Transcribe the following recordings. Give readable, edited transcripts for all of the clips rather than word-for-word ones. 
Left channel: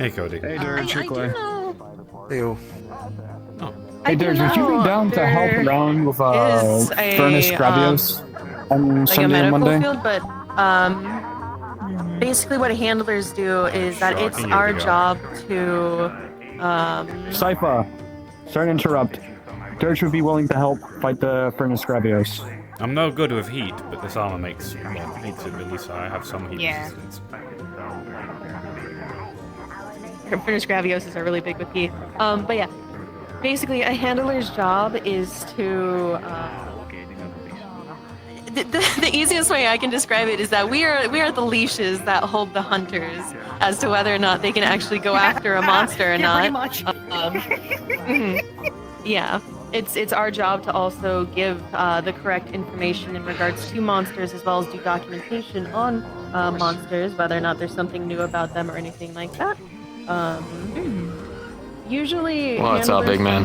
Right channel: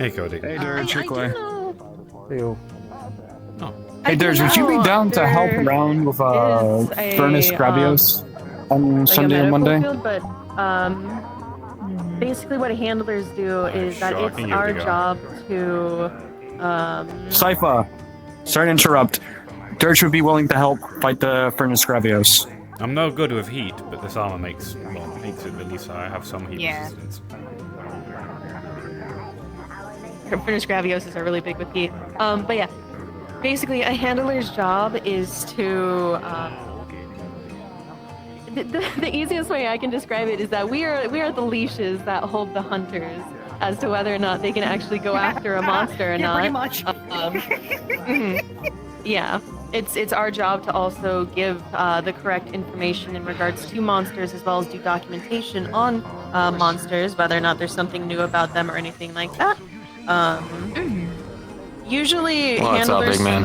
Hey, Cody. Hey, Dirge, I do know. Ew. Oh. Hey, Dirge, would you be down to help around with Furnace Gravios on Sunday and Monday? Field, but basically what handlers do is that sure, I it's can give it our a go. job to Cypher, sorry to interrupt. Dirge would be willing to help fight the Furnace Gravios. I'm no good with heat, but this armor makes it really so I have some heat resistance. Furnace Gravioses are really big with heat. But yeah, basically a handler's job is to the easiest way I can describe it is that we are the leashes that hold the hunters as to whether or not they can actually go after a monster or not. Pretty much. Yeah, it's our job to also give the correct information in regards to monsters, as well as do documentation on monsters, whether or not there's something new about them or anything like that. Usually, What's up, big man?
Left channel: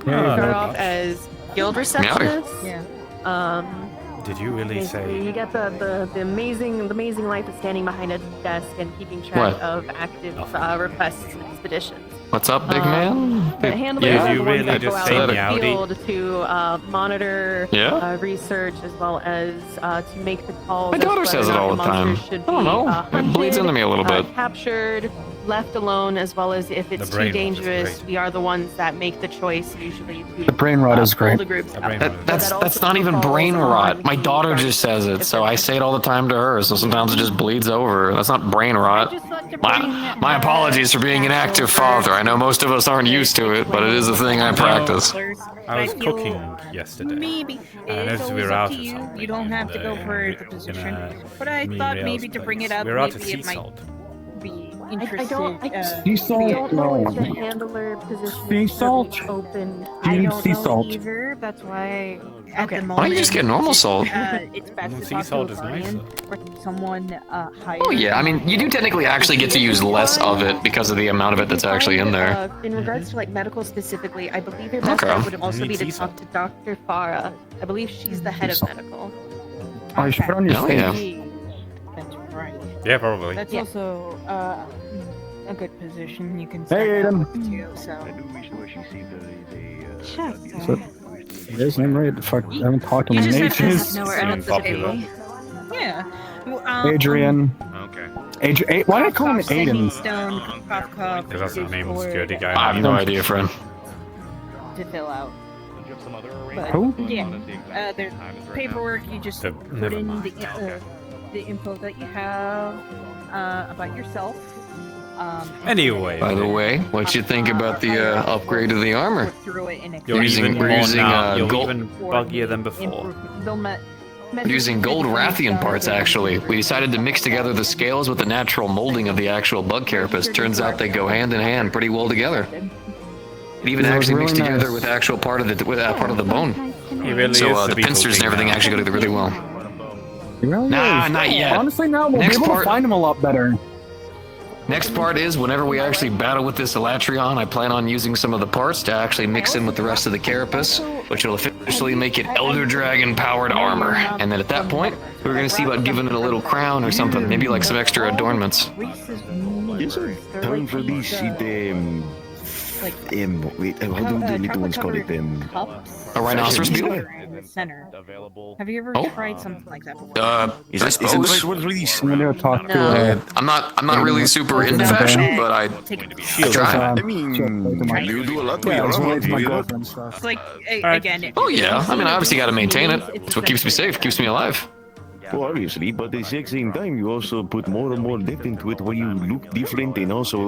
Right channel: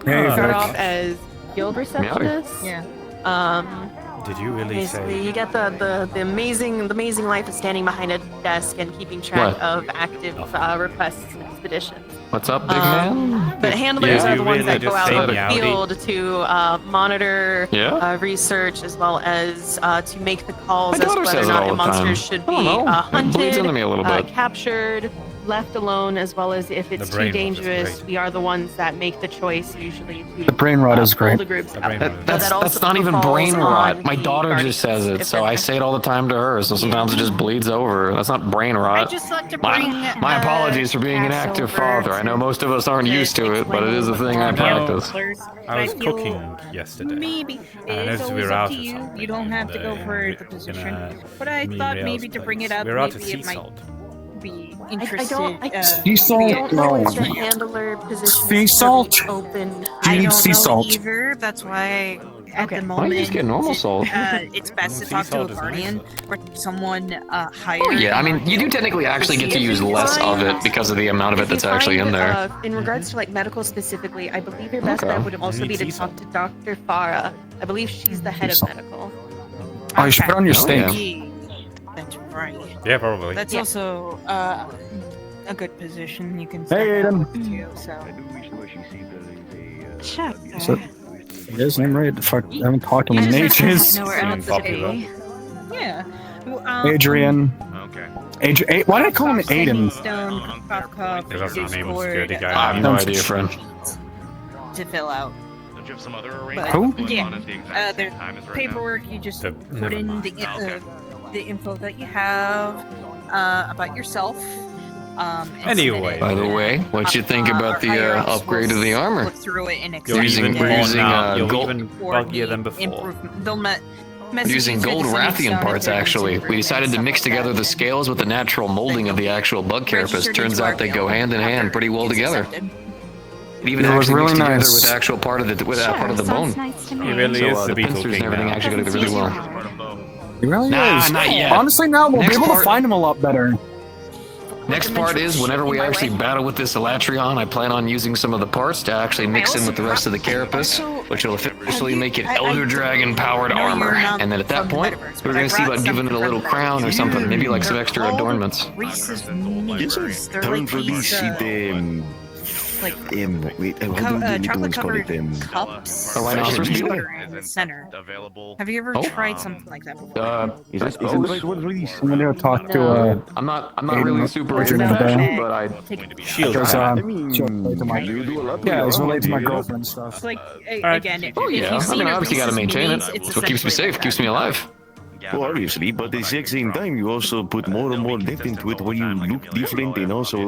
start off as guild receptionists. Yeah. Did you really Basically, say? you get the amazing life of standing behind a desk and keeping track of active requests and expeditions. What's up, big man? But handlers Yeah, are you the ones really that just go say out in the meowdy? field to monitor research, as well as to make the calls. My daughter as to whether says it or not all a the monster time. Should I don't be, know. It hunted, bleeds into me a little bit. Captured, left alone, as well as if it's too brain rot is dangerous, great. we are the ones that make the choice usually to The brain rot is pull great. the groups out. That's not even brain rot. My daughter just says it, so I say it all the time to her. So sometimes it just bleeds over. That's not brain I rot. just like to bring My apologies for being an active father. I know most of us aren't used to it, but it is a thing I practice. I was cooking yesterday. Maybe And I it noticed goes we were up out to or you. something. You don't have to go and, for the in position. a But I me thought rails maybe to bring place. it up, We were out at maybe sea it might salt. be I interested. Sea salt? don't know if the No. handler position Sea is salt? open. Do you I need don't sea know salt? either. That's why at Okay. the Why moment don't you just get normal salt? it's best to Sea talk salt to a is guardian nicer. or someone higher. Oh yeah, I mean, you do technically actually get to use less of it because of the amount of it that's actually in there. In regards to like medical specifically, I believe your best Okay. bet would also need be to sea talk to Dr. Farah. I believe she's the head of medical. Oh, you should put it on your Oh, steak. yeah. That's right. Yeah, probably. That's Yeah. also a good position. You can. Hey, Aiden. So, there's no right to fuck. I haven't talked to him in ages. Seem popular. Yeah. Adrian. Okay. Why do I call him Aiden? Because that's the name of the security guy. I have no idea, friend. To fill out. But, Who? Yeah. There's paperwork. You just put Never in mind. the info that you have about yourself. And Anyway. By the way, what you think about the upgrade of the armor? look through it and You're Using- even we're more using, now. You're gold- even buggier than before. We're using gold Rathian parts, actually. We decided to mix together the scales with the natural molding of the actual bug carapace. Turns out they go hand in hand pretty well together. It even It was actually really mixed together nice. with actual part of the part of the bone. He really So is the the Beetle pincers and King everything now. actually go together really well. He really Nah, is. not yet. Honestly, now we'll Next be able part- to find him a lot better. Next part is whenever we actually battle with this Elatrion, I plan on using some of the parts to actually mix in with the rest of the carapace, which will officially make it Elder Dragon powered armor. And then at that point, we're gonna see about giving it a little crown or something, maybe like some extra adornments. Reese's Yes, sir. They're Turn like for these, this, like wait, how do the little ones call it? cups. A rhinoceros Fashion. beetle? In the center. Have you ever Oh. tried something like that before? Is it the right word for this? I'm gonna go talk to I'm not really super into fashion, but I Shield Just, rat. You do a lot. yeah, it's related to my you know? girlfriend stuff. It's like Alright. again. Oh yeah, I mean, I obviously gotta maintain it. It's what keeps me safe, keeps me alive. Well, obviously, but at the exact same time, you also put more and more depth into it when you look different and also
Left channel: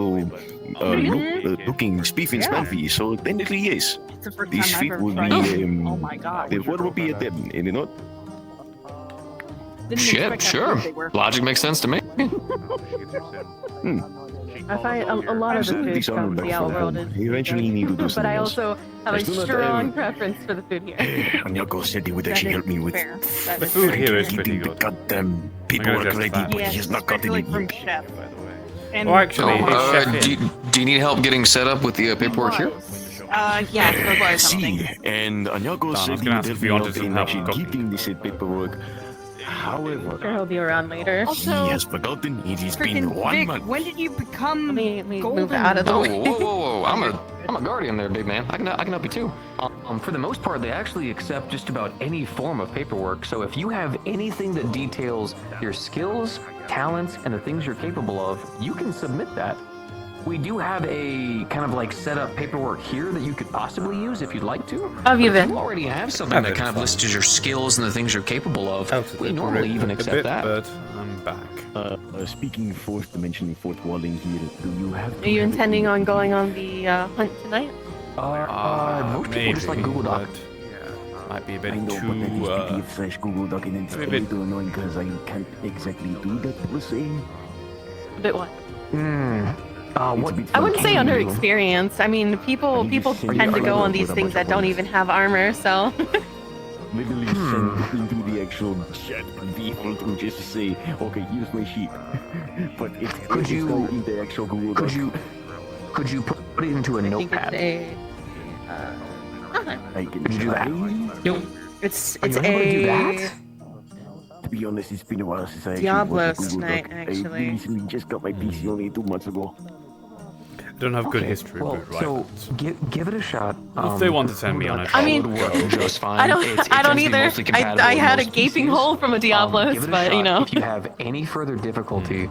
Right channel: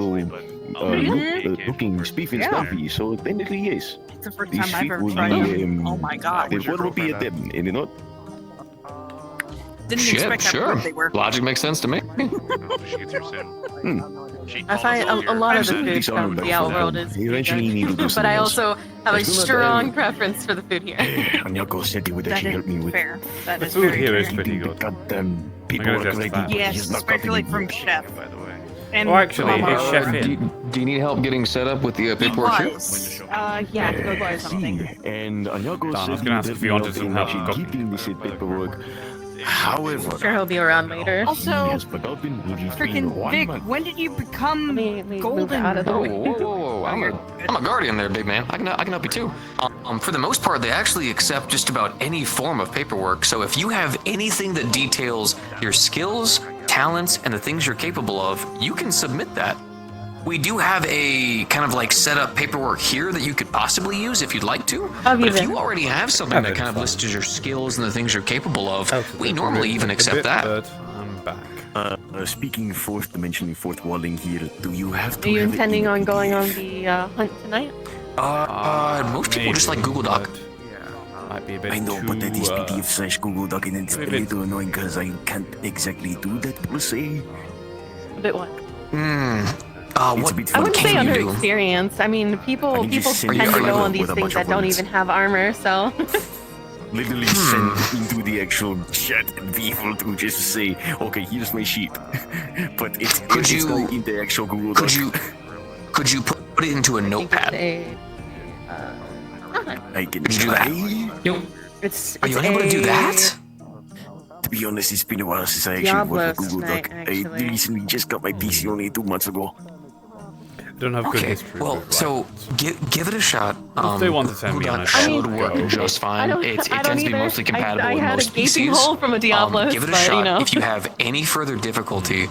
looking spiffy and spiffy. So technically, yes, It's the first this time I've fit ever would tried be it. Oh my god. the word would be a them, and you know. Didn't Shit, expect how sure. good they were. Logic makes sense to me. I find a lot of the food These are from back the from outworld home. is You eventually need to do but something I else. also have a Let's do that, strong preference for the food here. Anyako said he would actually help me with Fair. That The is food fair. here is pretty the good. goddamn I'm gonna paperwork test ready, that. but Yes, he's not got especially any. from chef. And Oh, actually, Mama. it's Chef do, in. do you need help getting set up with the paperwork here? Yeah, it was something. See, and Anyako Don, I was said gonna ask if you wanted some help in cooking. keeping this paperwork. However, Sure, he'll be around later. he Also, has forgotten it has been freaking 1 Vic, month. when did you become Let me move golden? out of the Whoa, way. whoa, whoa! I'm a guardian there, big man. I can help you too. For the most part, they actually accept just about any form of paperwork. So if you have anything that details your skills, talents, and the things you're capable of, you can submit that. We do have a kind of like set up paperwork here that you could possibly use if you'd like to. Have you But if been? you already have something Have that it, kind of fine. lists your skills and the things you're capable of, Out of we the normally group even a accept bit, that. but I'm back. Speaking fourth dimension, fourth walling here, do you have to Are you have intending on any going on belief? the hunt tonight? Most people just like Google Doc. but might be a bit I know, too. but that is PDF/Google Doc, and it's a a bit- little annoying because I can't exactly do that per se. A bit what? It's a bit I wouldn't can say you under do? experience. I mean, people I just send tend to you go on with these a things bunch of that don't links. even have armor, so. Literally send into the actual chat and people to just say, okay, here's my sheet. But it's you- going in the actual Google Doc. Could you put it into a I think it's notepad? I can Could you do that? Yo, It's Are you able to do that? To be honest, it's been a while since I actually Diablo worked with Google tonight, Doc. actually. I recently just got my PC only 2 months ago. I don't have good history Well, with so rivals. give it a shot. If they want to send me on a I mean- show, would work just fine. I don't. It I don't tends to be either. mostly compatible I with had a most gaping PCs. hole from a Diablo, Give it a but shot. you know. If you have any further difficulty,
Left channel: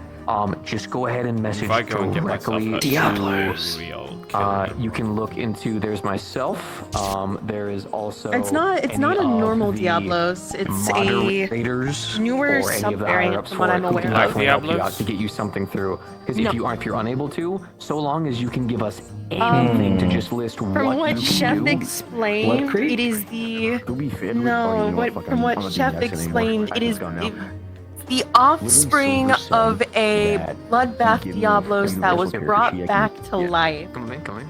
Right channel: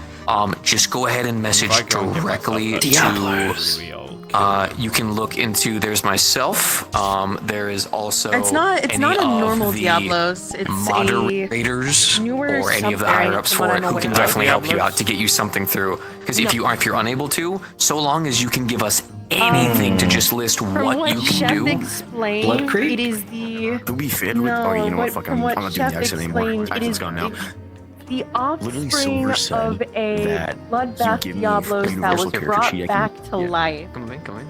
just go ahead and message If I go and get myself directly a to. real killer. You can look into. There's myself. There is also. It's not any a of normal the Diablos. It's a moderators newer or any of the sub-variant higher ups from for what it I'm who can aware of. definitely help you Diablos? out to get you something through. Because No. if you're unable to, so long as you can give us anything to just list From what what you can Chef do. explained, Blood Creek? it is the To be fair, no. fuck, From what I'm not doing Chef the accent anymore. explained, it is It's gone now. The offspring Silver of said a that bloodbath he gave me Diablos that universal was character brought sheet. I can- back to Yeah. life. Come in.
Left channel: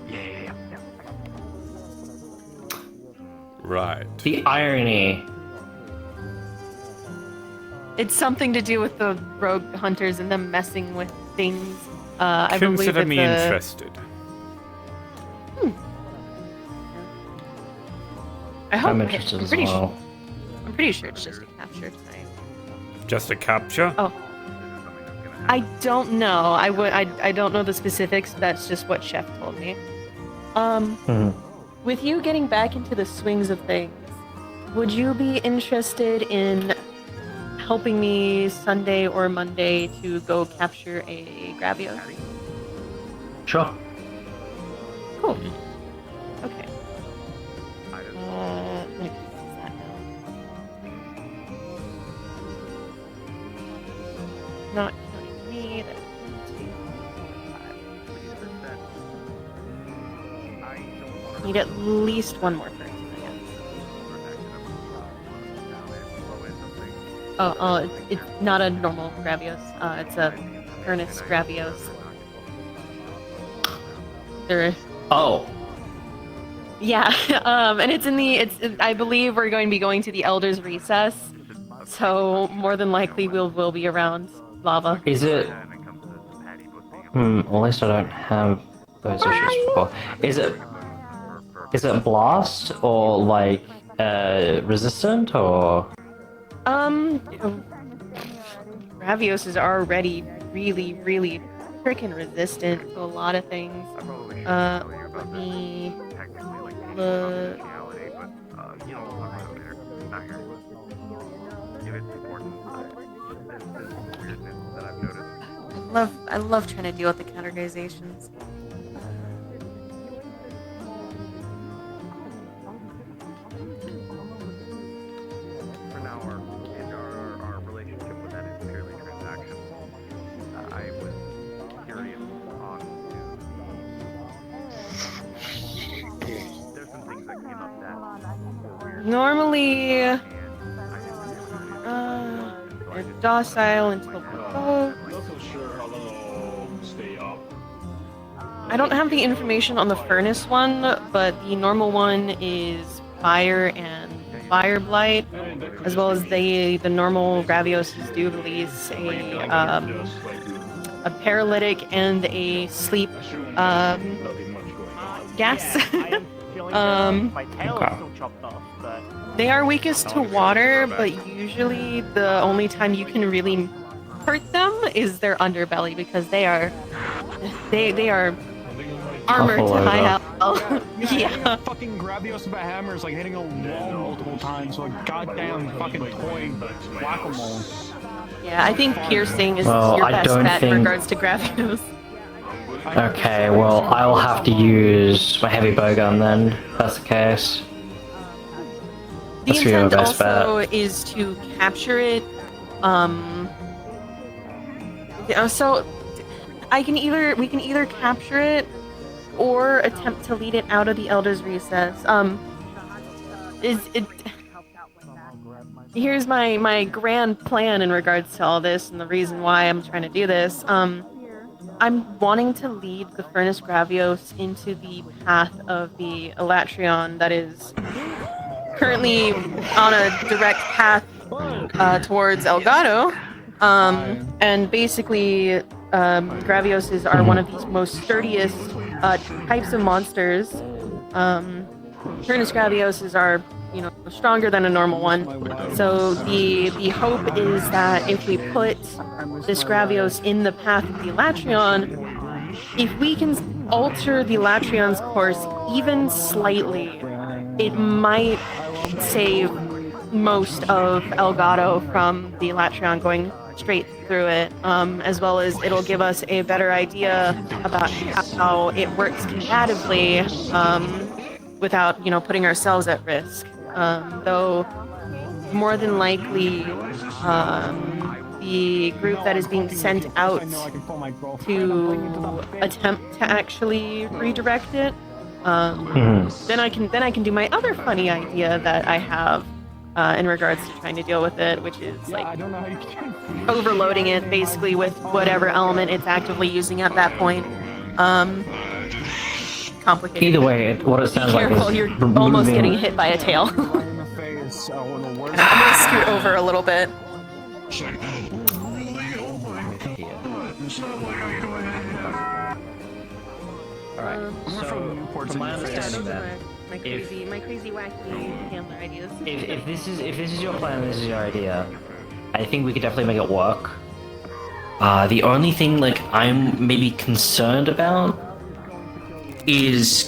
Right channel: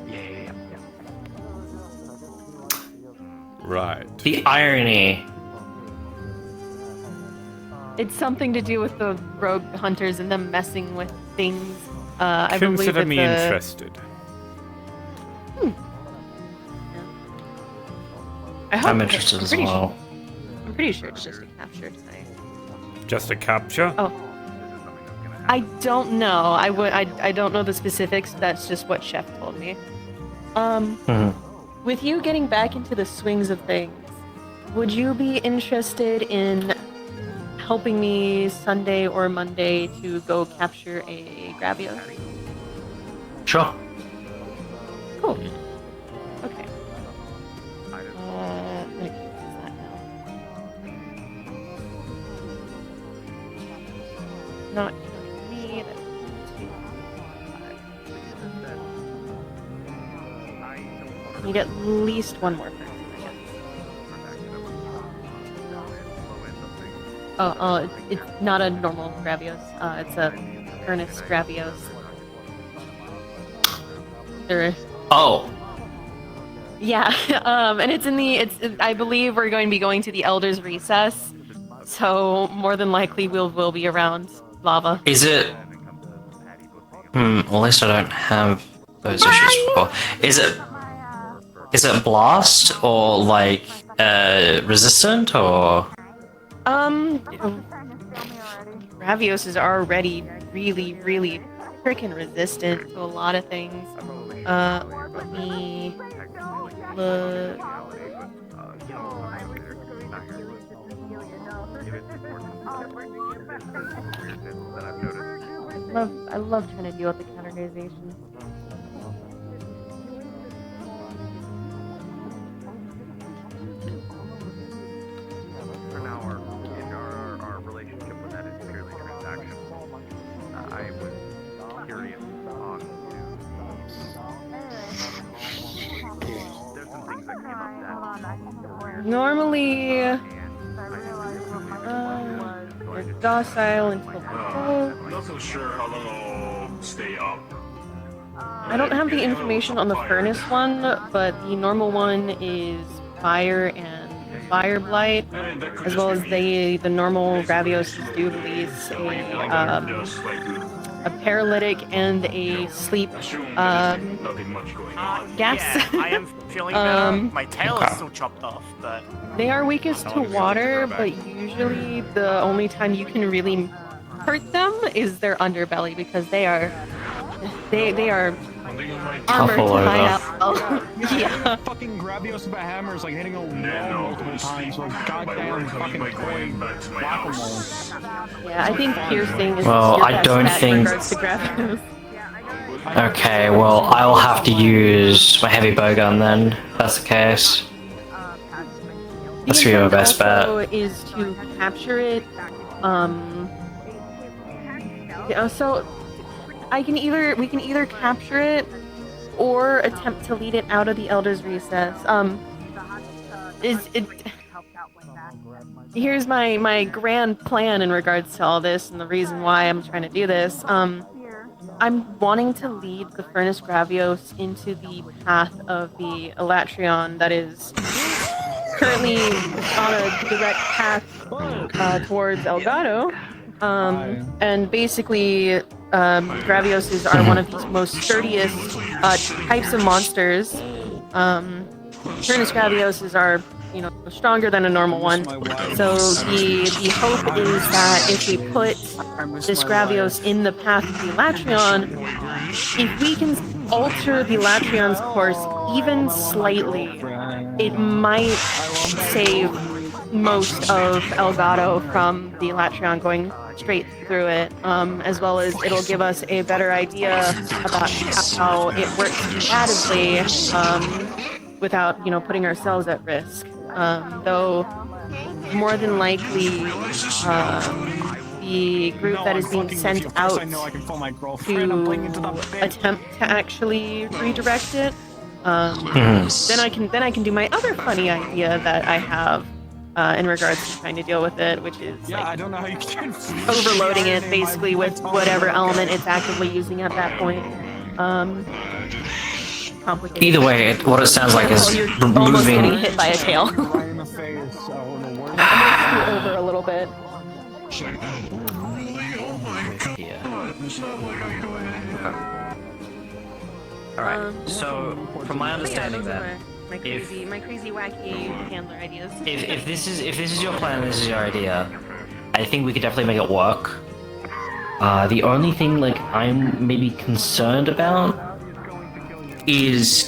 Right. the irony. It's something to do with the rogue hunters and them messing with things. I believe Consider it's me a- interested. I hope I'm interested I'm as pretty, well. I'm pretty sure it's just a capture tonight. Just a capture? Oh. I don't know. I don't know the specifics. That's just what Chef told me. With you getting back into the swings of things, would you be interested in helping me Sunday or Monday to go capture a Gravios? Sure. Cool. Okay. Let me put that down. Not counting me. That's 1, 2, 4, 5. Need at least one more person, I guess. Oh, it's not a normal Gravios. It's a Furnace Gravios. There. Oh, Yeah, and it's in the. I believe we're going to be going to the Elders' Recess, so more than likely we'll be around lava. Is it? At least I don't have those issues before. Is it? Is it blast or like resistant or? Gravios is already really, really freaking resistant to a lot of things. Let me look. I love trying to deal with the categorizations. For now, our relationship with that is purely transactional. I was curious on there's some things that came up that were weird. Normally, And I didn't really we're docile until we vote. Not so sure how long I'll stay up. I don't have the information on the furnace one, but the normal one is fire and fire blight, as well as the normal Gravios do release a paralytic and a sleep Nothing much going on. gas. I am feeling better. My tail is still chopped off, but They are weakest to water, but usually the only time you can really hurt them is their underbelly because they are armored Tough to high all hell. Yeah. Fucking Gravios with a hammer is like hitting a wall multiple times, so a goddamn fucking toy whack-a-mole. Yeah, I think piercing is Well, your I best don't bet think- in regards to Gravios. Okay, well, I'll have to use my heavy bowgun then, if that's the case. The That's your intent best bet. also is to capture it. Yeah, so we can either capture it or attempt to lead it out of the Elder's Recess. Here's my grand plan in regards to all this and the reason why I'm trying to do this. I'm wanting to lead the Furnace Gravios into the path of the Elatrion that is currently on a direct path towards Elgato. And basically, Gravioses are one of the most sturdiest types of monsters. Furnace Gravioses are, stronger than a normal one. So the hope is that if we put this Gravios in the path of the Elatrion, if we can alter the Elatrion's course even slightly, it might save most of Elgato from the Elatrion going straight through it, as well as it'll give us a better idea about how it works combatively without, putting ourselves at risk. Though more than likely, the group that is being sent out to attempt to actually redirect it, then I can do my other funny idea that I have in regards to trying to deal with it, which is like overloading it basically with whatever element it's actively using at that point. Complicated. Either way, what it sounds like is You're almost removing... getting hit by a tail. Scoot over a little bit. Alright, so from my understanding Those then, are my crazy wacky handler ideas. if this is your plan, this is your idea, I think we could definitely make it work. The only thing I'm maybe concerned about is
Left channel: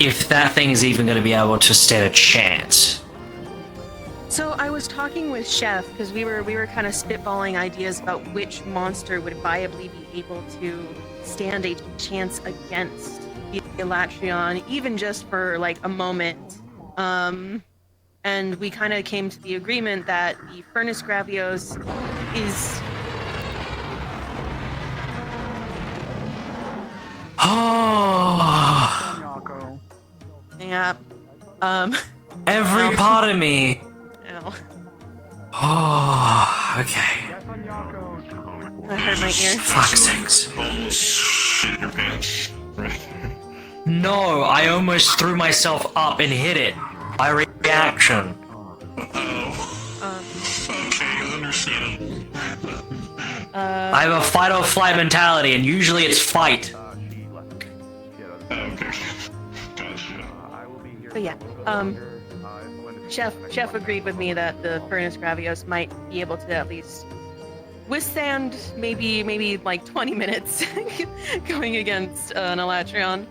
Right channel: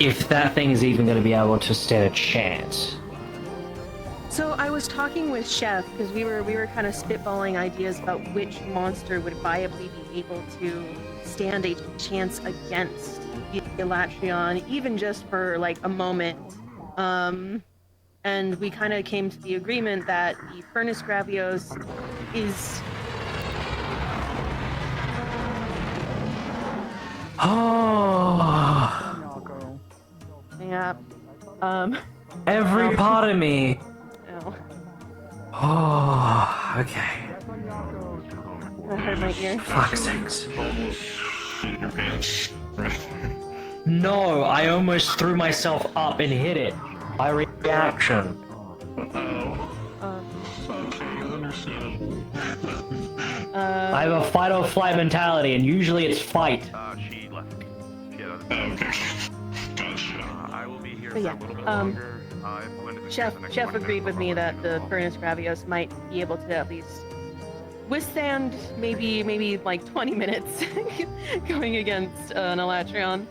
if that thing is even going to be able to stand a chance. So I was talking with Chef because we were kind of spitballing ideas about which monster would viably be able to stand a chance against the Elatrion, even just for a moment. And we kind of came to the agreement that the Furnace Gravios is yeah. Every part of me. Ow. Oh, okay. That hurt my ears. Fuck's sakes. No, I almost threw myself up and hit it. By reaction. I have a fight or flight mentality, and usually it's fight. So yeah, Chef agreed with me that the Furnace Gravios might be able to at least withstand maybe 20 minutes going against an Elatrion.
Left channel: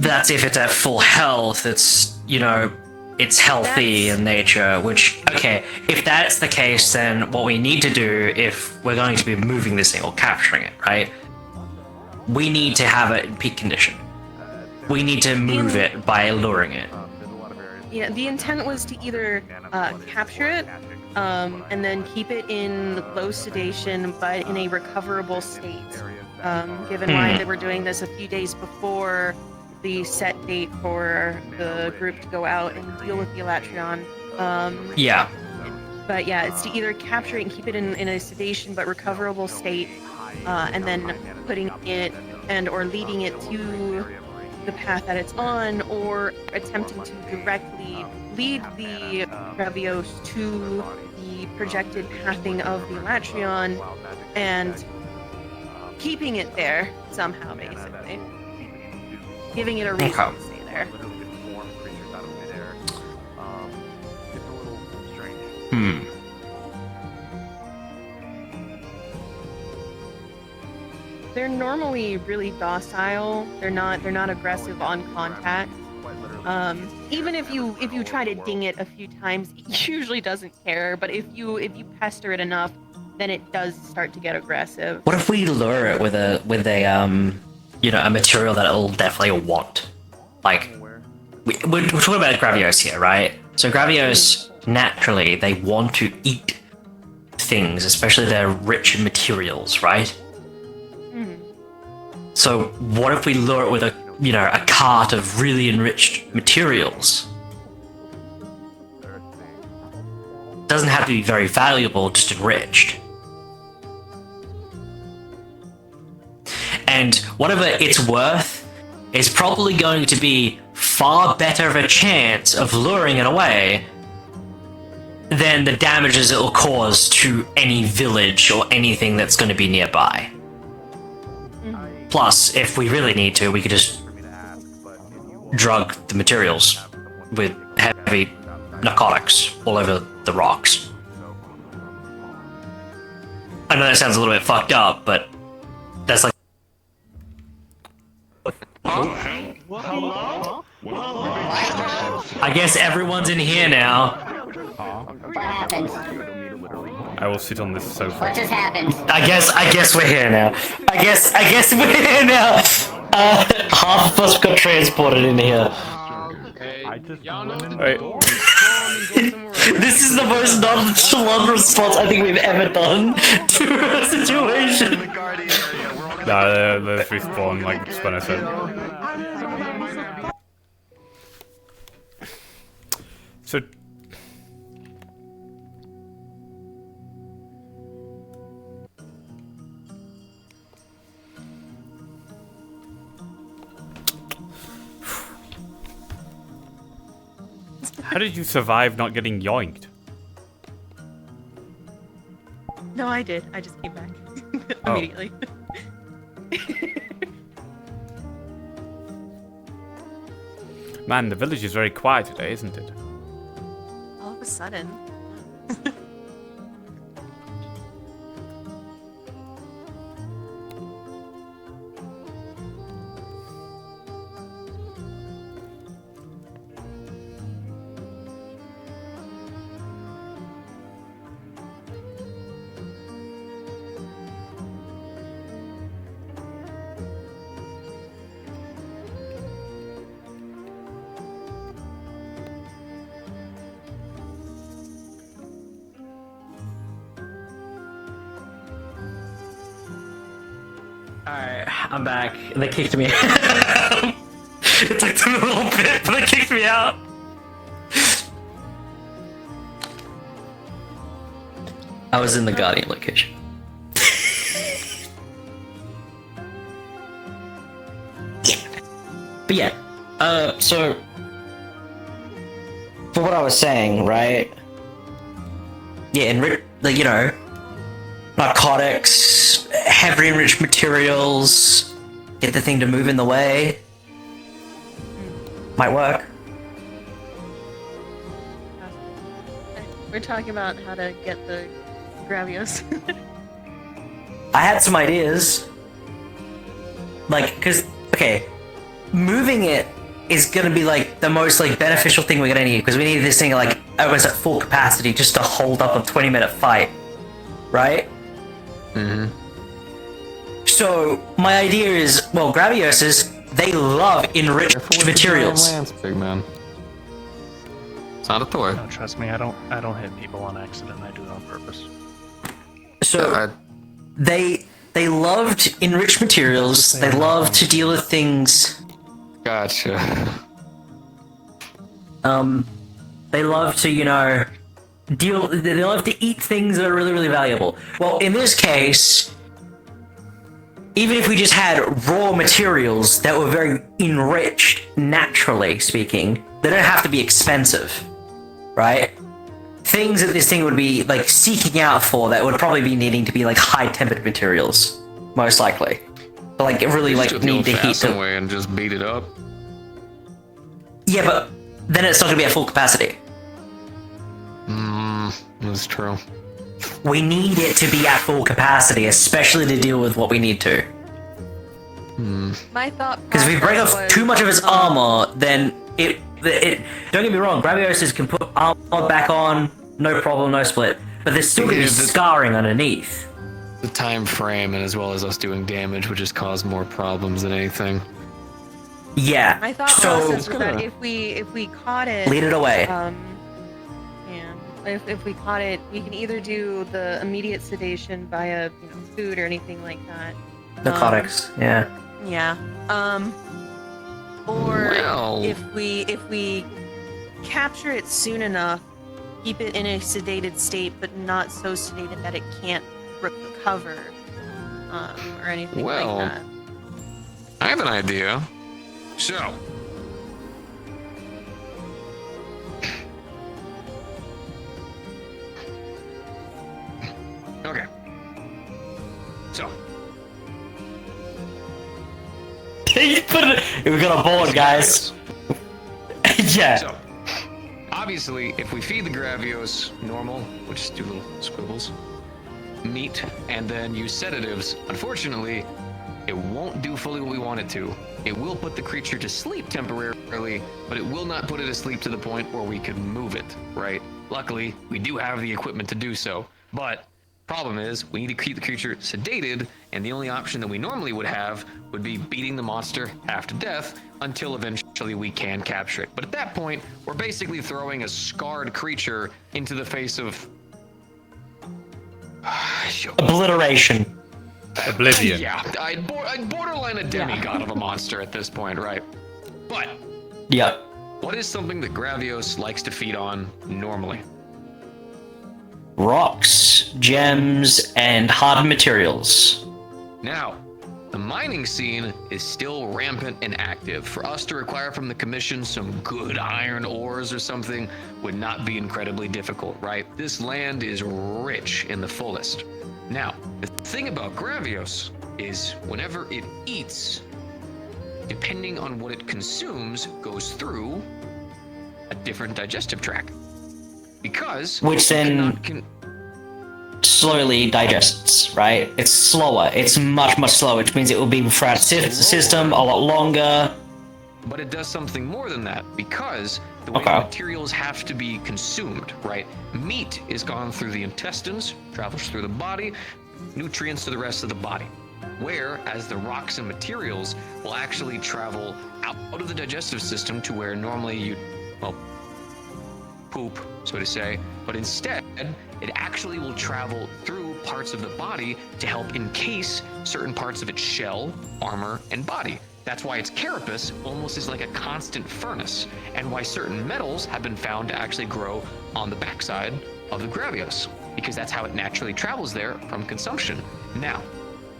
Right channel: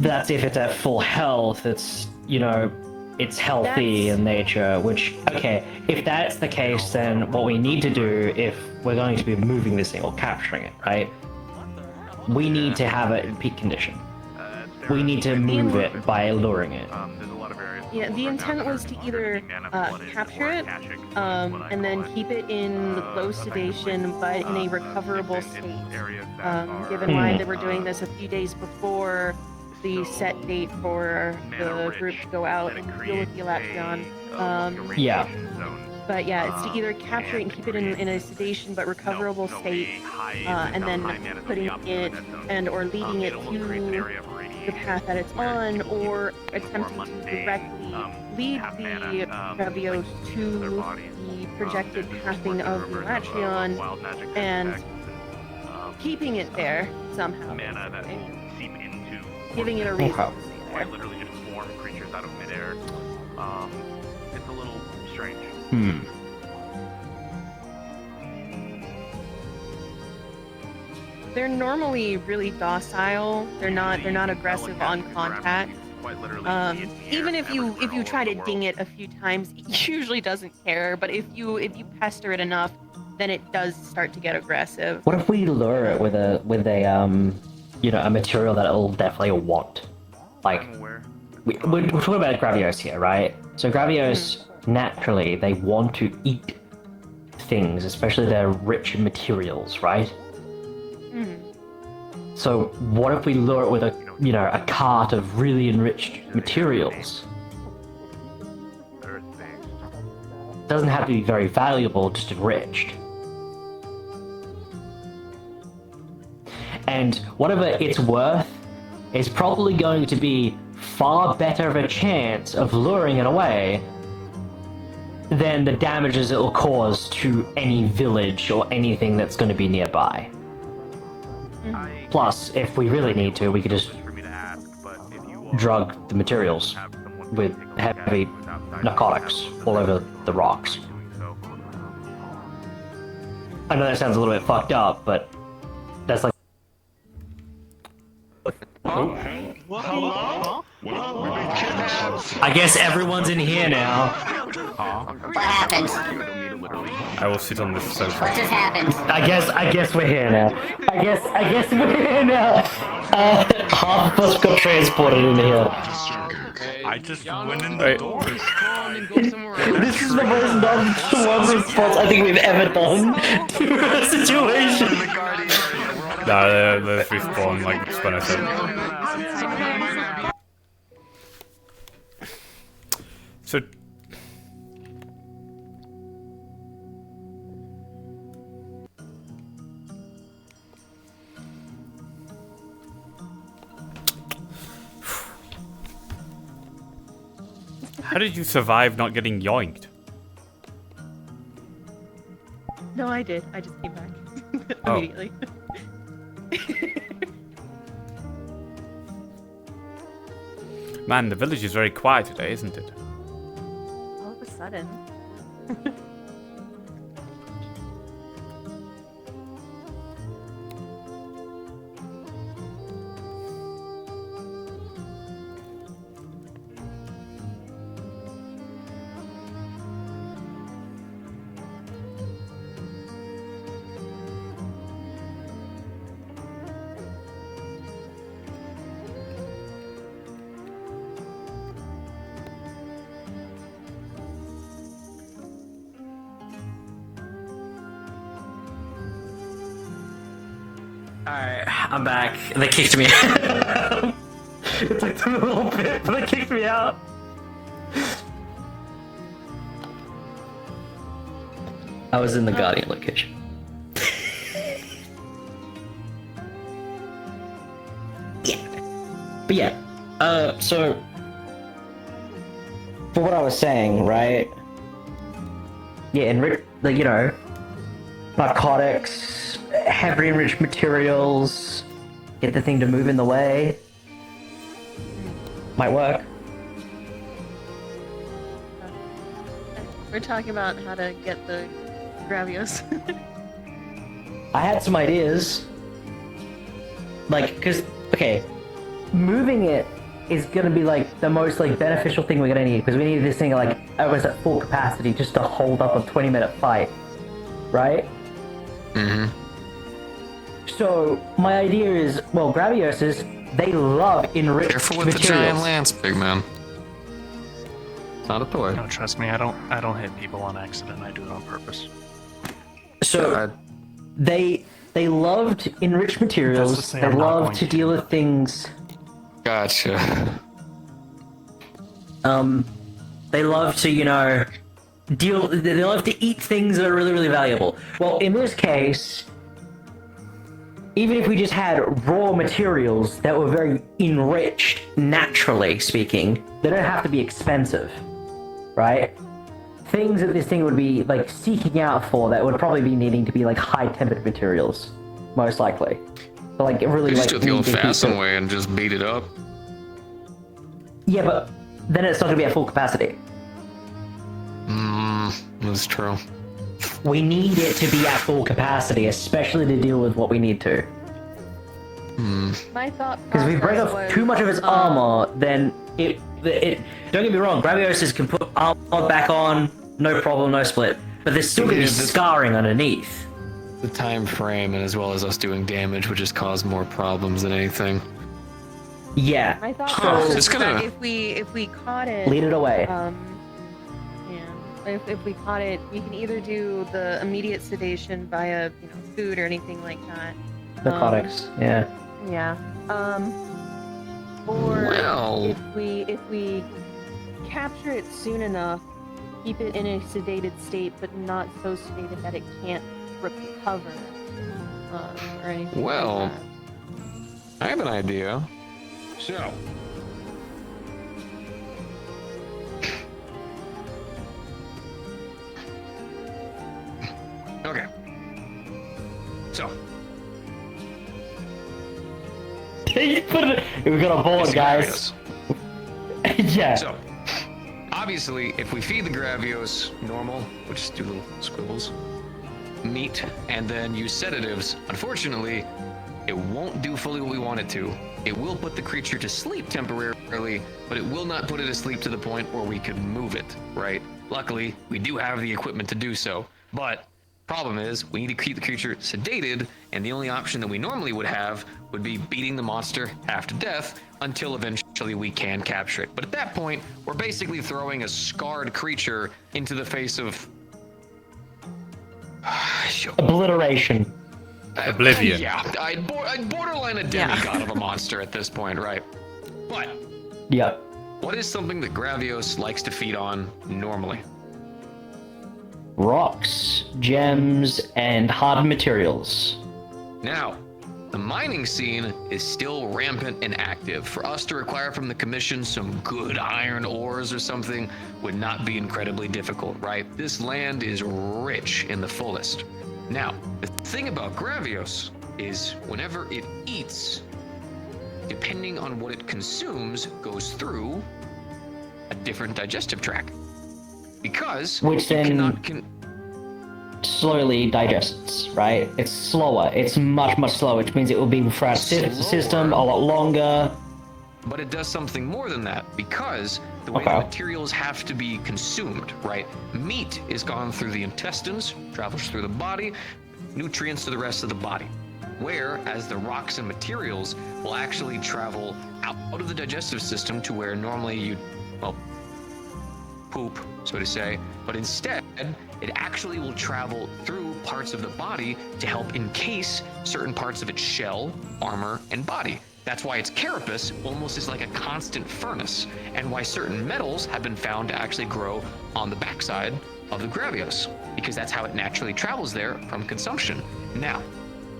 That's if it's at full health. It's it's healthy in nature. Which if that's the case, then what we need to do if we're going to be moving this thing or capturing it, right? We need to have it in peak condition. We need to move it by luring it. Yeah, the intent was to either capture it and then keep it in low sedation but in a recoverable state. Given why they were doing this a few days before the set date for the group to go out and deal with the Elatrion. Yeah. But yeah, it's to either capture it and keep it in a sedation but recoverable state, and then putting it or leading it to the path that it's on, or attempting to directly lead the Gravios to the projected pathing of the Elatrion and keeping it there somehow, basically. Giving it a reason to stay there. They're normally really docile. They're not aggressive on contact. Even if you try to ding it a few times, it usually doesn't care. But if you pester it enough, then it does start to get aggressive. What if we lure it with a a material that it'll definitely want? Like, we're talking about Gravios here, right? So Gravios, naturally, they want to eat things, especially they're rich in materials, right? So what if we lure it with a cart of really enriched materials? Doesn't have to be very valuable, just enriched. And whatever it's worth is probably going to be far better of a chance of luring it away than the damages it will cause to any village or anything that's going to be nearby. Plus, if we really need to, we could just drug the materials with heavy narcotics all over the rocks. I know that sounds a little bit fucked up, but that's like... Hello? I guess everyone's in here now. What happened? I will sit on this sofa. What just happened? I guess we're here now. I guess we're here now. Half of us got transported in here. I just went in Wait. This is the most nonchalant response I think we've ever done to a situation. Nah, let's respawn like Spanner said. So how did you survive not getting yoinked? No, I did. I just came back Oh. immediately. Man, the village is very quiet today, isn't it? All of a sudden. Alright, I'm back. They kicked me out. It took them a little bit, but they kicked me out. I was in the Guardian location. Yeah. But yeah, so for what I was saying, right? Yeah, and narcotics, heavily enriched materials, get the thing to move in the way. Might work. We're talking about how to get the Gravios. I had some ideas. Okay, moving it is gonna be like the most beneficial thing we're gonna need, because we need this thing almost at full capacity just to hold up a 20-minute fight, right? Mm-hmm. So my idea is, well, Gravioses, they love enriched materials. Lance, big man. It's not a toy. No, trust me, I don't hit people on accident. I do it on purpose. So they loved enriched materials. They love to deal with things. Gotcha. They love to, they love to eat things that are really, really valuable. Well, in this case, even if we just had raw materials that were very enriched, naturally speaking, they don't have to be expensive, right? Things that this thing would be seeking out for that would probably be needing to be high-tempered materials, most likely. But really Just do it the need to heat old-fashioned them. way and just beat it up. Yeah, but then it's not gonna be at full capacity. That's true. We need it to be at full capacity, especially to deal with what we need to. My thought. Because if we break off too much of its armor, then it. Don't get me wrong, Gravios can put armor back on, no problem, no split. But there's still gonna be scarring underneath. The time frame, and as well as us doing damage, would just cause more problems than anything. Yeah. I thought So also it's that gonna- if we caught it, lead it away. If we caught it, we can either do the immediate sedation via, food or anything like that. Narcotics. Yeah. yeah. Or Well- if we capture it soon enough, keep it in a sedated state, but not so sedated that it can't recover or anything Well, like that. I have an idea. So. Okay. So. We got a bullet, guys. Yeah. So, obviously, if we feed the Gravios normal, we'll just do little squibbles, meat, and then use sedatives, unfortunately, it won't do fully what we want it to. It will put the creature to sleep temporarily, but it will not put it to sleep to the point where we could move it, right? Luckily, we do have the equipment to do so, but problem is we need to keep the creature sedated, and the only option that we normally would have would be beating the monster half to death until eventually we can capture it. But at that point, we're basically throwing a scarred creature into the face of Obliteration. Oblivion. Yeah, I'd borderline a demigod of a monster at this point, right? But Yeah. what is something that Gravios likes to feed on normally? Rocks, gems, and hard materials. Now, the mining scene is still rampant and active. For us to require from the commission some good iron ores or something would not be incredibly difficult, right? This land is rich in the fullest. Now, the thing about Gravios is whenever it eats, depending on what it consumes, goes through a different digestive tract. Because Which it then cannot slowly digests, right? It's slower. It's much, much slower, which means it will be throughout the system a lot longer. But it does something more than that, because the way the materials have to be consumed, right? Meat is gone through the intestines, travels through the body, nutrients to the rest of the body. Whereas the rocks and materials will actually travel out of the digestive system to where normally you'd, well, poop, so to say, but instead it actually will travel through parts of the body to help encase certain parts of its shell, armor, and body. That's why its carapace almost is like a constant furnace, and why certain metals have been found to actually grow on the backside of the Gravios, because that's how it naturally travels there from consumption. Now,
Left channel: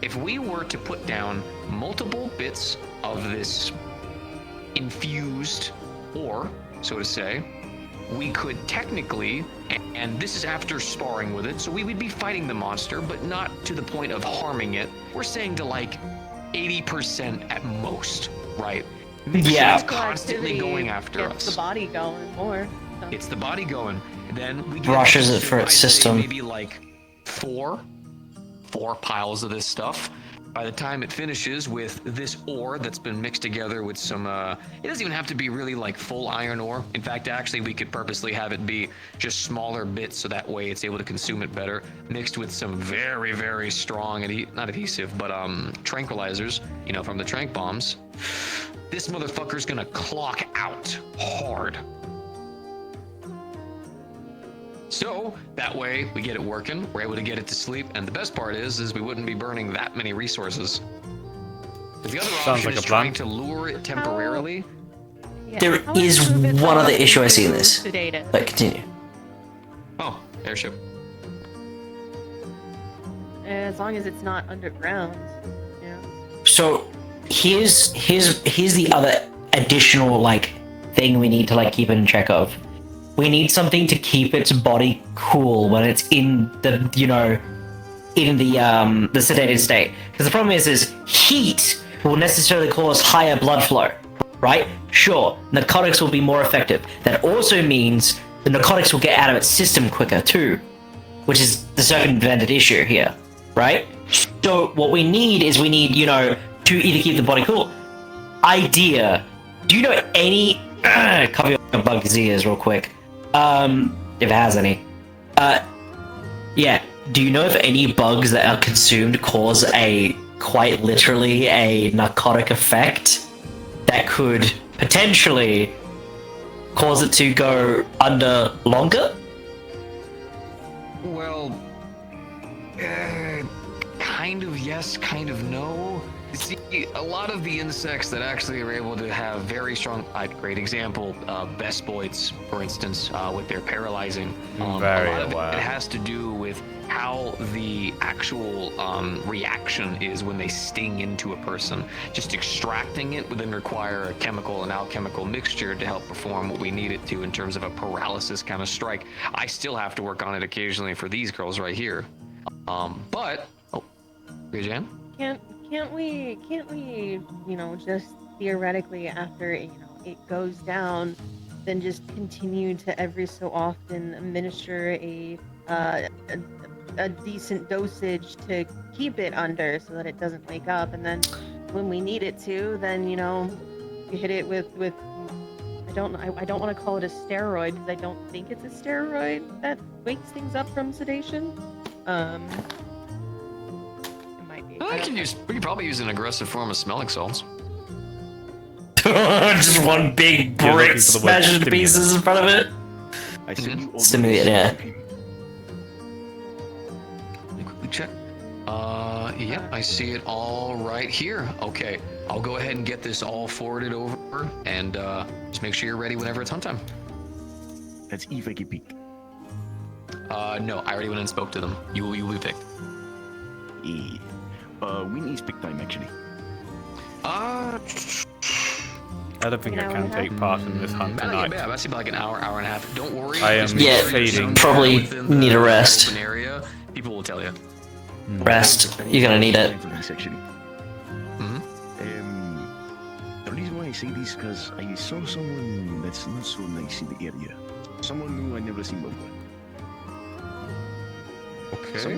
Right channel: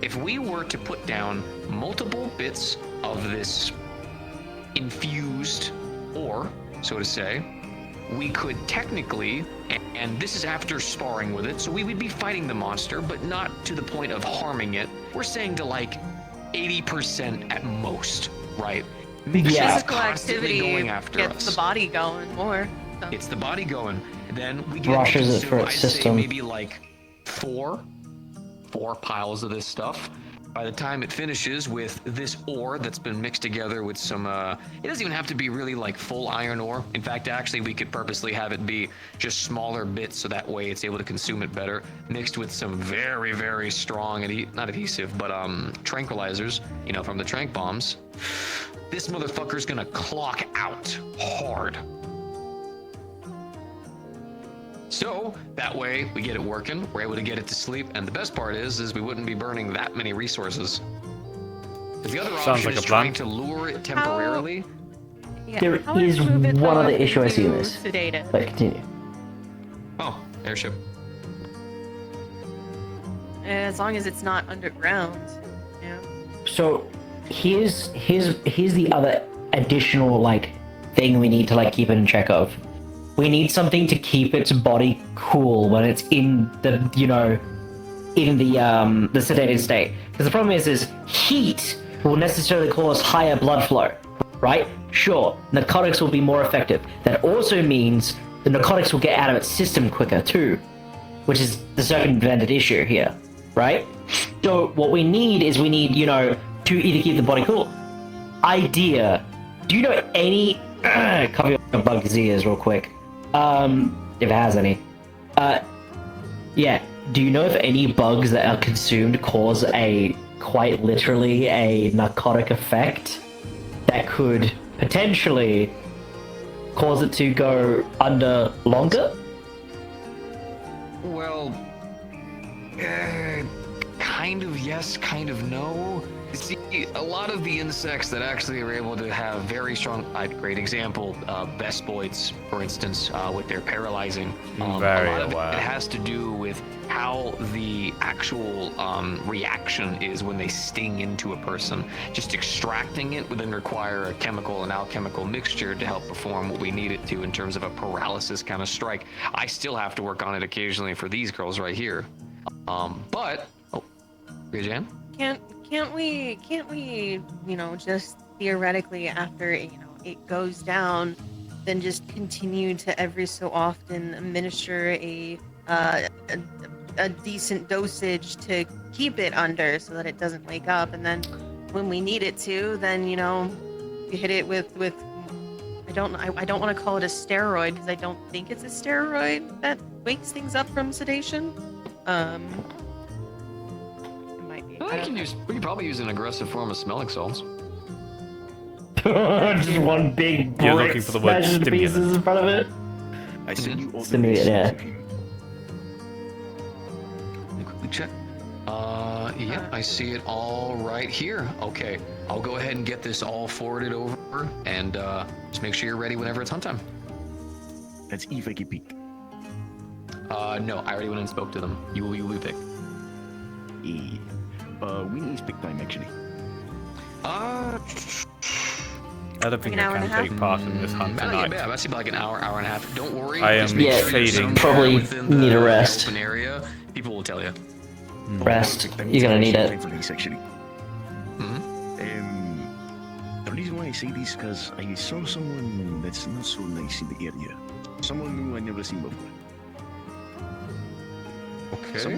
if we were to put down multiple bits of this infused ore, so to say, we could technically, and this is after sparring with it, so we would be fighting the monster, but not to the point of harming it. We're saying to like 80% at most, right? Make sure it's constantly going after us. Gets the body going more. So. It's the body going. Then we get Rushes it for its system. Maybe like four piles of this stuff. By the time it finishes with this ore that's been mixed together with some, it doesn't even have to be really like full iron ore. In fact, actually, we could purposely have it be just smaller bits so that way it's able to consume it better, mixed with some very, very strong, not adhesive, but tranquilizers, from the tranq bombs. This motherfucker's gonna clock out hard. So that way we get it working, we're able to get it to sleep, and the best part is we wouldn't be burning that many resources. The other option is trying to lure it temporarily. There is one other issue I see in this. But continue. Oh, airship. As long as it's not underground. Yeah. So here's the other additional thing we need to keep in check of. We need something to keep its body cool when it's in the sedated state. Because the problem is heat will necessarily cause higher blood flow, right? Sure, narcotics will be more effective. That also means the narcotics will get out of its system quicker too, which is the circumvented issue here, right? So what we need, you know, to either keep the body cool. Idea. Do you know any... cover your bug's ears real quick. If it has any. Yeah. Do you know if any bugs that are consumed cause quite literally a narcotic effect that could potentially cause it to go under longer? Well, kind of yes, kind of no. See, a lot of the insects that actually are able to have very strong, great example, Vespoids, for instance, with their paralyzing. A lot of it has to do with how the actual reaction is when they sting into a person. Just extracting it would then require a chemical and alchemical mixture to help perform what we need it to in terms of a paralysis kind of strike. I still have to work on it occasionally for these girls right here. But, Jan? Can't we, you know, just theoretically after, you know, it goes down, then just continue to every so often administer a decent dosage to keep it under so that it doesn't wake up, and then when we need it to, then, you know, you hit it with I don't want to call it a steroid because I don't think it's a steroid that wakes things up from sedation. We could probably use an aggressive form of smelling salts. Just one big brick smashed into pieces in front of it. I sent you all the Stimulant, yeah. Quickly check. Yep, I see it all right here. Okay, I'll go ahead and get this all forwarded over, and just make sure you're ready whenever it's hunt time. That's Eve I can peek. No, I already went and spoke to them. You will be picked. We need speak time actually. I don't think I can take part in this hunt tonight. Yeah, that's about like an hour and a half. Don't worry. I am fading. Probably need a rest. Open area. People will tell you. Rest. You're gonna need it. The reason why I say this is because I saw someone that's not so nice in the area. Someone new I never seen before. Okay.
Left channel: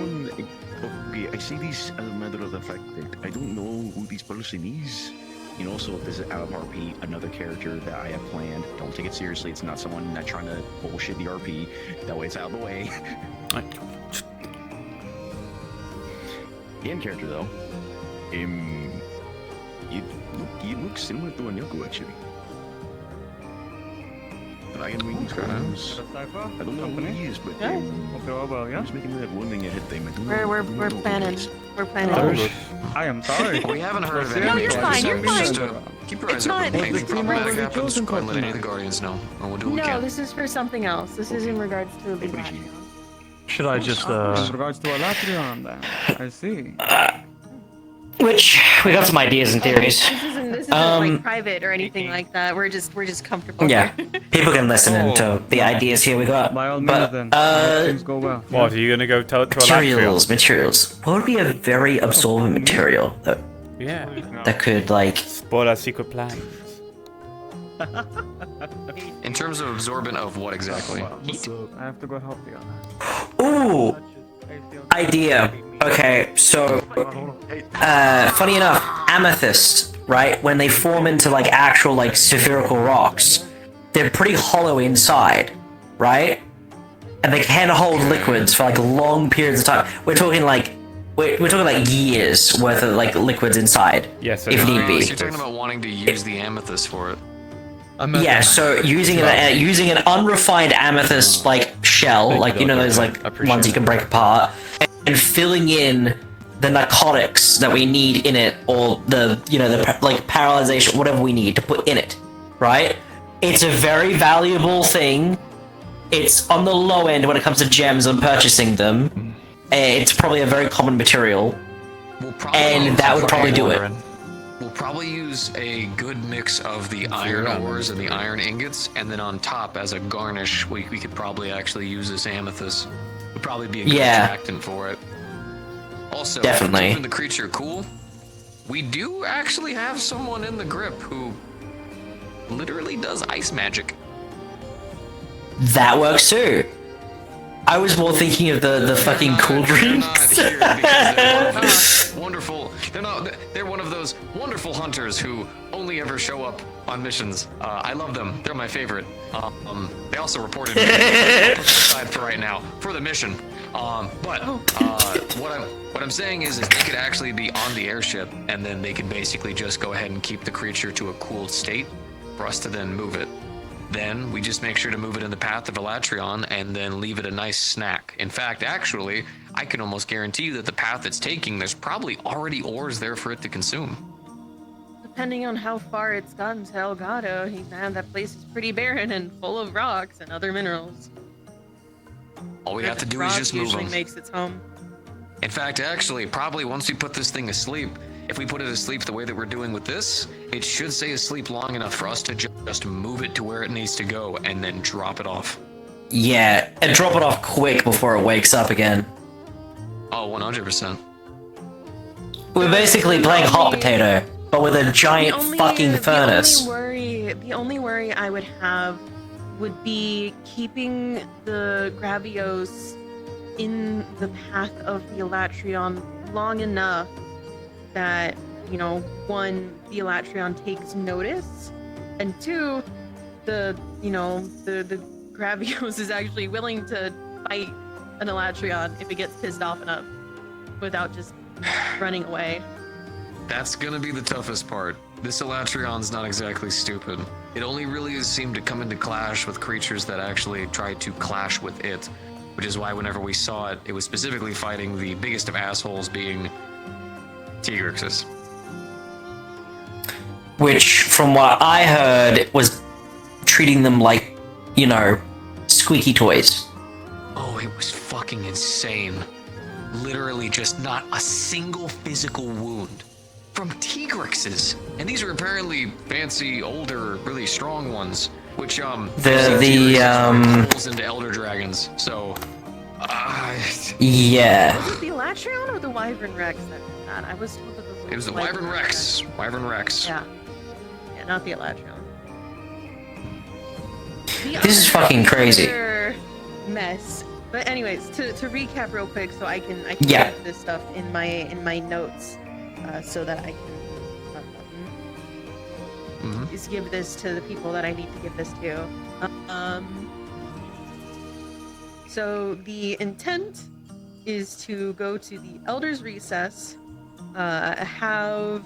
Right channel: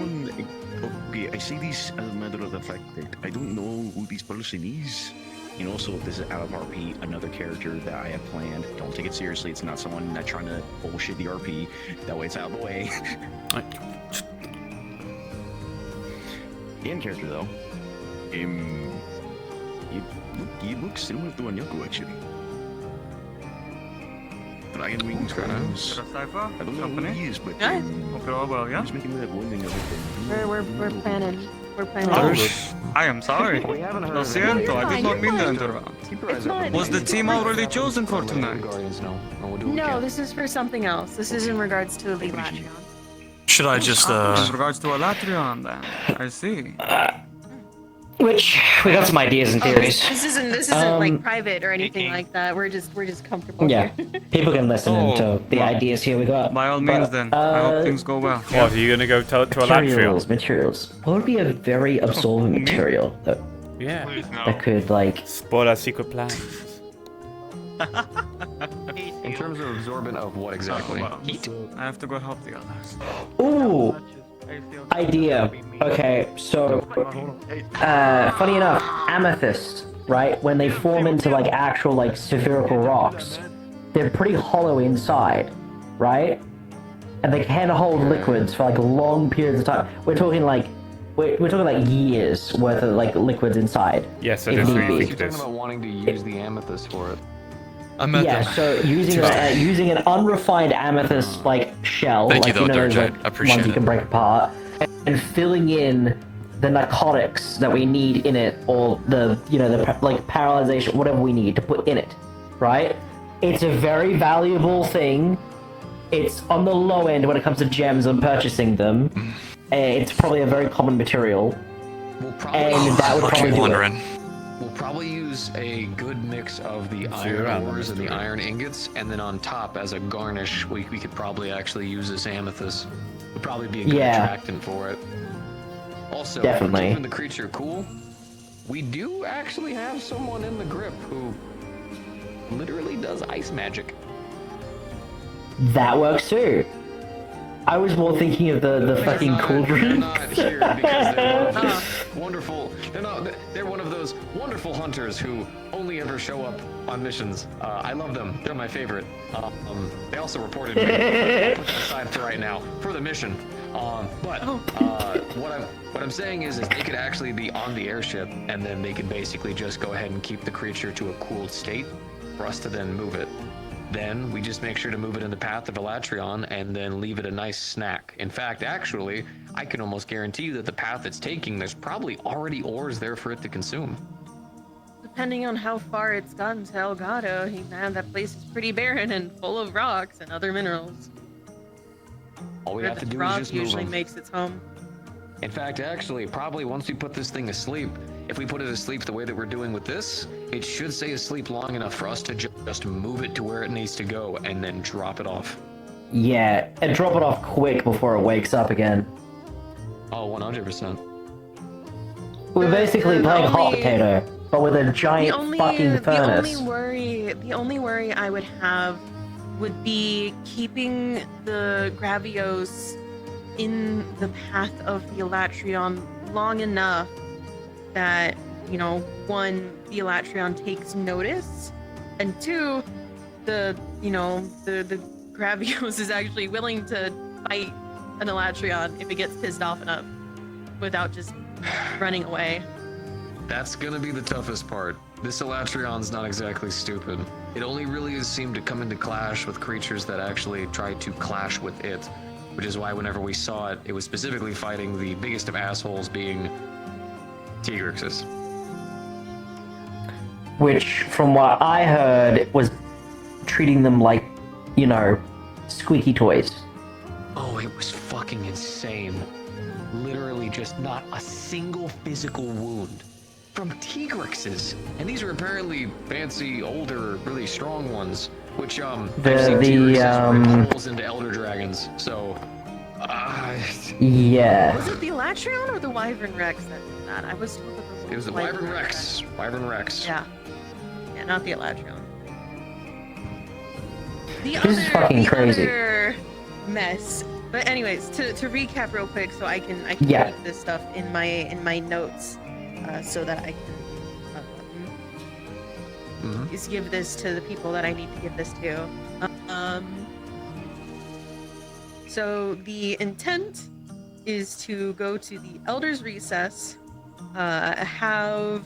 Okay, I say this as a matter of the fact that I don't know who this person is. You know, so if this is out of RP, another character that I have planned. Don't take it seriously. It's not someone not trying to bullshit the RP. That way it's out of the way. The end character though, you look similar to Anyaku actually. I don't know who he is, but he's making that woman and everything. We're planning. I am sorry. We haven't heard of Lo it. siento, I did not mean to interrupt. It's not. Was the team already chosen for tonight? No, this is for something else. This is in regards to the Latreon. Should I just, In regards to a Latreon, then. I see. Which, we got some ideas and theories. This isn't like private or anything like that. We're just comfortable Yeah, here. people can listen into the ideas here we got. By all means, then. I hope things go well. What, are you gonna go tell it to a Latreon? Materials. What would be a very absorbent material that could, like... Spoil our secret plans. In terms of absorbent of what exactly? Heat? I have to go help the others. Ooh! Idea. Okay, so... funny enough, amethyst, right? When they form into, like, actual, like, spherical rocks, they're pretty hollow inside, right? And they can hold liquids for, like, long periods of time. We're talking, like... We're talking like years worth of like liquids inside. Yes, if need be. You're talking about wanting to use the amethyst for it. Yeah, so using an unrefined amethyst like shell, like you know those like ones you can break apart, and filling in the narcotics that we need in it, or the like paralyzation, whatever we need to put in it, right? It's a very valuable thing. It's on the low end when it comes to gems and purchasing them. It's probably a very common material, and that would probably do it. We'll probably use a good mix of the iron ores and the iron ingots, and then on top, as a garnish, we could probably actually use this amethyst. Would probably be a good attractant for it. Also, definitely. keeping the creature cool, we do actually have someone in the grip who literally does ice magic. That works too. I was more thinking of the fucking cool drinks. Wonderful. They're one of those wonderful hunters who only ever show up on missions. I love them. They're my favorite. They also reported me. I'll put them aside for right now for the mission. What I'm saying is they could actually be on the airship, and then they could basically just go ahead and keep the creature to a cooled state for us to then move it. Then we just make sure to move it in the path of Elatrion and then leave it a nice snack. In fact, actually, I can almost guarantee you that the path it's taking, there's probably already ores there for it to consume. Depending on how far it's gotten to Elgato, man, that place is pretty barren and full of rocks and other minerals. All we have to do Rock is just move usually them. makes its home. In fact, actually, probably once we put this thing asleep, if we put it asleep the way that we're doing with this, it should stay asleep long enough for us to just move it to where it needs to go and then drop it off. Yeah, and drop it off quick before it wakes up again. Oh, 100%. We're basically playing hot potato, but with a giant fucking furnace. The only worry I would have would be keeping the Gravios in the path of the Elatrion long enough that, you know, one, the Elatrion takes notice, and two, the Gravios is actually willing to fight an Elatrion if it gets pissed off enough without just running away. That's gonna be the toughest part. This Elatrion's not exactly stupid. It only really has seemed to come into clash with creatures that actually try to clash with it, which is why whenever we saw it, it was specifically fighting the biggest of assholes, being Tigrixes. Which, from what I heard, was treating them like, you know, squeaky toys. Oh, it was fucking insane. Literally just not a single physical wound from Tigrixes. And these are apparently fancy, older, really strong ones, which, holes into elder dragons, so... yeah. Was it the Elatrion or the Wyvern Rex that did that? I was told that it was the Wyvern Rex. Wyvern Rex. Yeah. Yeah, not the Elatrion. This is fucking crazy. Mess. But anyways, to recap real quick, so I can yeah. keep this stuff in my notes, so that I can just give this to the people that I need to give this to. So the intent is to go to the Elder's Recess, have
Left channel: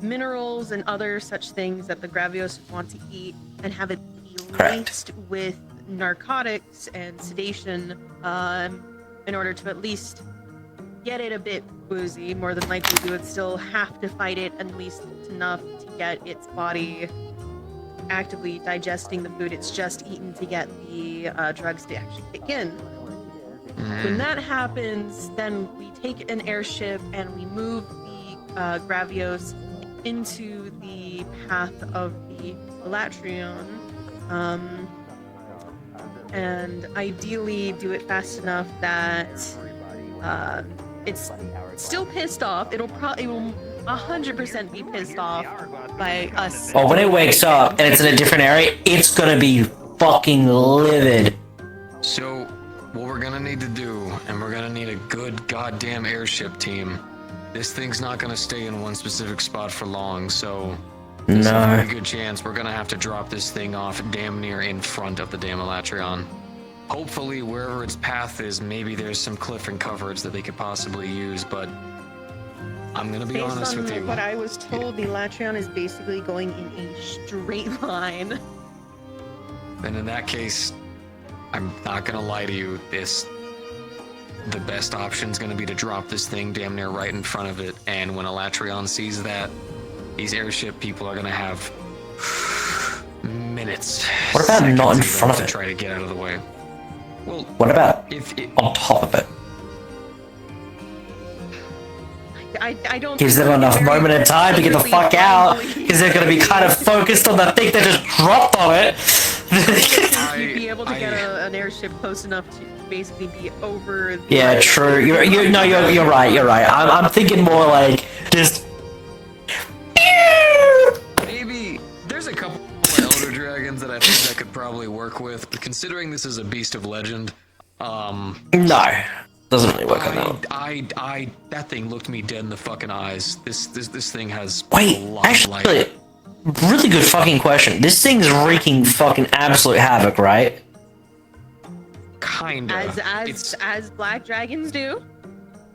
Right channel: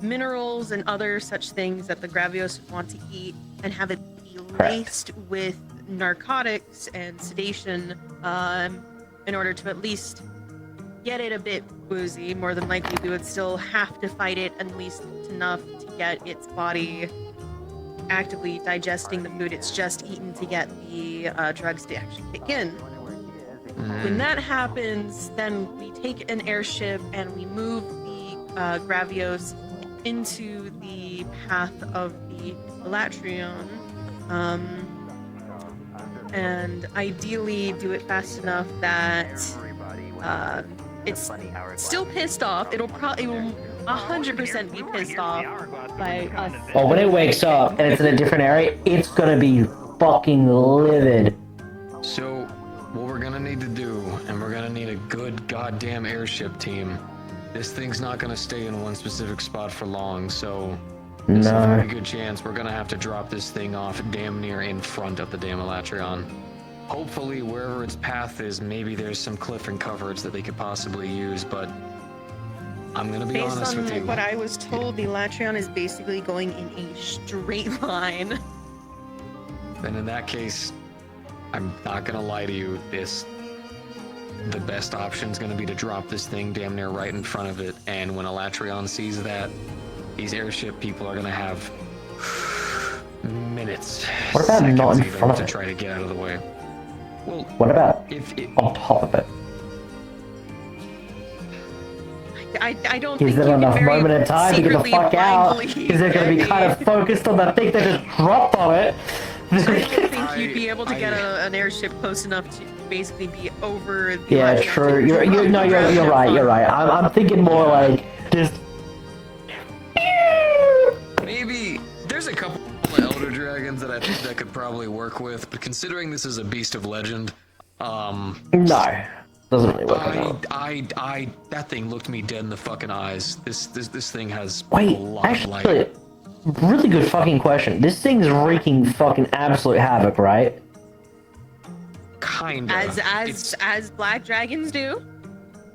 minerals and other such things that the Gravios want to eat, and have it be laced with narcotics and sedation, in order to at least get it a bit woozy. More than likely, we would still have to fight it at least enough to get its body actively digesting the food it's just eaten to get the drugs to actually kick in. When that happens, then we take an airship and we move the Gravios into the path of the Elatrion, and ideally do it fast enough that it's still pissed off. It will 100% be pissed off by us. Oh, when it wakes up and it's in a different area, it's gonna be fucking livid. So, what we're gonna need to do, and we're gonna need a good goddamn airship team. This thing's not gonna stay in one specific spot for long, so there's a very good chance we're gonna have to drop this thing off damn near in front of the damn Elatrion. Hopefully, wherever its path is, maybe there's some cliff and coverage that they could possibly use, but I'm gonna be honest with you. Based on what I was told, the Elatrion is basically going in a straight line. Then in that case, I'm not gonna lie to you, the best option is gonna be to drop this thing damn near right in front of it, and when Elatrion sees that, these airship people are gonna have minutes. What about not in front of it? To try to get out of the way. Well, what about on top of it? I don't gives them enough moment in time to get the secretly fuck out, because they're gonna be kind of focused on the thing that just dropped on it. You'd be able to get an airship close enough to basically be over. Yeah, true. You're right. I'm thinking more like just. Maybe there's a couple more elder dragons that I think that could probably work with, but considering this is a beast of legend, No, doesn't really work. That thing looked me dead in the fucking eyes. This thing has Wait, a lot of light. actually, really good fucking question. This thing's wreaking fucking absolute havoc, right? Kinda. As black dragons do.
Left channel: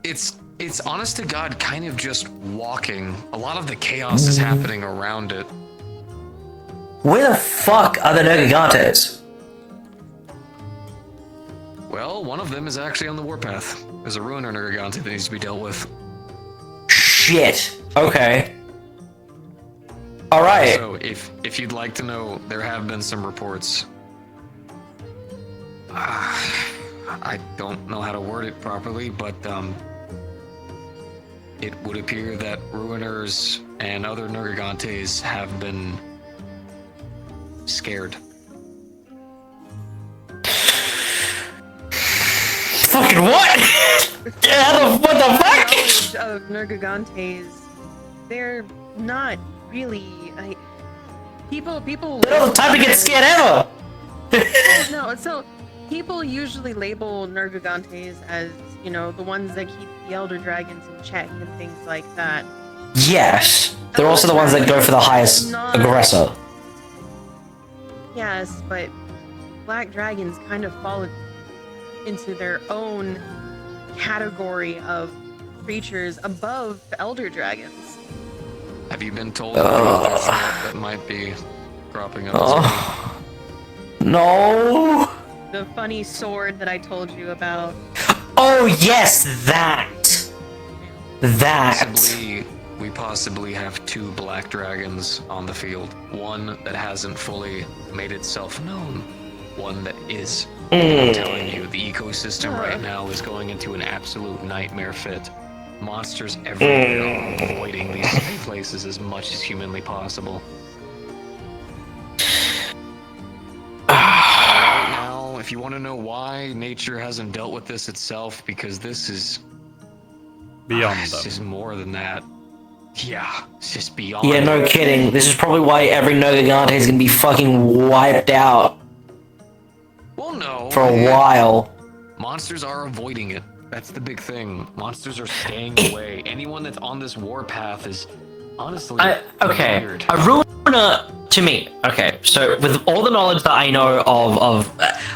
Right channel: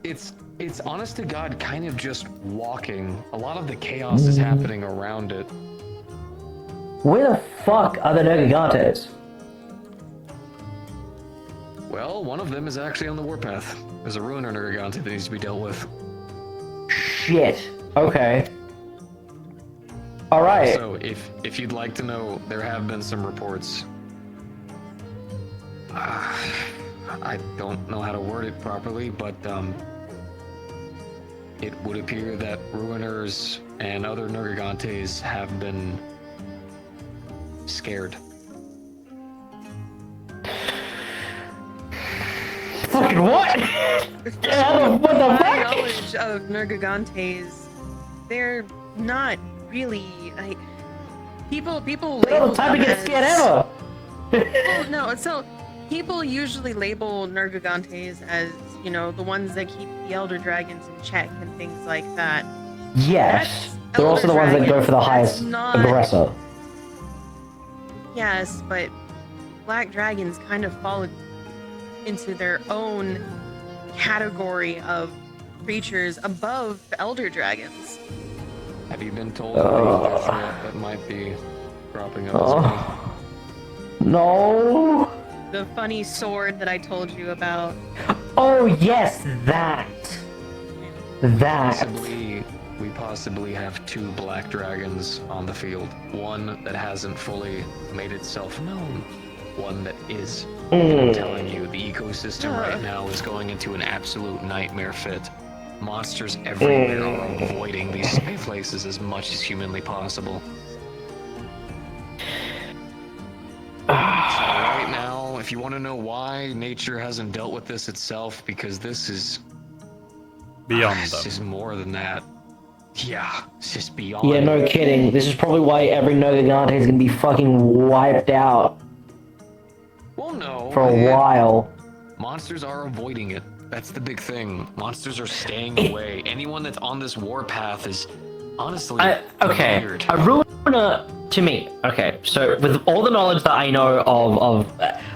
It's honest to God kind of just walking. A lot of the chaos is happening around it. Where the fuck are the Nergigantes? Well, one of them is actually on the warpath. There's a ruiner Nergigante that needs to be dealt with. Shit. Okay. All right. So, if you'd like to know, there have been some reports. I don't know how to word it properly, but it would appear that ruiners and other Nergigantes have been scared. Fucking what? What the fuck? Knowledge of Nergigantes, they're not really. People. They don't have time to get scared ever. No, so people usually label Nergigantes as, the ones that keep the Elder Dragons in check and things like that. Yes, they're also the ones that go for the highest aggressor. Yes, but black dragons kind of fall into their own category of creatures above the elder dragons. Have you been told another threat that might be dropping up as well? No. The funny sword that I told you about. Oh yes, that. We possibly have 2 black dragons on the field. One that hasn't fully made itself known. One that is. I'm telling you, the ecosystem right now is going into an absolute nightmare fit. Monsters everywhere are avoiding these places as much as humanly possible. So right now, if you want to know why nature hasn't dealt with this itself, because this is beyond them. It's just more than that. Yeah, it's just beyond. Yeah, no kidding. This is probably why every Nergigante is gonna be fucking wiped out. Well, no. For a while. Monsters are avoiding it. That's the big thing. Monsters are staying away. Anyone that's on this warpath is honestly weird. A ruiner to me. Okay, so with all the knowledge that I know of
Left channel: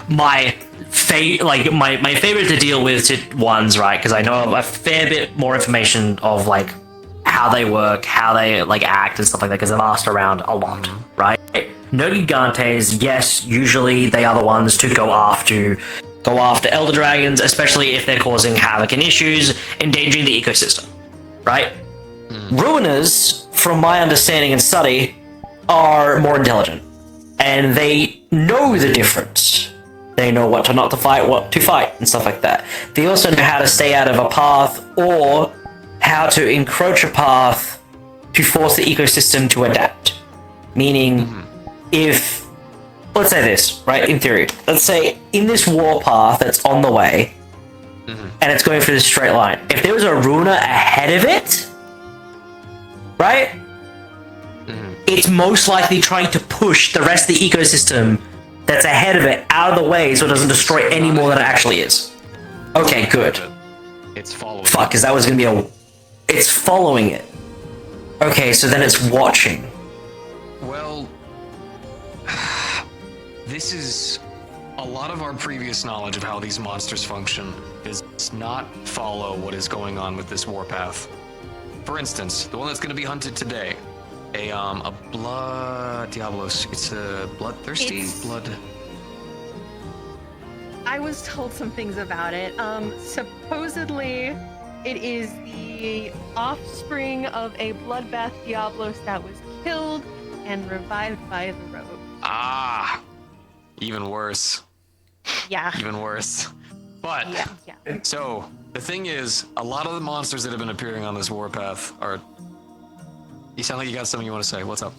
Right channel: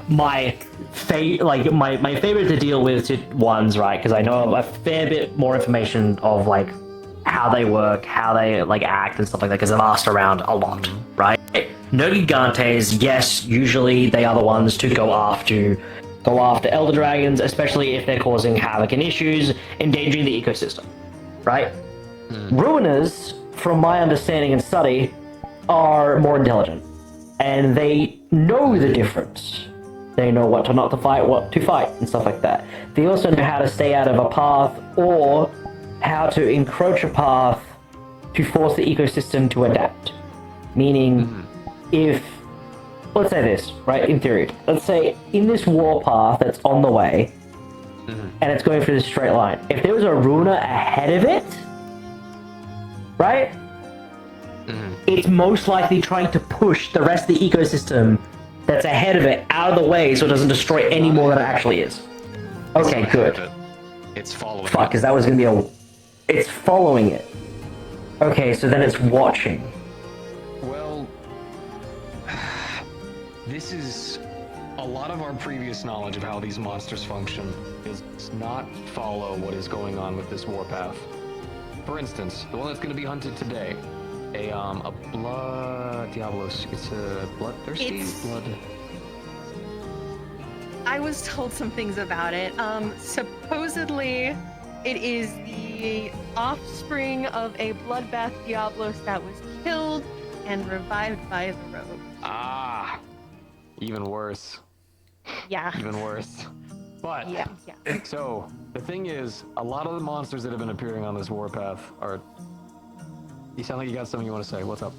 my my favorite to deal with ones, right? Because I know a fair bit more information of like how they work, how they like act and stuff like that. Because I've asked around a lot, right? Nergigantes, yes, usually they are the ones to go after elder dragons, especially if they're causing havoc and issues, endangering the ecosystem, right? Ruiners, from my understanding and study, are more intelligent, and they know the difference. They know what to not to fight, what to fight, and stuff like that. They also know how to stay out of a path, or how to encroach a path to force the ecosystem to adapt. Meaning, if, let's say this, right, in theory, let's say in this warpath that's on the way, and it's going through this straight line, if there was a ruiner ahead of it, right, it's most likely trying to push the rest of the ecosystem that's ahead of it out of the way so it doesn't destroy any more than it actually is. Okay, good. It's following. Fuck, because that was gonna be it's following it. Okay, so then it's watching. Well, this is a lot of our previous knowledge of how these monsters function does not follow what is going on with this warpath. For instance, the one that's going to be hunted today, a blood Diablos. It's a bloodthirsty blood. I was told some things about it. Supposedly, it is the offspring of a bloodbath Diablos that was killed and revived by the rogue. Ah, even worse. Yeah. Even worse. But, so, the thing is, a lot of the monsters that have been appearing on this warpath are... You sound like you got something you want to say. What's up?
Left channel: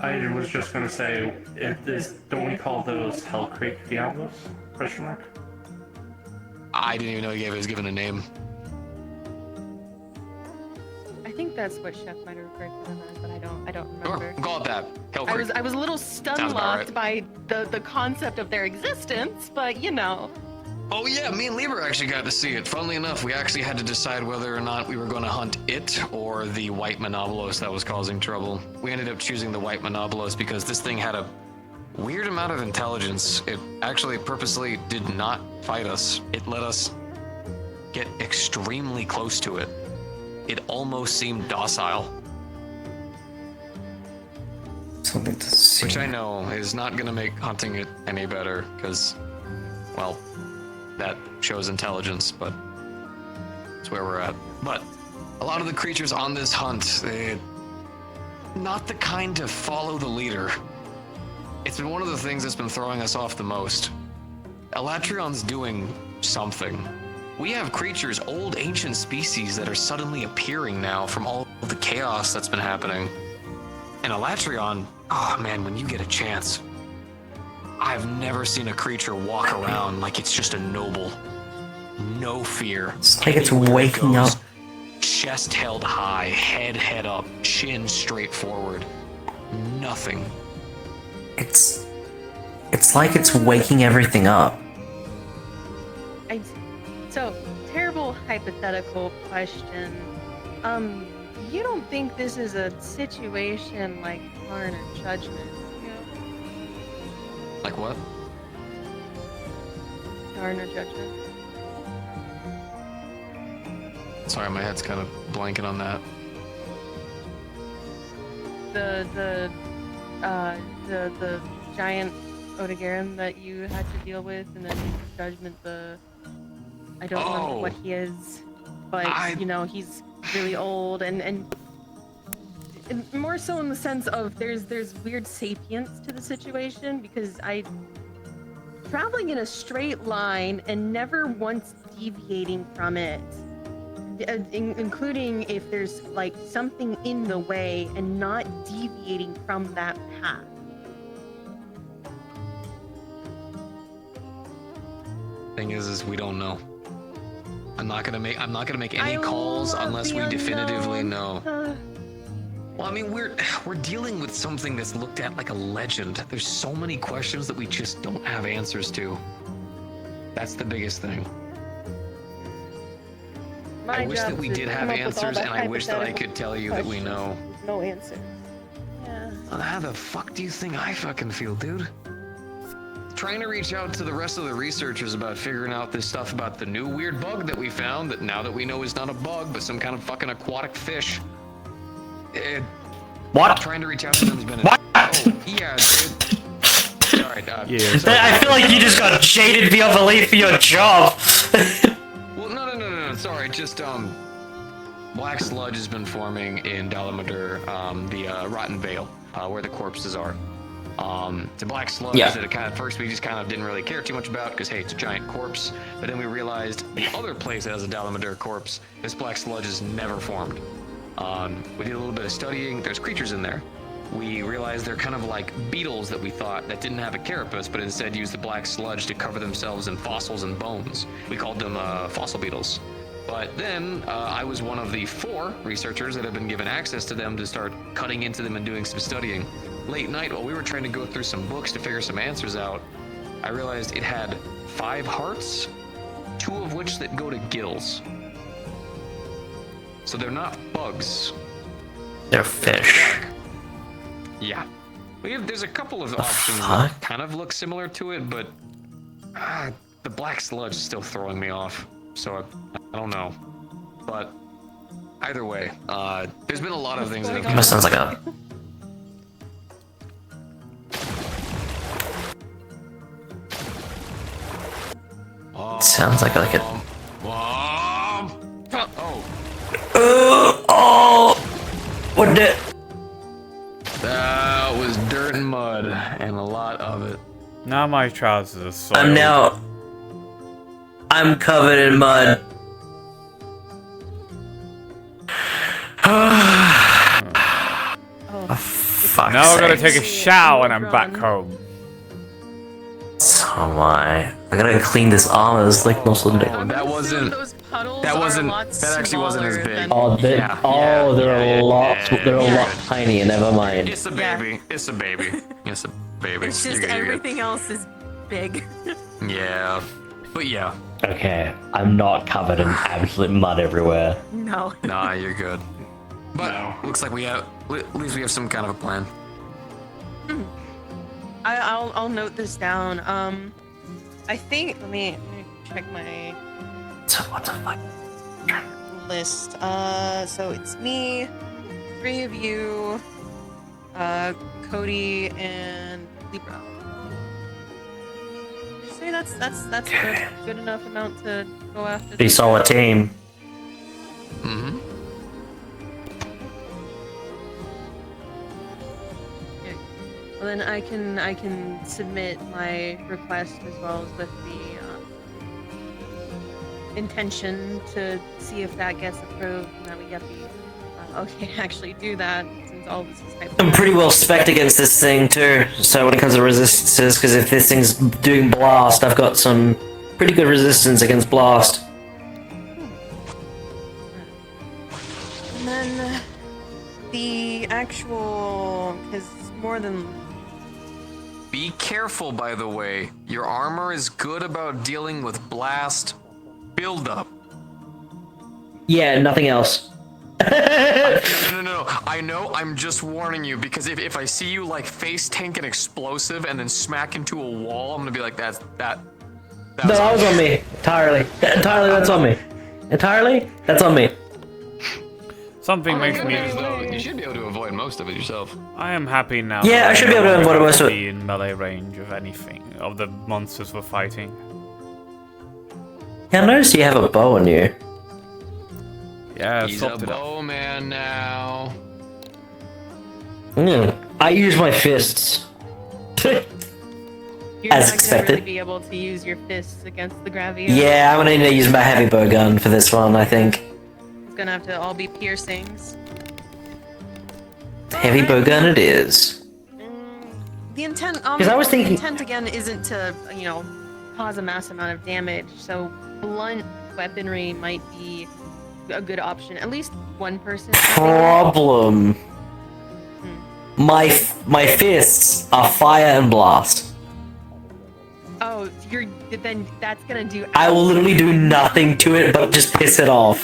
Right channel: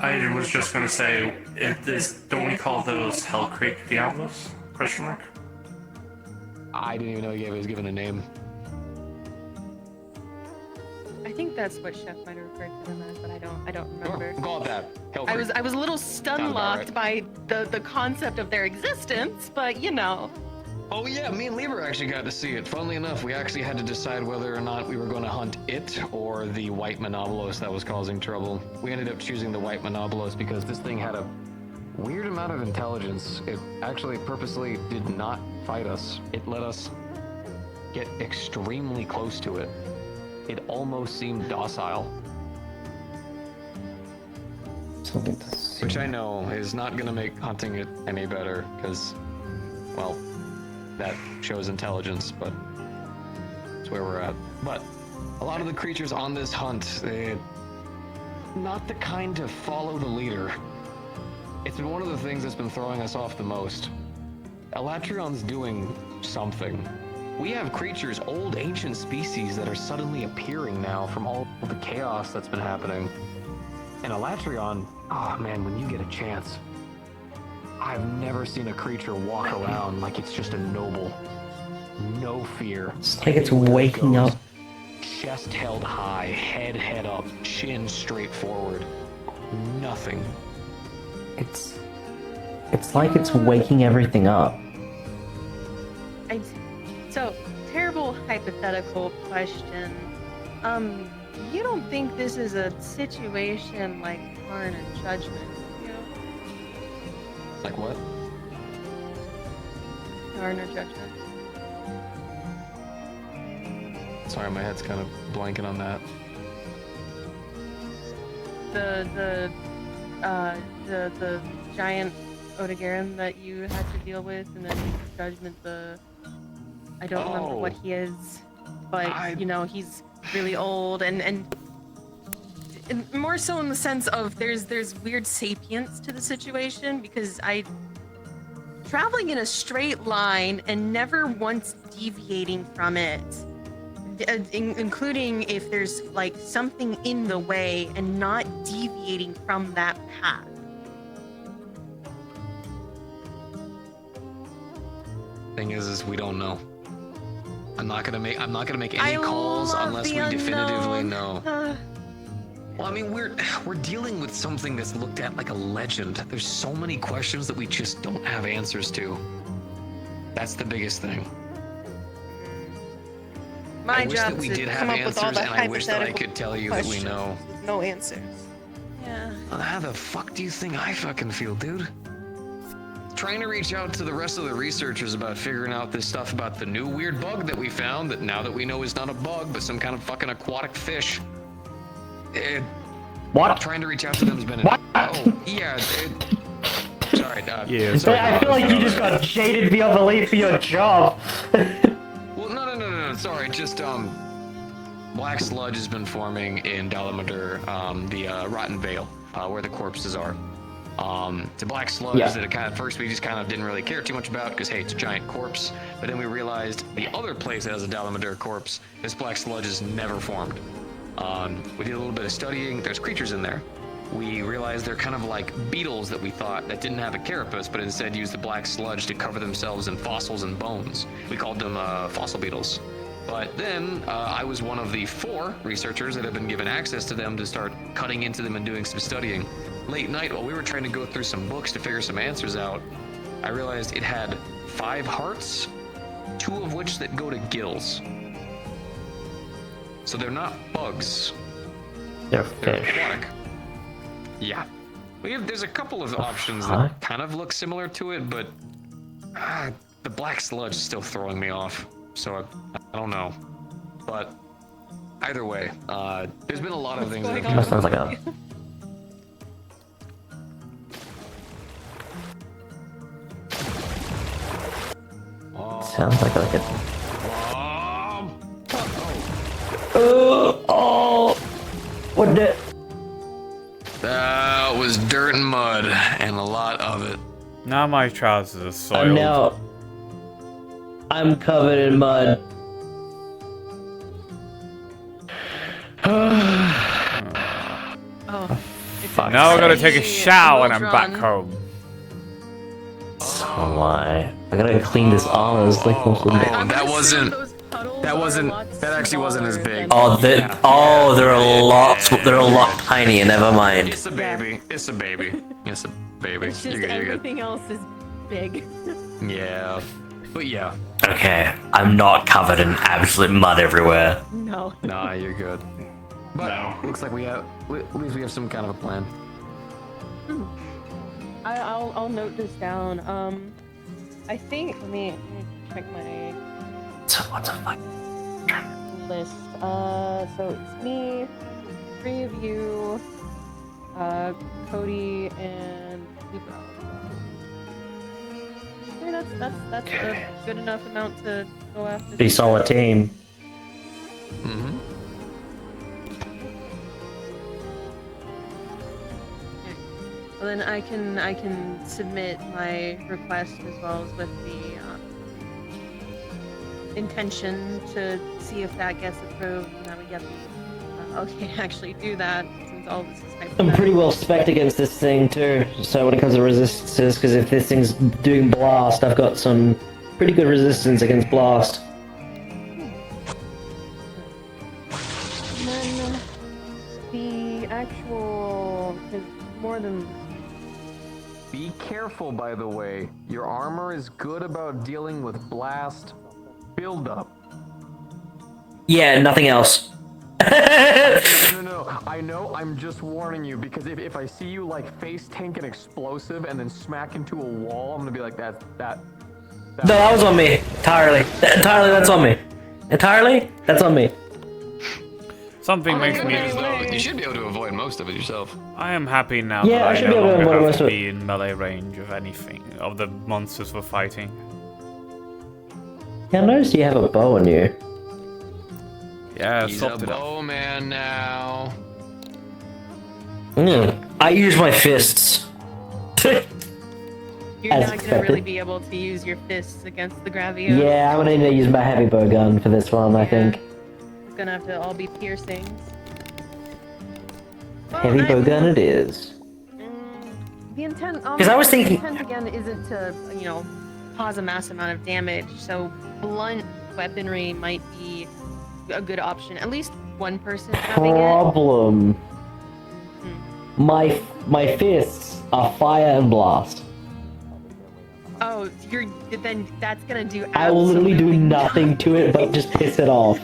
I was just going to say, don't we call those Hell Creek Diablos? Question mark? I didn't even know he was given a name. I think that's what Chef might have referred to them as, but I don't remember. We'll call it that. Hell I Creek. was a little Sounds stun about locked by the concept of their existence, but you know. Oh yeah, me and Lieber actually got to see it. Funnily enough, we actually had to decide whether or not we were going to hunt it or the white monobolus that was causing trouble. We ended up choosing the white monobolus because this thing had a weird amount of intelligence. It actually purposely did not fight us. It let us get extremely close to it. It almost seemed docile. Something to see. Which I know is not going to make hunting it any better because, well, that shows intelligence, but that's where we're at. But a lot of the creatures on this hunt, they're not the kind to follow the leader. It's been one of the things that's been throwing us off the most. Elatrion's doing something. We have creatures, old ancient species, that are suddenly appearing now from all of the chaos that's been happening. And Elatrion, oh man, when you get a chance, I've never seen a creature walk around like it's just a noble. No fear. It's like it's waking up. Chest held high, head up, chin straight forward. Nothing. It's like it's waking everything up. So, terrible hypothetical question. You don't think this is a situation like Karn or Judgment, you know? Like what? Karn or Judgment? Sorry, my head's kind of blanking on that. The giant Odogaron that you had to deal with, and then Judgment, I don't remember what he is, but you know, he's really old and more so in the sense of there's weird sapience to the situation, because traveling in a straight line and never once deviating from it, including if there's like something in the way and not deviating from that path. Thing is we don't know. I'm not gonna make any calls unless we definitively know. Well, I mean, we're dealing with something that's looked at like a legend. There's so many questions that we just don't have answers to. That's the biggest thing. I wish that we did have answers, and I wish that I could tell you that we know. No answers. Yeah. How the fuck do you think I fucking feel, dude? Trying to reach out to the rest of the researchers about figuring out this stuff about the new weird bug that we found that now that we know is not a bug, but some kind of fucking aquatic fish. What? Trying to reach out to them has been oh, yeah. Sorry, yeah. Sorry, I feel like you just got jaded beyond belief for your job. Well, no. Sorry, just black sludge has been forming in Dalamadur, the Rotten Vale, where the corpses are. It's a black sludge that it kind of, first we just kind of didn't really care too much about because hey, it's a giant corpse. But then we realized the other place that has a Dalamadur corpse, this black sludge is never formed. We did a little bit of studying. There's creatures in there. We realized they're kind of like beetles that we thought that didn't have a carapace, but instead used the black sludge to cover themselves in fossils and bones. We called them fossil beetles. But then I was one of the 4 researchers that have been given access to them to start cutting into them and doing some studying. Late night, while we were trying to go through some books to figure some answers out, I realized it had 5 hearts, 2 of which that go to gills. So they're not bugs. They're fish. Yeah. There's a couple of options that kind of look similar to it, but the black sludge is still throwing me off. So I don't know. But either way, there's been a lot of things that have sounds like a... Sounds like a... What did... That was dirt and mud, and a lot of it. Now my trousers are soiled. Now I'm covered in mud. Now I gotta take a shower and I'm back home. So am I. I gotta clean this armor. It's like most of the... That wasn't... Those puddles That wasn't. lots That actually wasn't as smaller big. than- Oh, they're a lot. They're a lot tinier. Never mind. It's a baby. It's a baby. It's a baby. It's just You're good. everything else is big. Yeah. But yeah. Okay, I'm not covered in absolute mud everywhere. No. Nah, you're good. But No. looks like we have. At least we have some kind of a plan. I'll note this down. I think let me check my What the fuck? list. So it's me, 3 of you, Cody, and Libra. See, that's A good enough amount to go after. Pretty solid team. Mm-hmm. Well, then I can submit my request as well as with the intention to see if that gets approved, and that we get the okay to actually do that, since all this is type. I'm pretty well spec'd against this thing too. So when it comes to resistances, because if this thing's doing blast, I've got some pretty good resistance against blast. And then the actual, because more than Be careful, by the way. Your armor is good about dealing with blast buildup. Yeah, nothing else. No. I know. I'm just warning you because if I see you like face tank an explosive and then smack into a wall, I'm gonna be like, that. No, that was on me. Entirely. Entirely, that's on me. Entirely, that's on me. Something makes me. You should be able to avoid most of it yourself. I am happy now Yeah, that I should no be able to longer avoid have most to of it. be in melee range of anything, of the monsters we're fighting. Yeah, I noticed you have a bow on you. Yeah, He's swapped a it up. bowman now. I use my fists. You're As not expected. gonna really be able to use your fists against the Gravio. Yeah, I'm gonna need to use my heavy bow gun for this one, I think. it's gonna have to all be piercings. Heavy bow gun it is. The intent. 'Cause I was thinking- The intent again isn't to. You know, cause a mass amount of damage. So blunt weaponry might be a good option. At least one person having it. Problem. My fists are fire and blast. Oh, then that's gonna do. I will literally do nothing to it but just piss it off.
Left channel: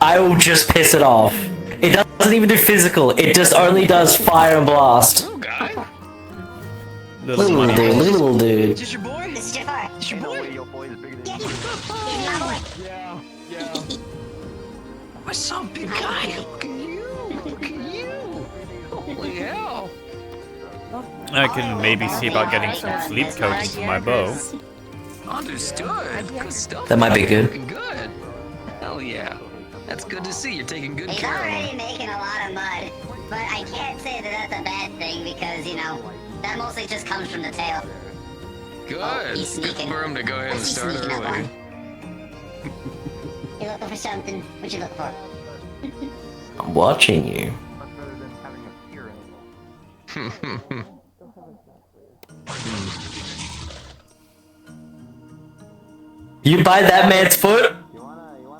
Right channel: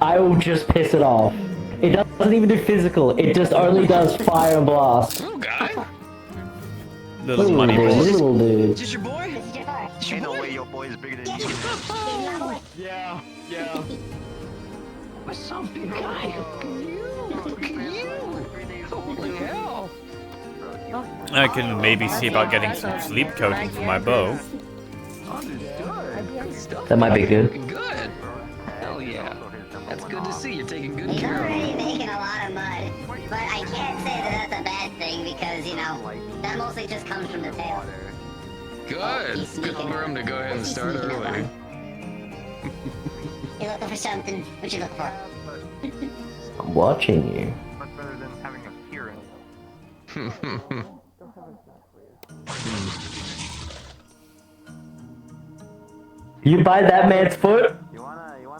I will just piss it off. It doesn't even do physical. It just only does fire and blast. Oh, guy. Little money dude, boy. little dude. This is your boy? This is your boy. Ain't no way your boy is bigger than you. Yeah. What's up, big guy? Look at you. Look at you. Holy hell. I can maybe see about getting some sleep coating for my bow. Understood. Good stuff. That might be good. Good. Hell yeah. That's good to see. You're taking good He's care of already him. making a lot of mud. But I can't say that that's a bad thing because, you know, that mostly just comes from the tail. Good. He's Good sneaking. for him to go ahead and He's start sneaking up on early. him. You're looking for something. What you looking for? I'm watching you. Much better than having a hearing. You bite that man's foot,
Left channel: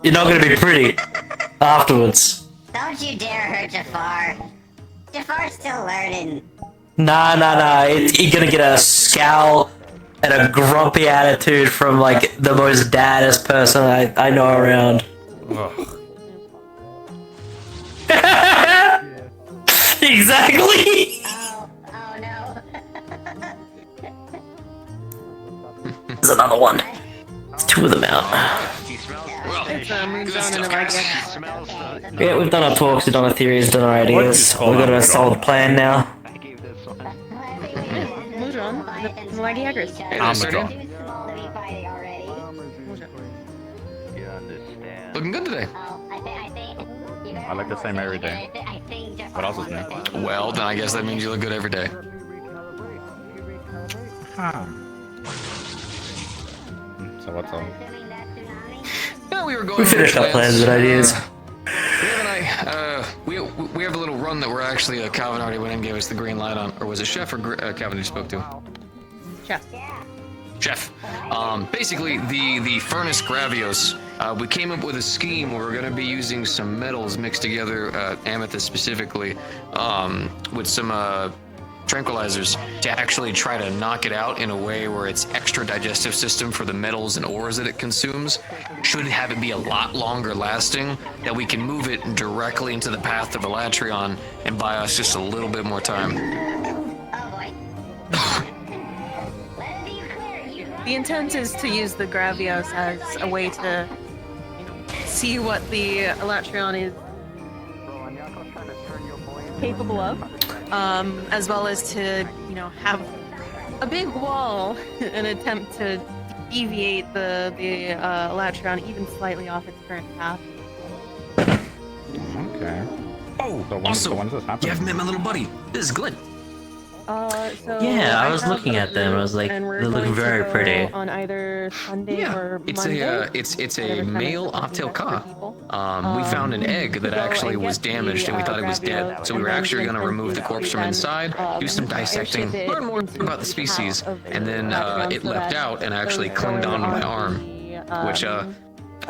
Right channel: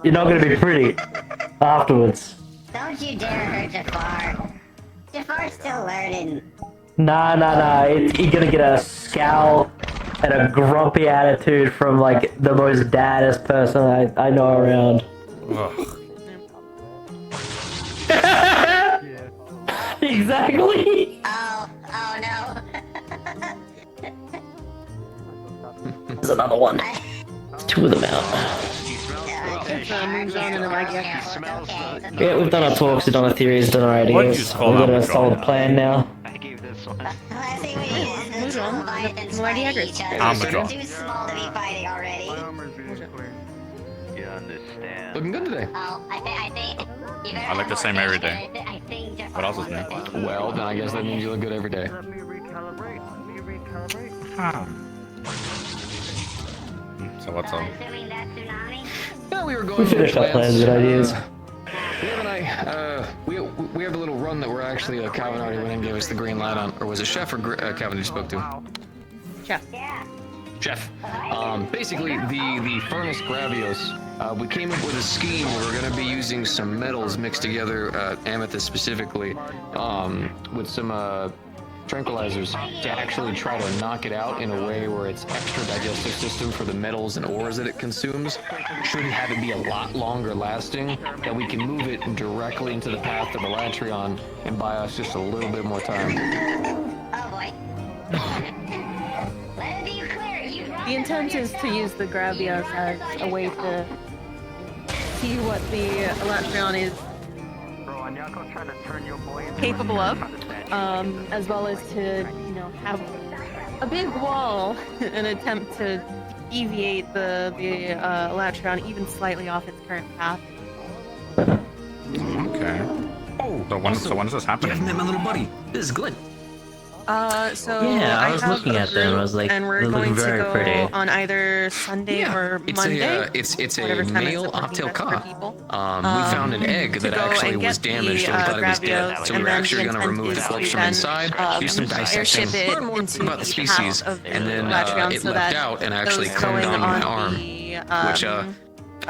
you're not gonna be pretty afterwards. Don't you dare hurt Jafar. Jafar's still learning. Nah. You're gonna get a scowl and a grumpy attitude from like the most daddest person I know around. Ugh. Exactly. Oh no. There's another one. There's two of them out. He smells It's moved on in the right He direction. smells Yeah, we've done our talks, we've done our theories, done our What do you ideas. call We've got a Amazon? solid plan now. I gave this one. Moved on. The mighty Hagrid. Amazon. Too small to be fighting already. You understand. Looking good today. Oh, I think. I look the same every day. I think Jafar What else is wants new? it. Well, then I guess that means you look good every day. So what's on? Assuming that tsunami. Yeah, we were going. We finished our plans and ideas. We have a little run that we're actually Calvin already went and gave us the green light on, or was it Chef or Calvin you spoke to? Chef. Chef. Basically the furnace Gravios We came up with a scheme where we're going to be using some metals mixed together, amethyst specifically, with some tranquilizers to actually try to knock it out in a way where its extra digestive system for the metals and ores that it consumes should have it be a lot longer lasting, that we can move it directly into the path of Elatrion and buy us just a little bit more time. Oh boy. The intent is to use the Gravios as a way to see what the Elatrion is capable of, as well as to, have a big wall and attempt to deviate the Elatrion even slightly off its current path. Okay. Oh, so when does this happen? You haven't met my little buddy. This is Glenn. Yeah, I was looking at them. I was like, and we're they're looking going very to go pretty. on either Sunday or It's Monday. it's a whatever time male it's looking Optel like for Ka. people. We found an egg to that go actually and was get damaged, the, and we thought it was dead. Gravios, So we were and then actually the going to intent remove the is corpse to from then, inside, do some dissecting, airship it learn more into about the the species, path of and then Elatrion it so left that out and actually those clinged going onto my on arm, the, which I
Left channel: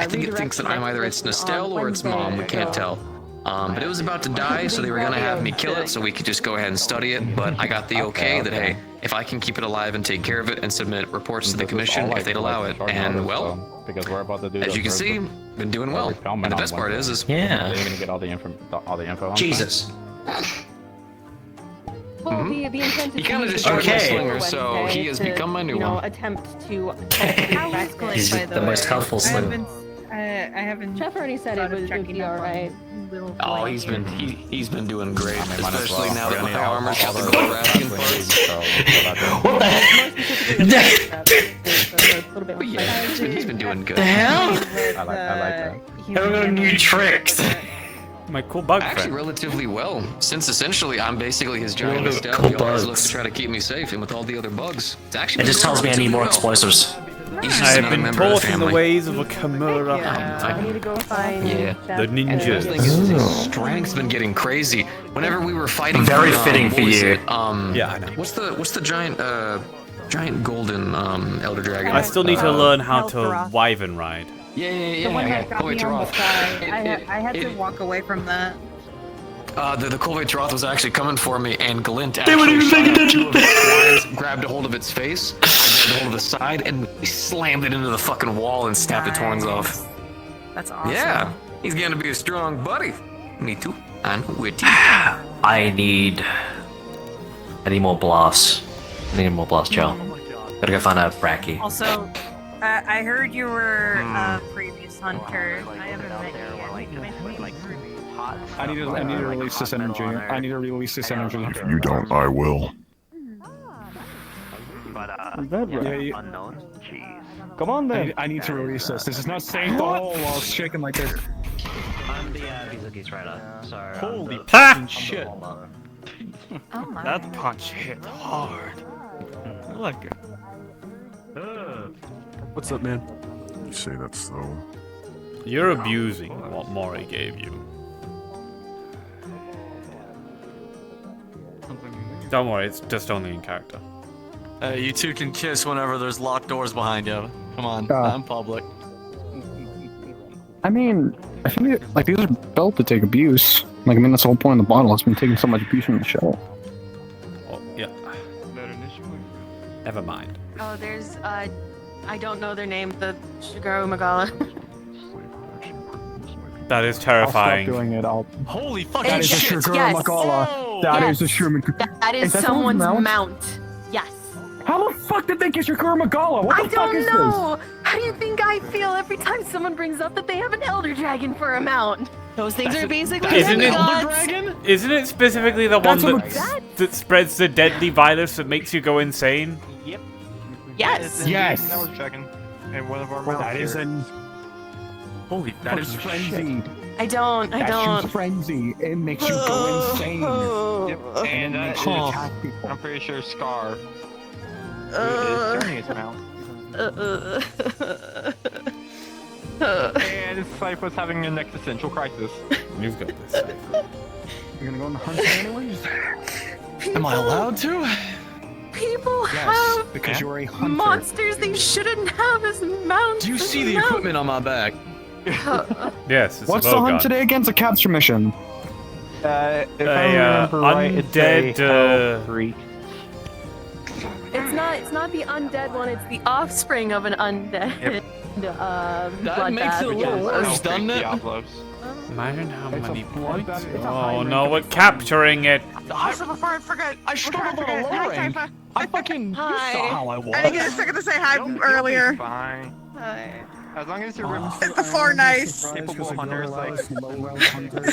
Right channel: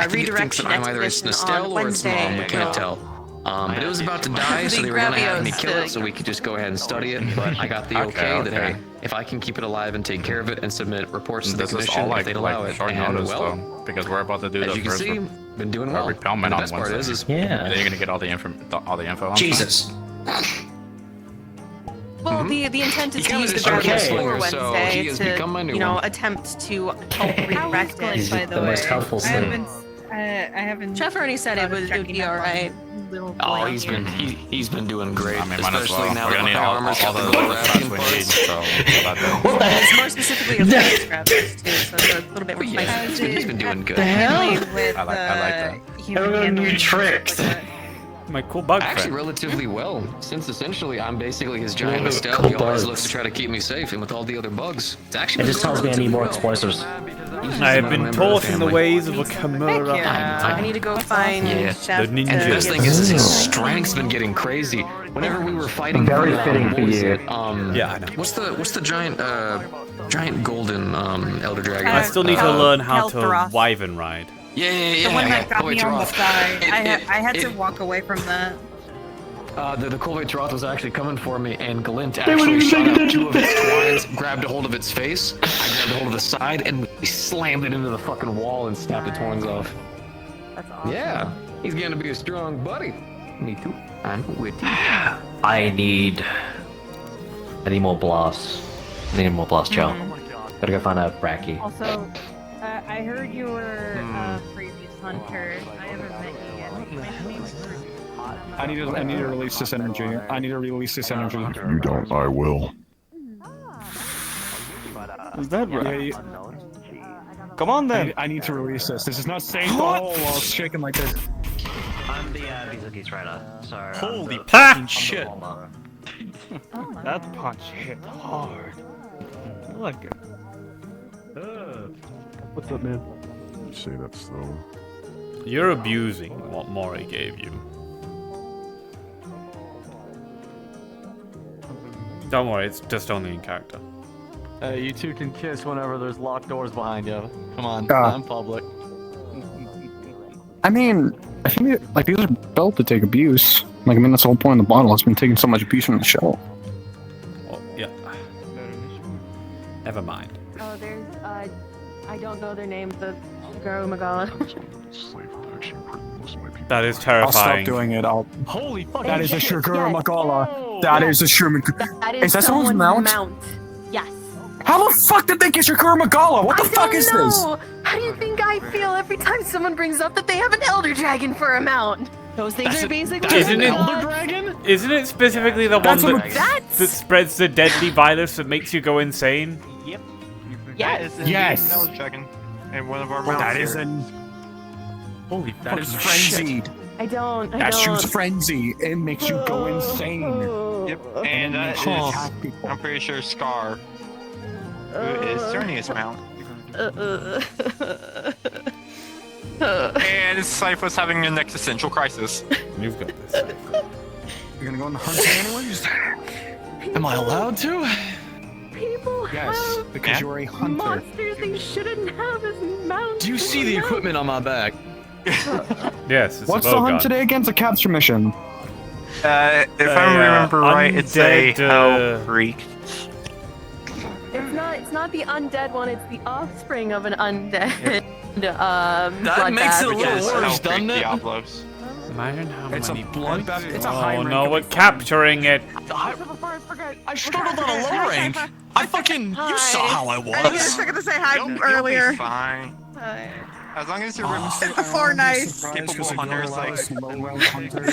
think it thinks that I'm either its Nestel or its mom. We can't tell. But it was about to die, so they were gonna have me kill it so we could just go ahead and study it. But I got the okay that hey, if I can keep it alive and take care of it and submit reports to the commission, if they'd allow it, and well, because we're about to do as you can see, been doing well. But the best part is you're gonna get all the info on Jesus. Well, the intent is He to kinda use just the showed my Gravios slinger, for so Wednesday he has to, become my new one. attempt to hopefully wreck it. He's the most helpful slinger. I haven't. Jeff already said it would be alright. Oh, he's been doing great, especially now that my armor's got the gold wrapping parts. What the heck? More specifically, a little bit more He's been doing good. The hell? I like that. Hello, new tricks. My cool bug Actually, friend. relatively well, since essentially I'm basically his giant Cool Nestel. He always bugs. looks to try to keep me safe, and with all the other bugs, it's actually. It been just going tells me I need more relatively well. explosives. He's just I have a been member taught of the in the family. ways of a Chimera. I need to go find Jeff The ninjas. The thing is, his strength's been getting crazy. Whenever we were fighting, Very the, fitting what for was you. it? Yeah, I know. What's the giant golden elder dragon? I still need to learn how to Healthroth. wyvern ride. Yeah. the one that got me on the fly. I had to walk away from that. The Colvatroth was actually coming for me, and Glint actually shot out two of its twines, grabbed a hold of its face, I grabbed a hold of the side, and we slammed it into the fucking wall and snapped the twines off. That's awesome. Yeah, he's gonna be a strong buddy. Me too. I'm with you. I need more blasts. I need more blast gel. Gotta go find out Bracky. Also, I heard you were a previous hunter. I haven't met you yet. I need to release this energy. I need to release this energy. If you don't, I will. Is that right? Yeah, come on then. I need to release this. This is not staying the hole while it's shaking like this. I'm the Vizuki trader. Sorry. Holy fucking shit. That punch hit hard. Look. What's up, man? You say that so? You're abusing what Mori gave you. Don't worry, it's just only in character. You two can kiss whenever there's locked doors behind you. Come on, I'm public. I mean, I think like these are built to take abuse. Like, I mean, that's the whole point of the bottle. It's been taking so much abuse from the show. Oh, yeah. Never mind. Oh, there's I don't know their name. The Shigeru Magala. That is terrifying. I'll stop doing it. Holy fuck! That is a sugar Yes. Magala. That is a sugar. That is that someone's mount? mount. Yes. How the fuck did they get Shakura Magala? What the I fuck don't is know. How do you think I feel every time someone brings up that they have an elder dragon for a mount? Those things are basically Isn't it gods. dragon? Isn't it specifically the one that spreads the deadly virus that makes you go insane? Yep. Yes. Yes. Elder dragon. And one of our mounts That is here. an. Holy, that is frenzied. I don't. That shoots frenzy. It makes you go insane. Yep. And And it makes you attack people. I'm pretty sure Scar is Cernius mount. And Cypher's having an existential crisis. You've got this. You're gonna go and hurt animals? Am I allowed to? People Yes, have because you're a hunter. monsters they shouldn't have as mounts. Do you see the equipment on my back? Yes, it's What's a the bowgun. hunt today against a capture mission? If I remember right, it's a undead, hell freak. It's not the undead one. It's the offspring of an undead. That makes it a little worse, doesn't it? Imagine how It's many a points. it's a Oh hybrid no, we're capturing it. I struggled on a rank. I fucking. You saw how I was. I didn't get a second to say hi earlier. Fine. Hi. As long as you're Is the floor nice? capable hunters, like. Is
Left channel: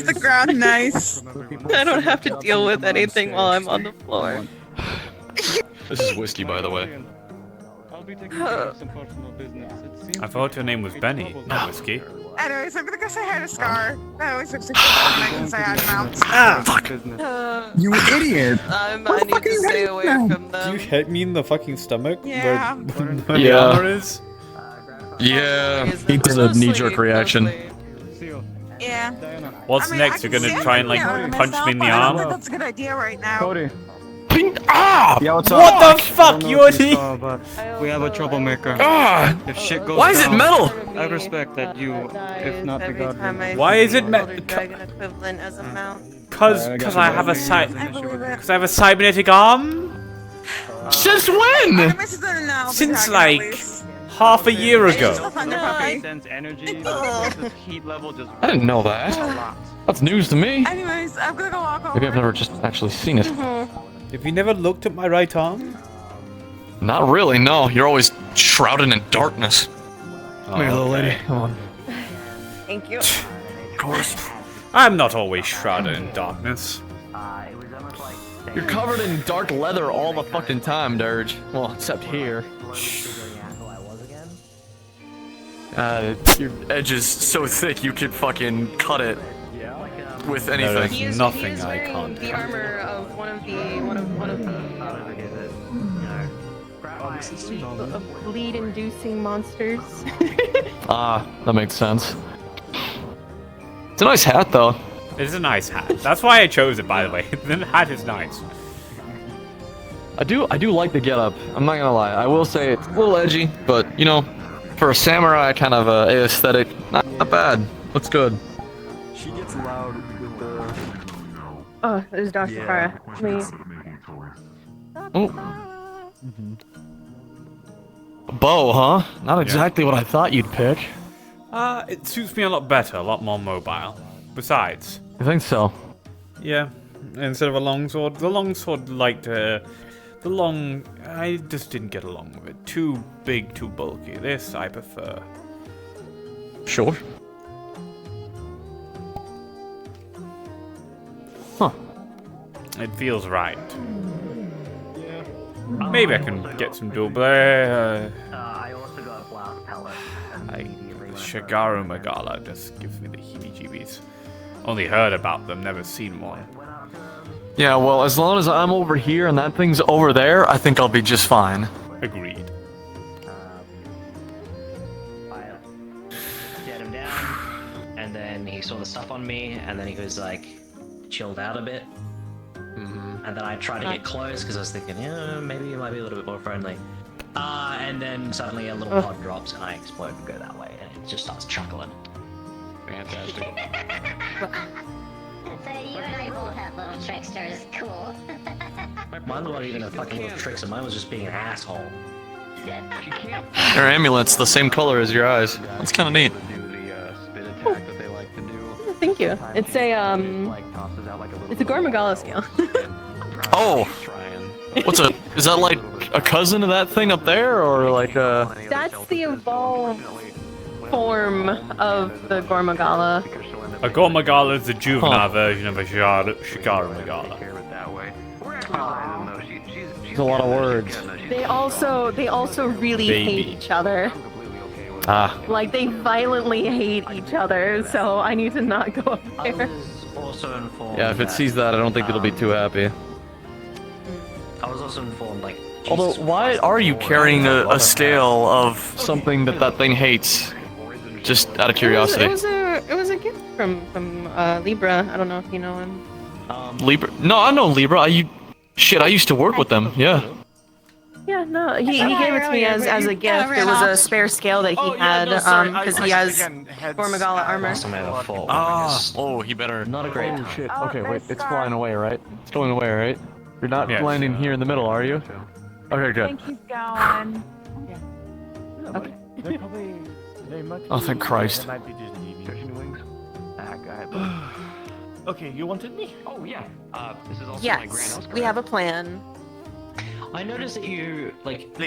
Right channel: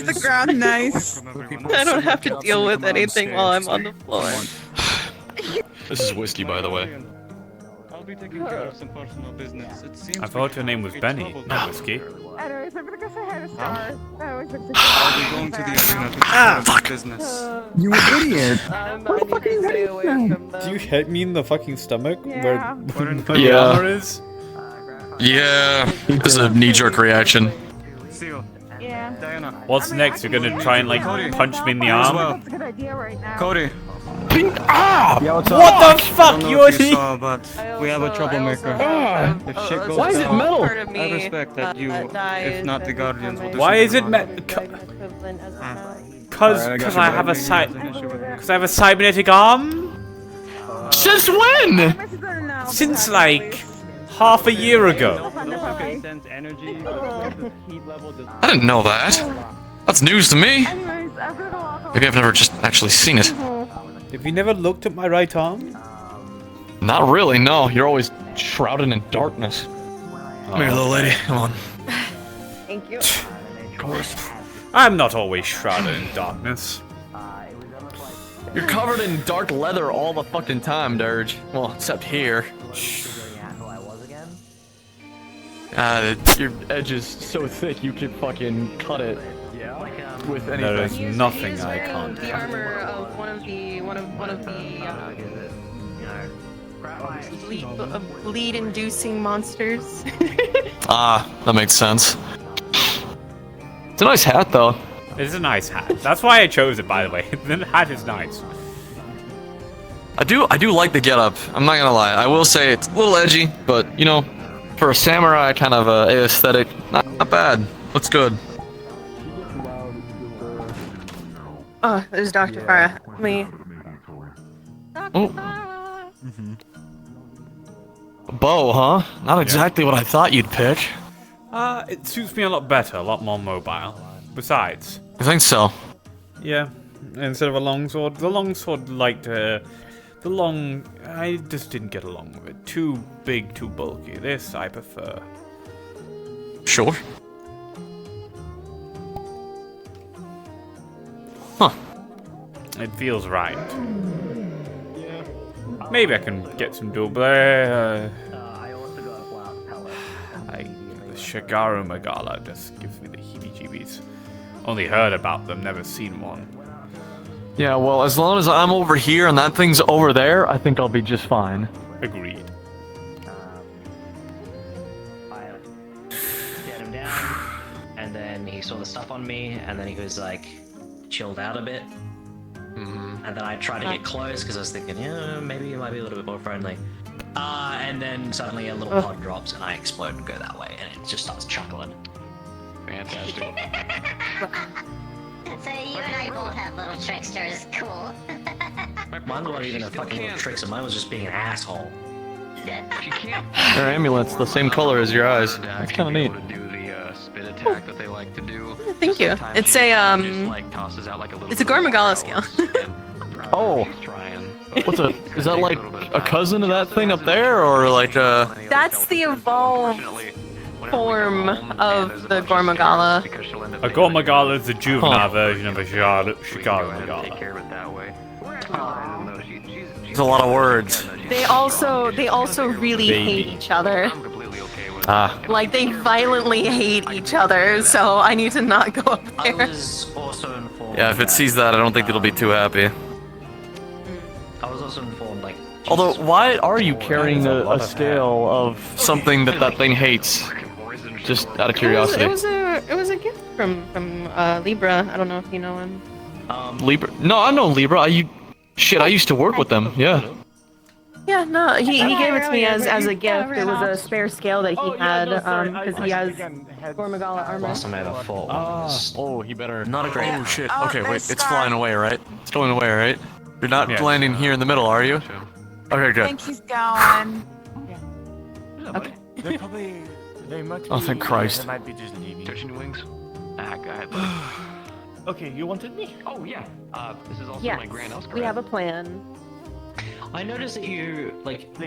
the ground nice? I don't have to deal with anything while I'm on the floor. This is whiskey, by the way. I'll be taking care of some personal business. It seems I thought your name was Benny, not whiskey. Anyways, I'm gonna go say hi to Scar. I always have to say Ah, fuck. You idiot! I need to stay away from them. Do you hit me in the fucking stomach where the Yeah. armor is? Yeah, it's a knee-jerk reaction. Yeah. What's next? You're gonna try and like punch me in the arm? That's a good idea right now. Cody. Ah! Yeah, what's What up? the fuck, you idiot? we have a troublemaker. If shit goes Why is it down, metal? I respect that you, if not the guardian. Why is it equivalent as a mount. Cause I have a cybernetic arm? Since when? Since like half a year ago. I didn't know that. That's news to me. Anyways, I'm gonna go walk over. Maybe I've never just actually seen it. Have you never looked at my right arm? Not really, no. You're always shrouded in darkness. Oh, Come here, little okay. lady. Come on. Thank you. I'm not always shrouded in darkness. You're covered in dark leather all the fucking time, Dirge. Well, except here. Your edge is so thick you could fucking cut it with anything. There is nothing I wearing can't the cut. armor of one of the bleed-inducing monsters. Ah, that makes sense. It's a nice hat, though. It is a nice hat. That's why I chose it, by the way. The hat is nice. I do like the getup. I'm not gonna lie. I will say it's a little edgy, but you know, For a samurai kind of aesthetic, not bad. looks good. Oh, there's Dr. Farah. Me. Oh. Bow, huh? Not exactly what I thought you'd pick. It suits me a lot better, a lot more mobile. Besides, You think so? yeah, instead of a longsword, the longsword liked the long. I just didn't get along with it. Too big, too bulky. This I prefer. Sure. It feels right. Maybe I can get some dual blade. The Shagaru Magala just gives me the heebie-jeebies. Only heard about them, never seen one. Yeah, well, as long as I'm over here and that thing's over there, I think I'll be just fine. Agreed. I get him down, and then he saw the stuff on me, and then he was like chilled out a bit. And then I tried to get close because I was thinking, yeah, maybe you might be a little bit more friendly. And then suddenly a little pod drops, and I explode and go that way, and it just starts chuckling. So you and I both have little tricksters. Cool. Mine wasn't even a fucking little trick, so mine was just being an asshole. Your amulet's the same color as your eyes. That's kind of neat. Thank you. It's a it's a Gormagala scale. Oh, is that like a cousin of that thing up there, or like a? That's the evolved form of the Gormagala. A Gormagala is the juvenile version of a Shagaru Magala. There's a lot of words. They also really Baby. hate each other. Ah. Like they violently hate each other, so I need to not go up I there. was also informed. Yeah, if it sees that, I don't think it'll be too happy. I was also informed, like. Although, why are you carrying a scale of something that thing hates? Just out of curiosity. It was a gift from Libra. I don't know if you know him. Libra? No, I know Libra. Shit, I used to work with them. Yeah. Yeah, no, he gave it to me as a gift. It was a spare scale that he had, because he has Gormagala armor. Last time I ever fought one. Oh, he better. Not a great Oh part. shit. Oh, Okay, wait. nice It's scar. flying away, right? It's going away, right? You're not Yeah. landing here in the middle, are you? Okay, I good. think he's going. Oh, thank Christ. Okay, you wanted me? Oh yeah. This is also my grand Yes, Oscar. we have a plan. I noticed that you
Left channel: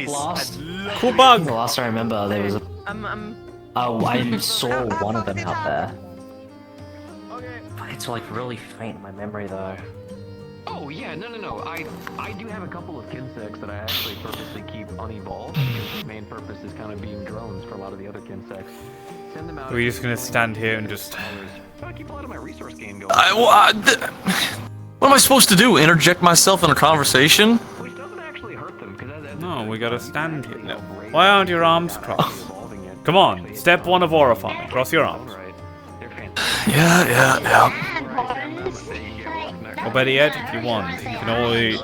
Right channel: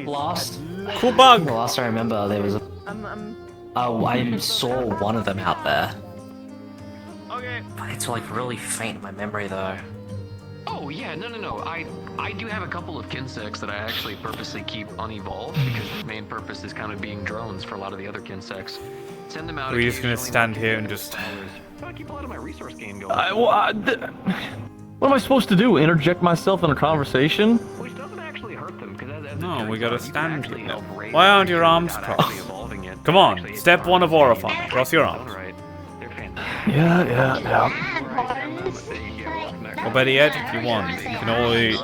last. Cool bug. The last I remember, there was. Oh, I saw one of them out there. It's like really faint in my memory though. Oh yeah, no. I do have a couple of kinsects that I actually purposely keep unevolved because the main purpose is kind of being drones for a lot of the other kinsects. Send them out. We're just gonna stand here and just. I keep a lot of my resource gain going. What am I supposed to do? Interject myself in a conversation? Which doesn't actually hurt them because No, we gotta stand here. No. Why aren't your arms crossed? Come on, step 1 of aura farming. Cross your arms. Yeah. Or better yet, if you want, you can always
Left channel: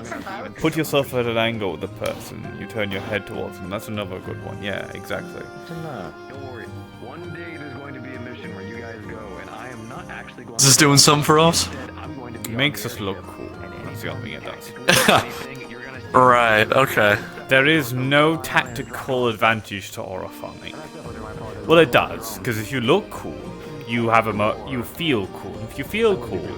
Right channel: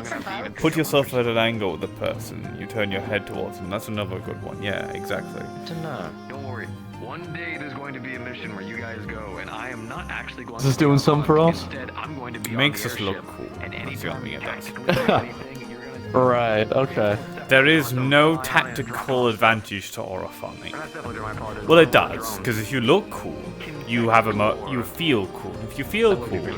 put yourself at an angle with the person. You turn your head towards them. That's another good one. Yeah, exactly. Don't worry. One day there's going to be a mission where you guys go, and I am not actually going Is this doing something for us? Makes us look cool. That's the only thing it does. Right, okay. There is no tactical advantage to aura farming. Well, it does, because if you look cool, you have you feel cool. If you feel cool,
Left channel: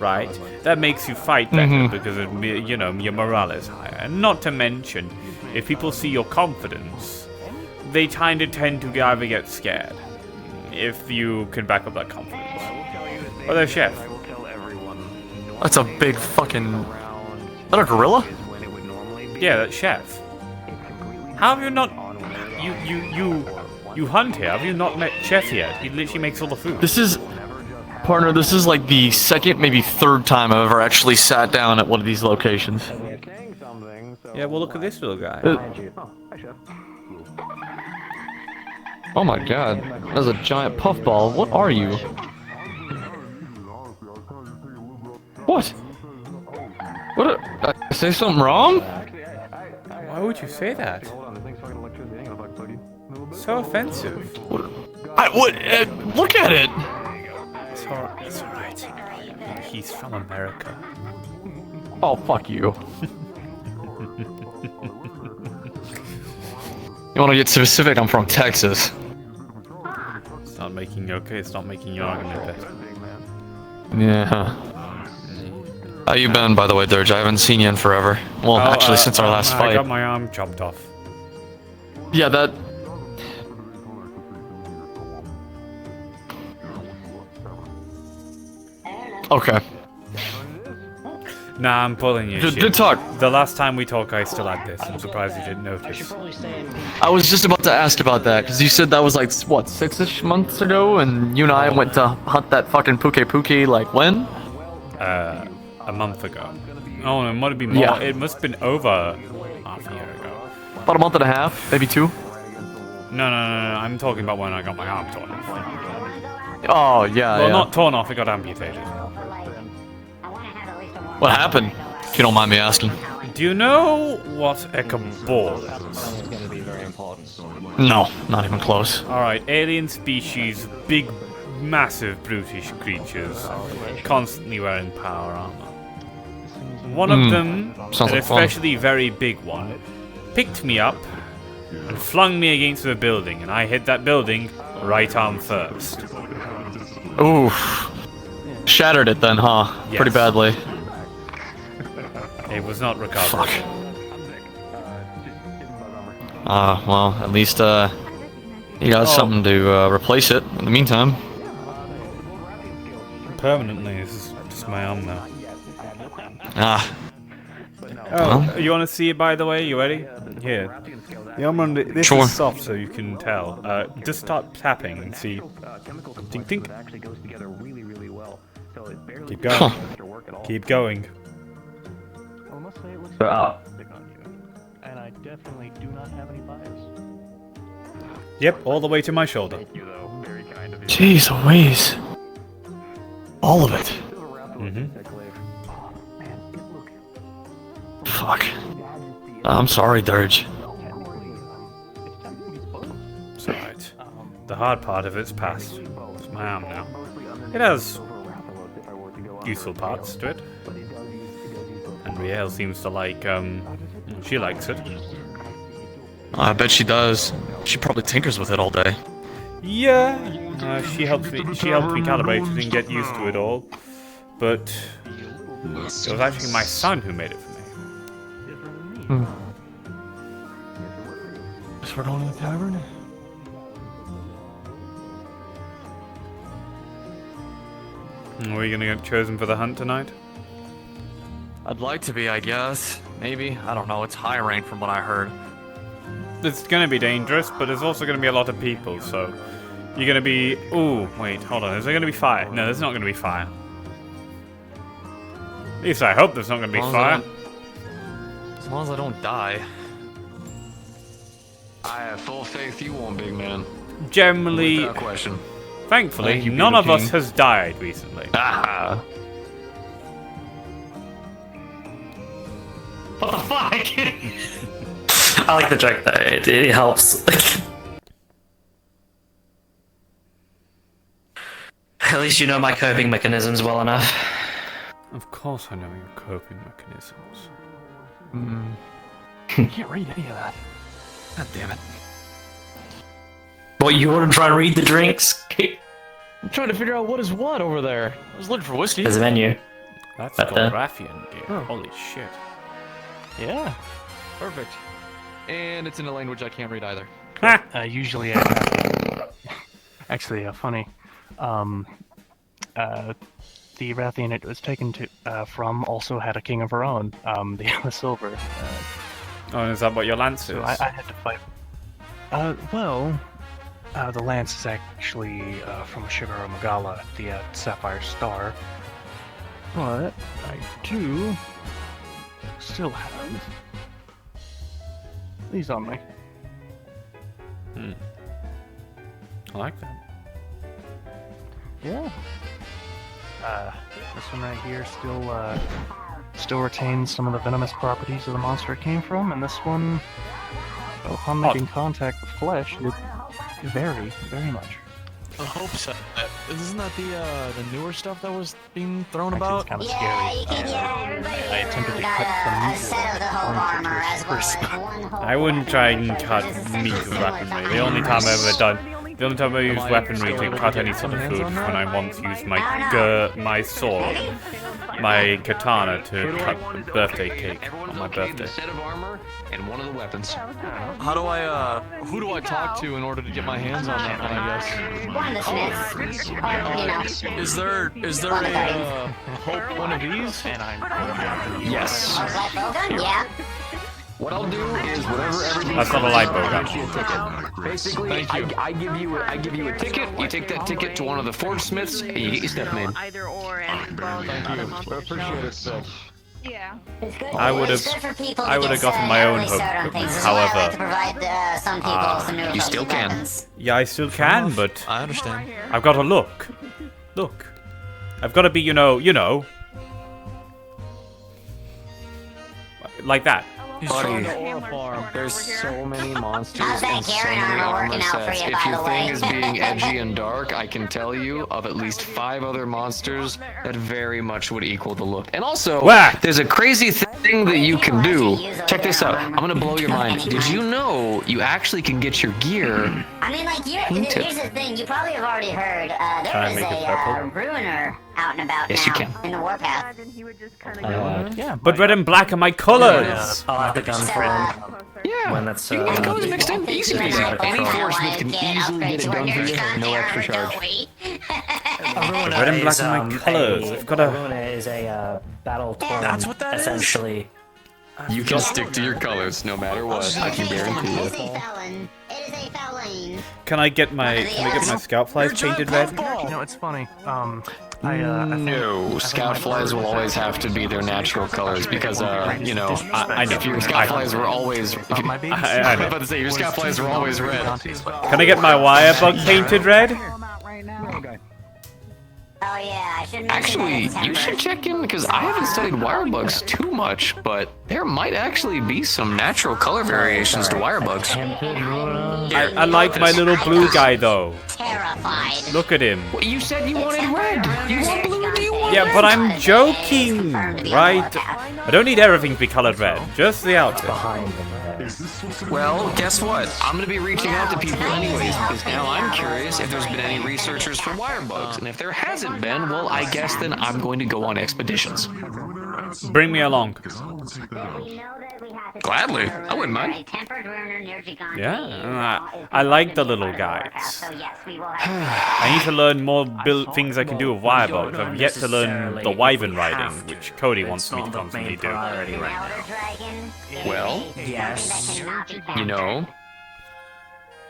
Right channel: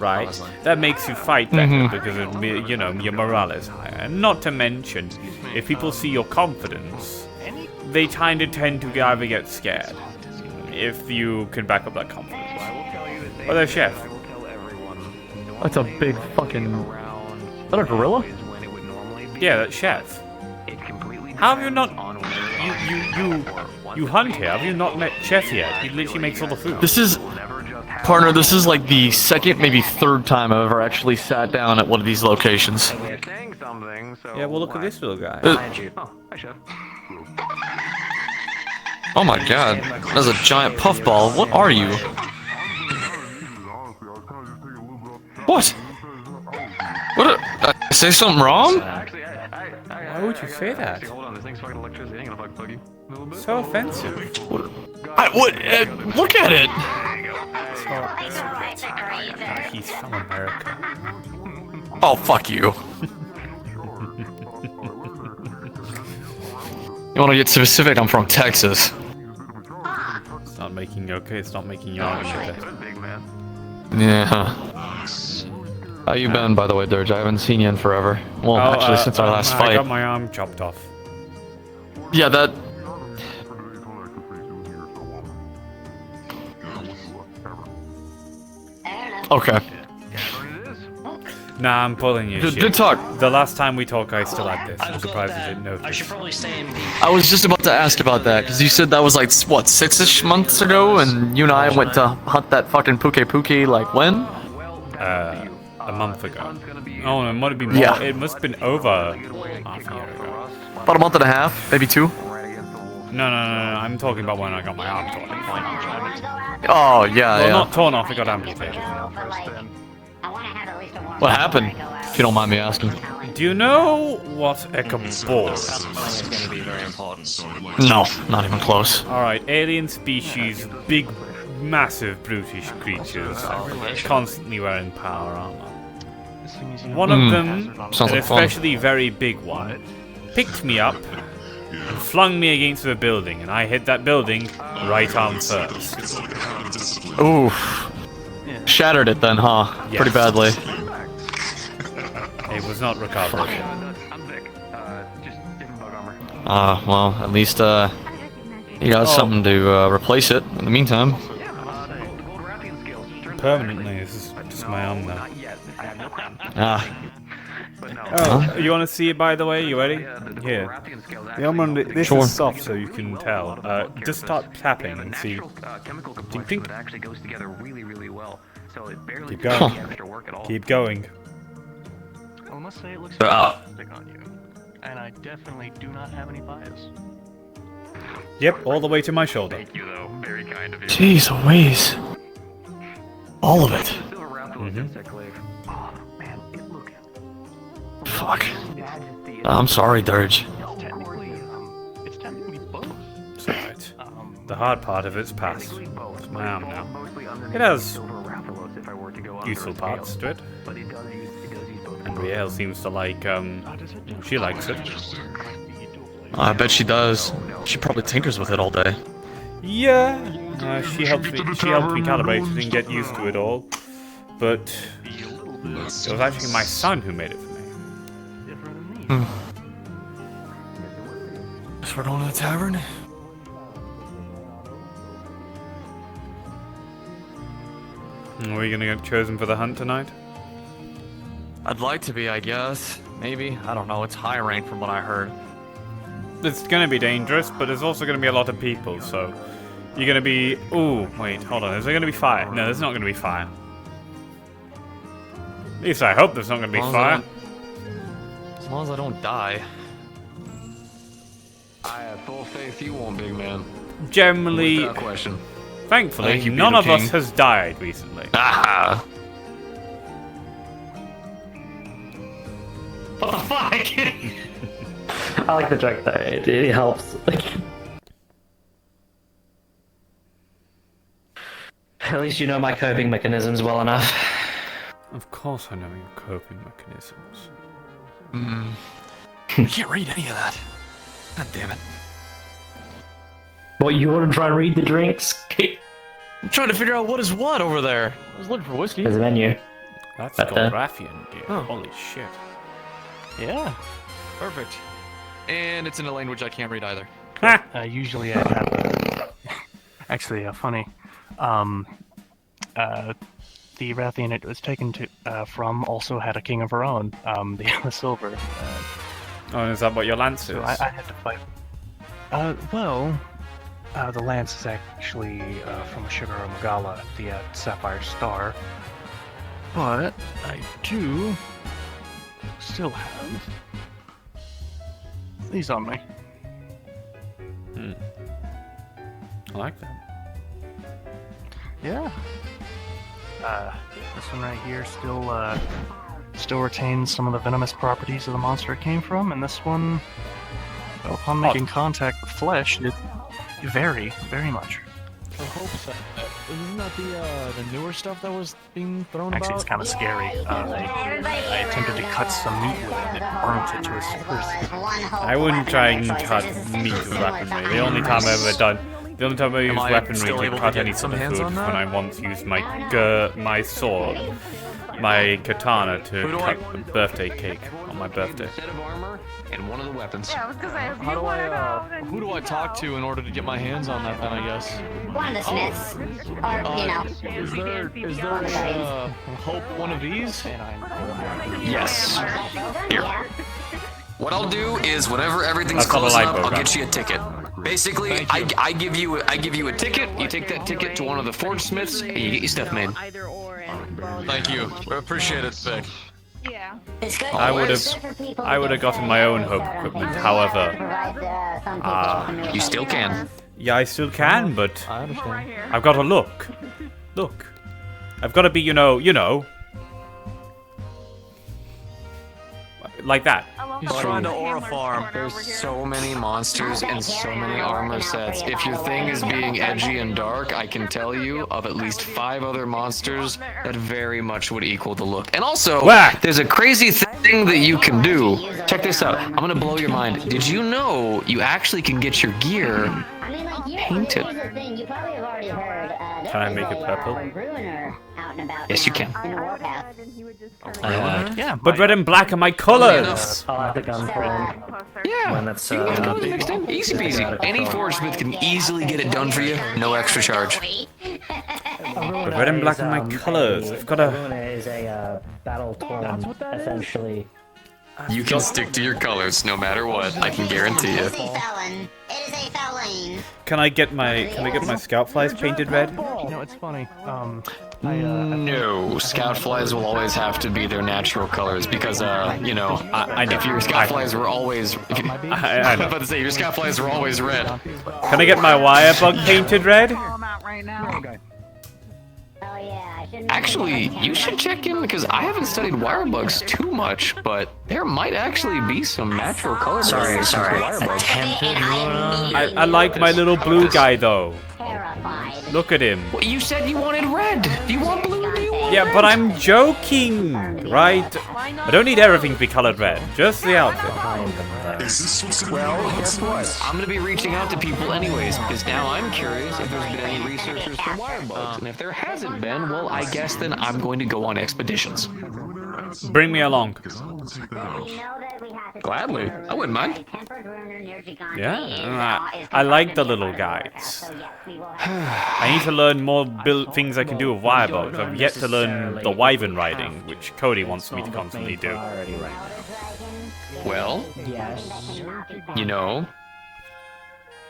right, that makes you fight better because your morale is higher. And not to mention, if people see your confidence, they tend to either get scared if you can back up that confidence. Or their chef. That's a big fucking. Is that a gorilla? Yeah, that's chef. How have you not? You hunt here. Have you not met Chef yet? He literally makes all the food. This is, partner. This is like the second, maybe third time I've ever actually sat down at one of these locations. Yeah, well, look at this little guy. Oh my god, that's a giant puffball. What are you? What? What? Did I say something wrong? Why would you say that? So offensive. What? Look at it. It's alright. He's from America. Oh, fuck you. You want to get specific? I'm from Texas. It's not making your argument better. Yeah. How you been, by the way, Dirge? I haven't seen you in forever. Well, actually, since our last fight. I got my arm chopped off. Yeah, that. Okay. Nah, I'm pulling you. Good talk. The last time we talked, I still had this. I'm surprised you didn't notice. I was just about to ask about that, because you said that was like, what, 6-ish months ago? And you and I went to hunt that fucking Puke, like, when? A month ago. Oh, it might have been more. Yeah. It must have been over half a year ago. About a month and a half, maybe 2. No. I'm talking about when I got my arm torn off. Oh, yeah, Well, yeah. not torn off, it got amputated. What happened? If you don't mind me asking. Do you know what a cabal is? No, not even close. Alright, alien species, big, massive, brutish creatures, constantly wearing power armor. One of them, Sounds an like fun. especially very big one, picked me up and flung me against the building, and I hit that building right arm first. Ooh. Shattered it then, huh? Yes. Pretty badly. It was not recoverable. Well, at least, you got something to, replace it in the meantime. Permanently, this is just my arm now. Ah. Oh, you want to see it, by the way? You ready? Here. The arm on this Sure. is soft, so you can tell. Just start tapping and see. Tink, tink. Keep going. Keep going. And I definitely do not have any bias. Yep, all the way to my shoulder. Jeez Louise. All of it. Mm-hmm. Fuck. I'm sorry, Dirge. It's alright. The hard part of it's past. It's my arm now. It has useful parts to it. And Riel seems to like, she likes it. I bet she does. She probably tinkers with it all day. Yeah, she helped me calibrate it and get used to it all. But it was actually my son who made it for me. Guess we're going to the tavern. Are we gonna get chosen for the hunt tonight? I'd like to be, I guess. Maybe. I don't know. It's high rank from what I heard. It's gonna be dangerous, but there's also gonna be a lot of people, so you're gonna be. Ooh, wait, hold on. Is there gonna be fire? No, there's not gonna be fire. At least I hope there's not gonna be fire. As long as I don't die. I have full faith you won't, big man. Generally, Without question. Thankfully, Thank you, none Beaver of us King. has died recently. Ah. What the fuck? I like the joke though, it helps. At least you know my coping mechanisms well enough. Of course I know your coping mechanisms. I can't read any of that. God damn it. What, you want to try and read the drinks? I'm trying to figure out what is what over there. I was looking for whiskey. There's a menu. That's Right there. Goldrafian gear. Oh. Holy shit. Yeah. Perfect. And it's in a language I can't read either. Usually I have actually funny. The Rathian it was taken to from also had a king of her own, the silver. Oh, and is that what your lance is? So I had to fight. The lance is actually from Shigoro Magala, the Sapphire Star. But I do still have these on me. I like that. Yeah. This one right here still retains some of the venomous properties of the monster it came from, and this one, well, upon making contact with flesh, it vary very much. I hope so. Isn't that the newer stuff that was being thrown about? Actually, it's kind of scary. I attempted to cut some meat with it and burnt it to a crisp. I wouldn't try and cut meat with weaponry. The only time I've ever done. The only time I used weaponry to cut any sort of food was when I once used my sword, my katana, to cut a birthday cake on my birthday. Set of armor and one of the weapons. How do I, who do I talk to in order to get my hands on that then, I guess? One of the Smiths. Or, you know. Is there a, Hope one of these? Yes. Yeah. What I'll do is whenever everything's That's not a close light up, bow I'll gun. get you a ticket. Basically, Thank you. I give you a ticket. You take that ticket to one of the forge smiths, and you get your stuff made. Either or and Thank you. I appreciate it, Vic. Yeah. It's good. I would It's good for people have to get gotten my own certain hope equipment. things. However, To provide, some people some new You still can. equipment. yeah, I still can, but I understand. I've got to look. I've got to be, you know, like that. He's trying to aura farm. There's so many monsters and so many armor sets. If your thing is being edgy and dark, I can tell you of at least 5 other monsters that very much would equal the look. And also, Whack! there's a crazy thing that you can do. Check this out. I'm gonna blow your mind. Did you know you actually can get your gear I mean, like, painted? here's the thing. You probably have already heard. There Can I is make it purple? Ruiner out and about Yes, you now can. in the warpath. Yeah. But red and black are my colors. I'll have the gun for him. Yeah. When that's You want colors mixed in? Easy peasy. Any forge smith can easily get it done for you, no extra charge. The red and black are my colors. I've got to. Luna is a battle torn, essentially. You can stick to your colors no matter what. I can guarantee It is it. a felon. It is a felon. Can I get my scout flies painted red? You know, it's funny. No, scout flies will always have to be their natural colors because, you know, I know. if your scout flies were always, if you, I I'm know. about to say your scout flies were always red. Can I get my wire bug painted red? Oh yeah, I shouldn't. Actually, you should check in because I haven't studied wire bugs too much, but there might actually be some natural color variations to wire bugs. I like my little blue guy though. Look at him. Well, you said you wanted red. You want blue? Do you want Yeah, but I'm joking, right? I don't need everything to be colored red, just the outfit. Well, guess what? I'm gonna be reaching out to people anyways, because now I'm curious if there's been any researchers for wire bugs. And if there hasn't been, well, I guess then I'm going to go on expeditions. Bring me along. Gladly. I wouldn't mind. Yeah, I like the little guys. I need to learn more things I can do with wire bugs. I've yet to learn the wyvern riding, which Cody wants me to constantly do. Well, Yes. you know,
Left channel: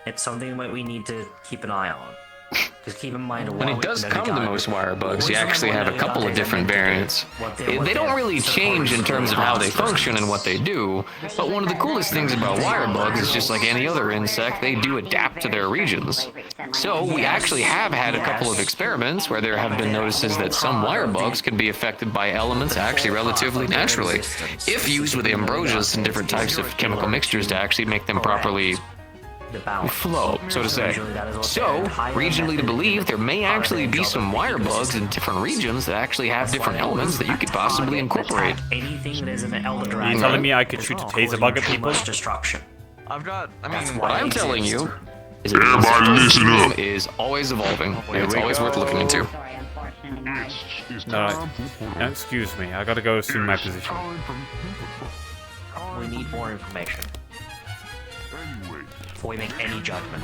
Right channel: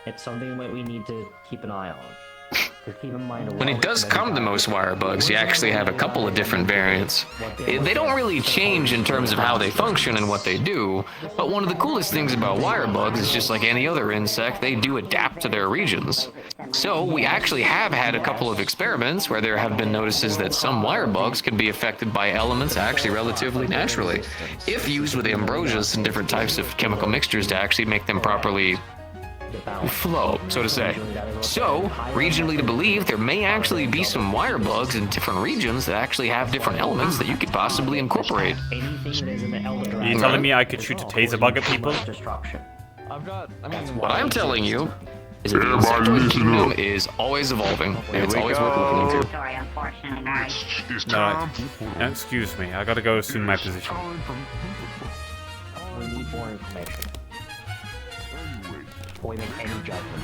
It's something that we need to keep an eye on. Just keep in mind. when it does come to most wire bugs, you actually have a couple of different variants. They don't really change in terms of how they function and what they do, but one of the coolest things about wire bugs is just like any other insect, they do adapt to their regions. So we actually have had a couple of experiments where there have been notices that some wire bugs can be affected by elements actually relatively naturally, if used with ambrosias and different types of chemical mixtures to actually make them properly flow, so to say. So, regionally to believe, there may actually be some wire bugs in different regions that actually have different elements that you could possibly incorporate. Are you telling me I could shoot a taser bug at people? What I'm telling you is that the insect kingdom is always evolving, and it's always worth looking into. Alright. Now, excuse me, I gotta go assume my position. We need more information before we make any judgment.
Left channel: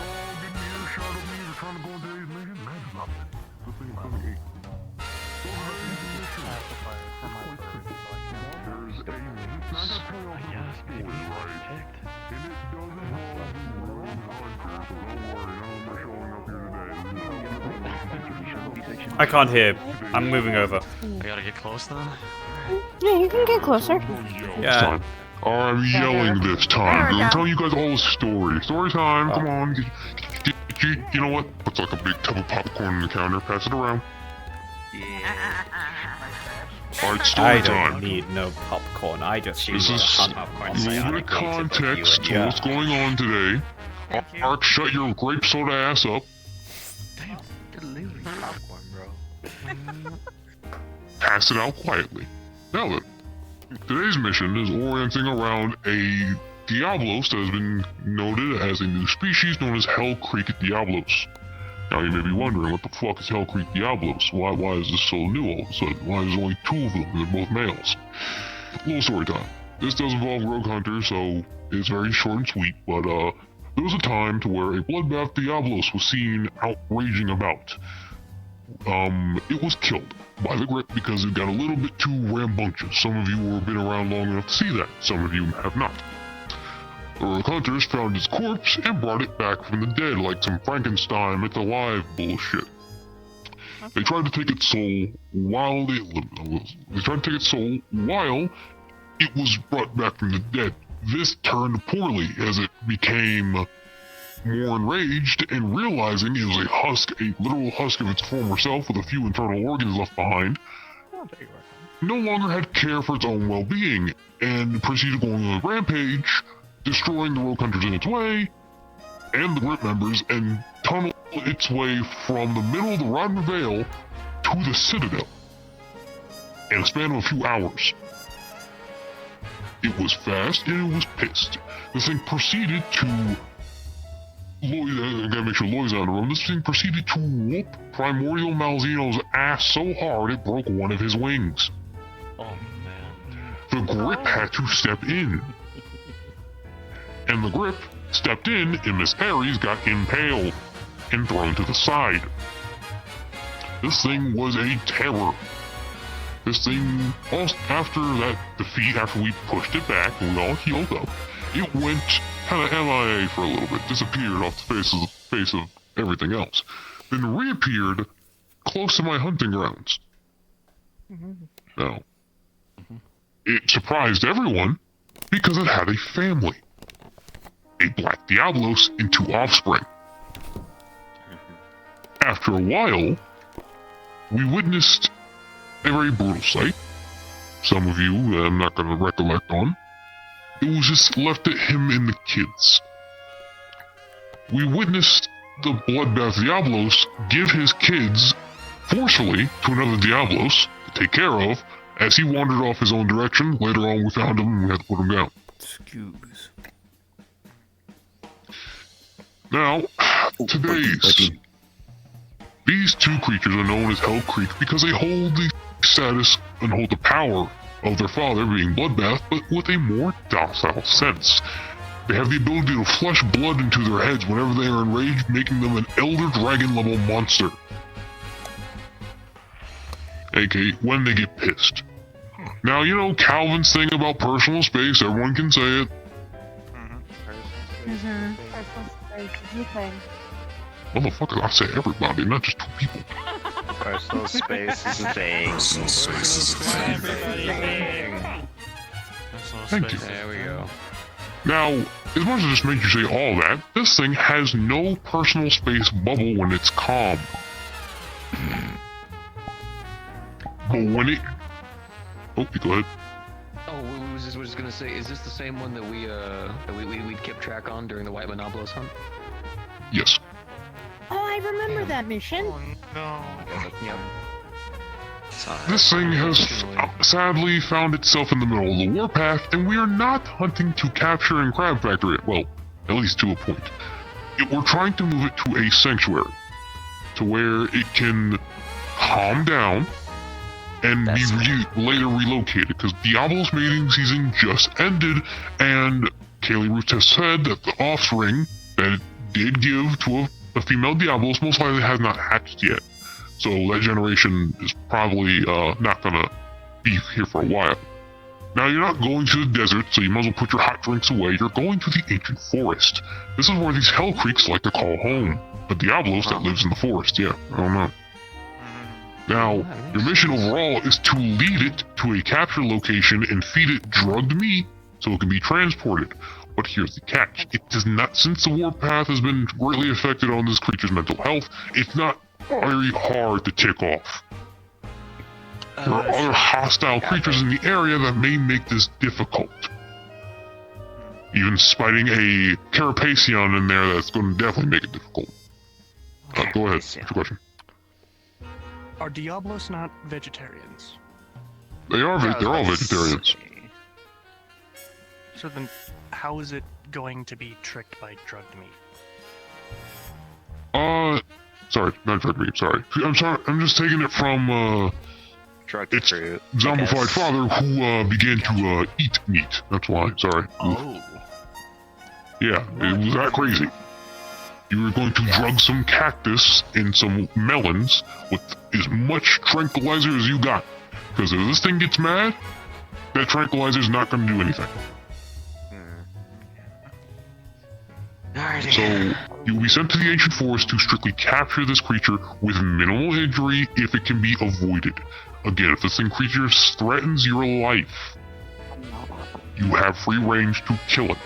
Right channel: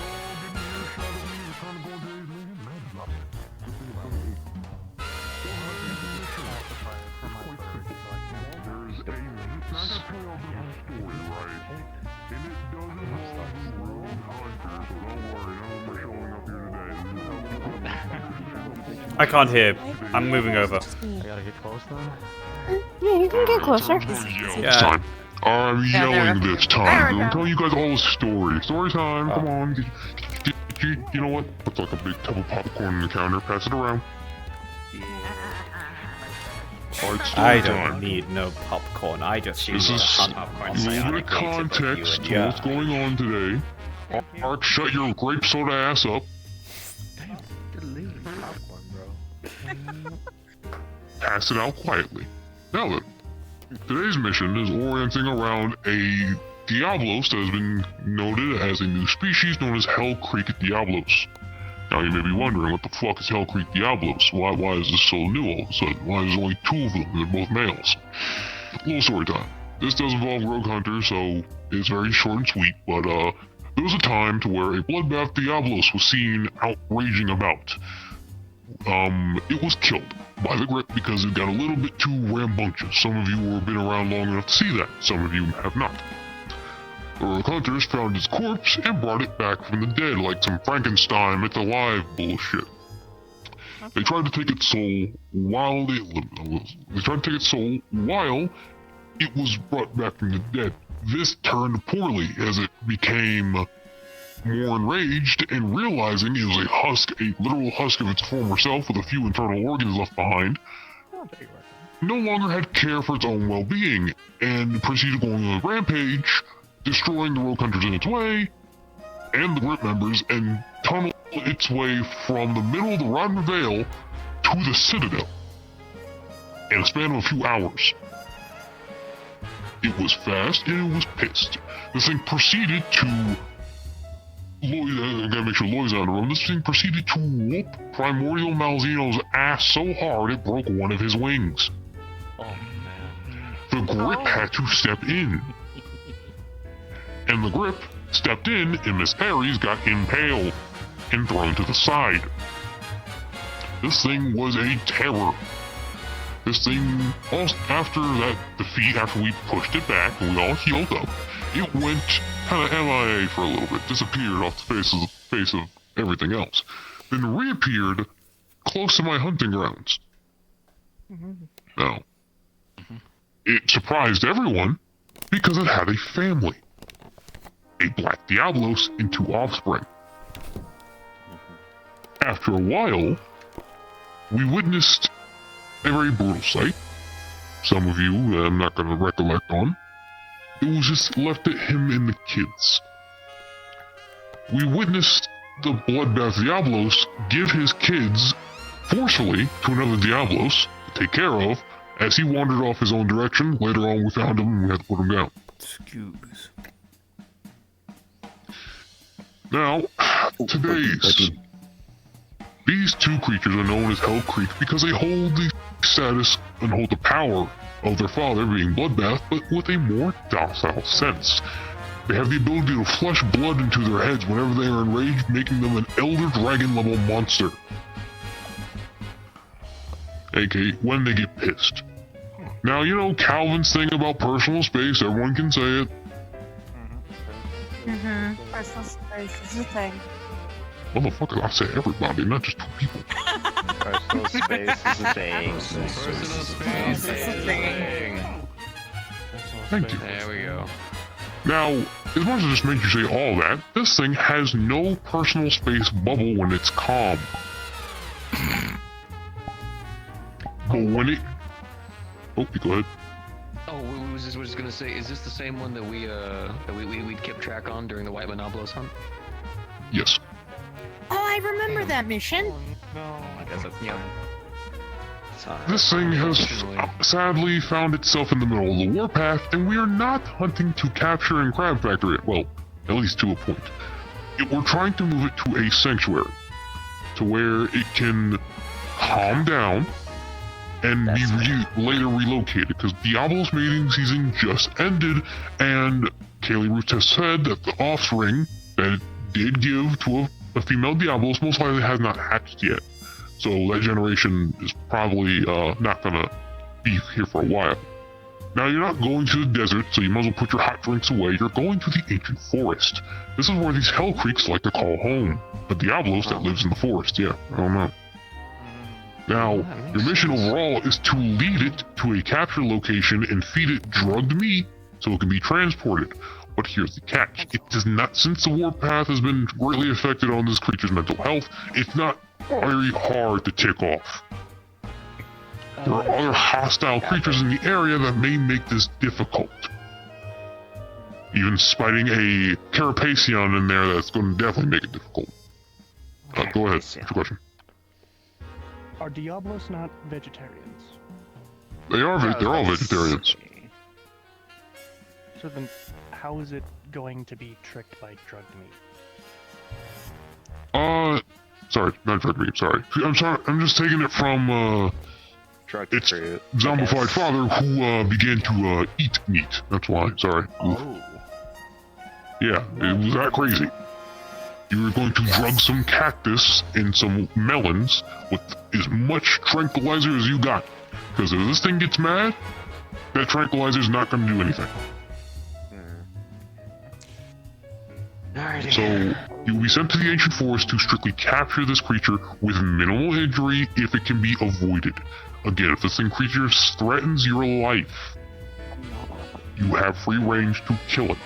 I can't hear. I'm moving over. I gotta get close then. Yeah, you can get closer. Yeah. I'm yelling this time. I'm telling you guys all a story. Story time. Come on. You know what? Looks like a big tub of popcorn on the counter. Pass it around. Alright, story I don't time. need no popcorn. I just need This a is hunt a little bit of context to what's going on today. Mark, shut your grape soda ass up. Pass it out quietly. Now then, today's mission is orienting around a Diablos that has been noted as a new species known as Hell Creek Diablos. Now you may be wondering, what the fuck is Hell Creek Diablos? Why is this so new all of a sudden? Why is there only 2 of them and they're both males? Little story time. This does involve rogue hunters, so it's very short and sweet, but there was a time to where a bloodbath Diablos was seen out raging about. It was killed by the grip because it got a little bit too rambunctious. Some of you have been around long enough to see that, some of you have not. The rogue hunters found its corpse and brought it back from the dead like some Frankenstein It's Alive bullshit. They tried to take its soul while it was brought back from the dead. This turned poorly as it became more enraged and realizing it was a literal husk of its former self with a few internal organs left behind, no longer had care for its own well-being and proceeded going on a rampage, destroying the rogue hunters in its way and the grip members, and tunneled its way from the middle of the Rodman Vale to the Citadel in a span of a few hours. It was fast and it was pissed. This thing proceeded to I gotta make sure Lloyd's out of the room. This thing proceeded to whoop Primordial Malzino's ass so hard it broke one of his wings. Oh man. The grip had to step in. And the grip stepped in, and Miss Harry's got impaled and thrown to the side. This thing was a terror. This thing, after that defeat, after we pushed it back and we all healed up, it went kind of MIA for a little bit, disappeared off the face of everything else, then reappeared close to my hunting grounds. Now, it surprised everyone because it had a family. A black Diablos and 2 offspring. After a while, we witnessed a very brutal sight. Some of you, I'm not going to recollect on. It was just left at him and the kids. We witnessed the bloodbath Diablos give his kids forcefully to another Diablos to take care of as he wandered off his own direction. Later on, we found him and we had to put him down. Excuse. Now, these two creatures are known as Hell Creek because they hold the status and hold the power of their father, being Bloodbath, but with a more docile sense. They have the ability to flush blood into their heads whenever they are enraged, making them an Elder Dragon level monster. AKA, when they get pissed. Now, you know Calvin's thing about personal space, everyone can say it. Personal space is a thing. Motherfucker, I say everybody, not just two people. Personal space is a thing. Personal space is a thing. Thank you. There we go. Now, as much as this makes you say all that, this thing has no personal space bubble when it's calm. But when it... Oh, you go ahead. Oh, we was just gonna say, is this the same one that we kept track on during the White Monoblos hunt? Yes. Oh, I remember that mission. This thing has sadly found itself in the middle of the warpath, and we are not hunting to capture and crab factor it. Well, at least to a point. We're trying to move it to a sanctuary, to where it can calm down and be later relocated, because Diablo's mating season just ended, and Kaylee Roots has said that the offspring that it did give to a female Diablos most likely has not hatched yet. So that generation is probably not gonna be here for a while. Now, you're not going to the desert, so you might as well put your hot drinks away. You're going to the ancient forest. This is where these Hell Creeks like to call home. The Diablos that lives in the forest, yeah, I don't know. Now, your mission overall is to lead it to a capture location and feed it drugged meat so it can be transported. But here's the catch. It does not, since the warpath has been greatly affected on this creature's mental health, it's not very hard to tick off. There are other hostile creatures in the area that may make this difficult. Even spiting a Carapaceon in there, that's going to definitely make it difficult. Go ahead, what's your question? Are Diablos not vegetarians? They're all vegetarians. So then, how is it going to be tricked by drugged meat? Sorry, not drugged meat, sorry. I'm sorry, I'm just taking it from, its zombified father who, began to, eat meat. That's why, sorry. Oh. Yeah, it was that crazy. You were going to drug some cactus and some melons with as much tranquilizer as you got. Because if this thing gets mad, that tranquilizer is not going to do anything. So, you'll be sent to the ancient forest to strictly capture this creature with minimal injury if it can be avoided. Again, if this creature threatens your life, you have free range to kill it.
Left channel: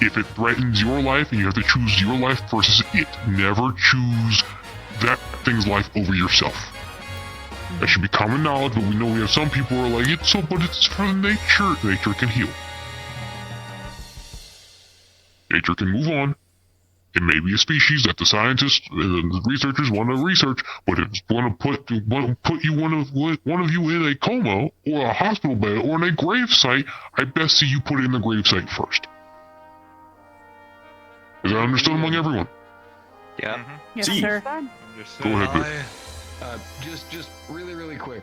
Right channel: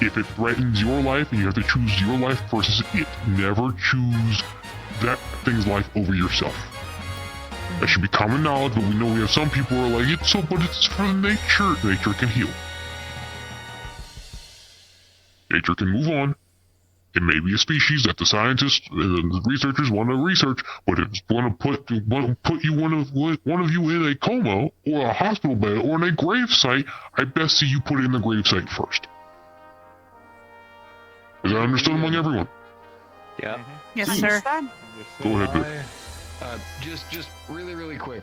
If it threatens your life, and you have to choose your life versus it, never choose that thing's life over yourself. That should be common knowledge, but we know we have some people who are like, but it's for nature. Nature can heal. Nature can move on. It may be a species that the scientists and the researchers want to research, but if it's going to put you one of you in a coma or a hospital bed or in a grave site, I best see you put it in the grave site first. Is that understood among everyone? Yeah. Yes, sir. Go ahead, Vic. Just really quick.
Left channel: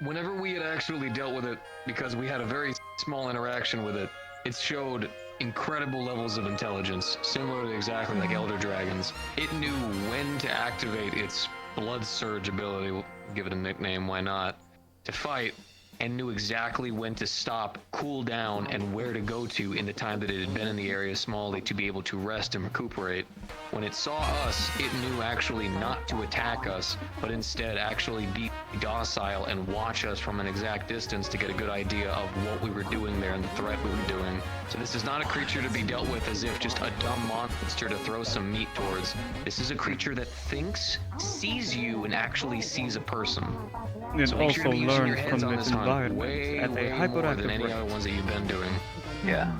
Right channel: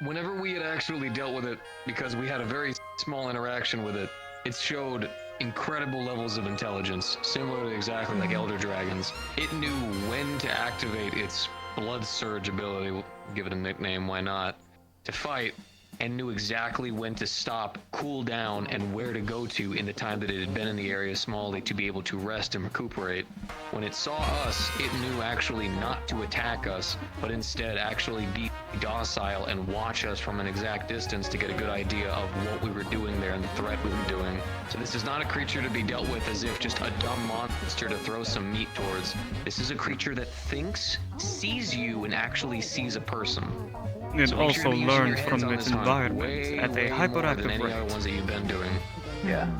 Whenever we had actually dealt with it, because we had a very small interaction with it, it showed incredible levels of intelligence, similar to exactly like Elder Dragons. It knew when to activate its Blood Surge ability, we'll give it a nickname, why not, to fight, and knew exactly when to stop, cool down, and where to go to in the time that it had been in the area smallly to be able to rest and recuperate. When it saw us, it knew actually not to attack us, but instead actually be docile and watch us from an exact distance to get a good idea of what we were doing there and the threat we were doing. So this is not a creature to be dealt with as if just a dumb monster to throw some meat towards. This is a creature that thinks, sees you, and actually sees a person. So make sure to be using your heads on this hunt way more than any other ones that you've been doing. Yeah.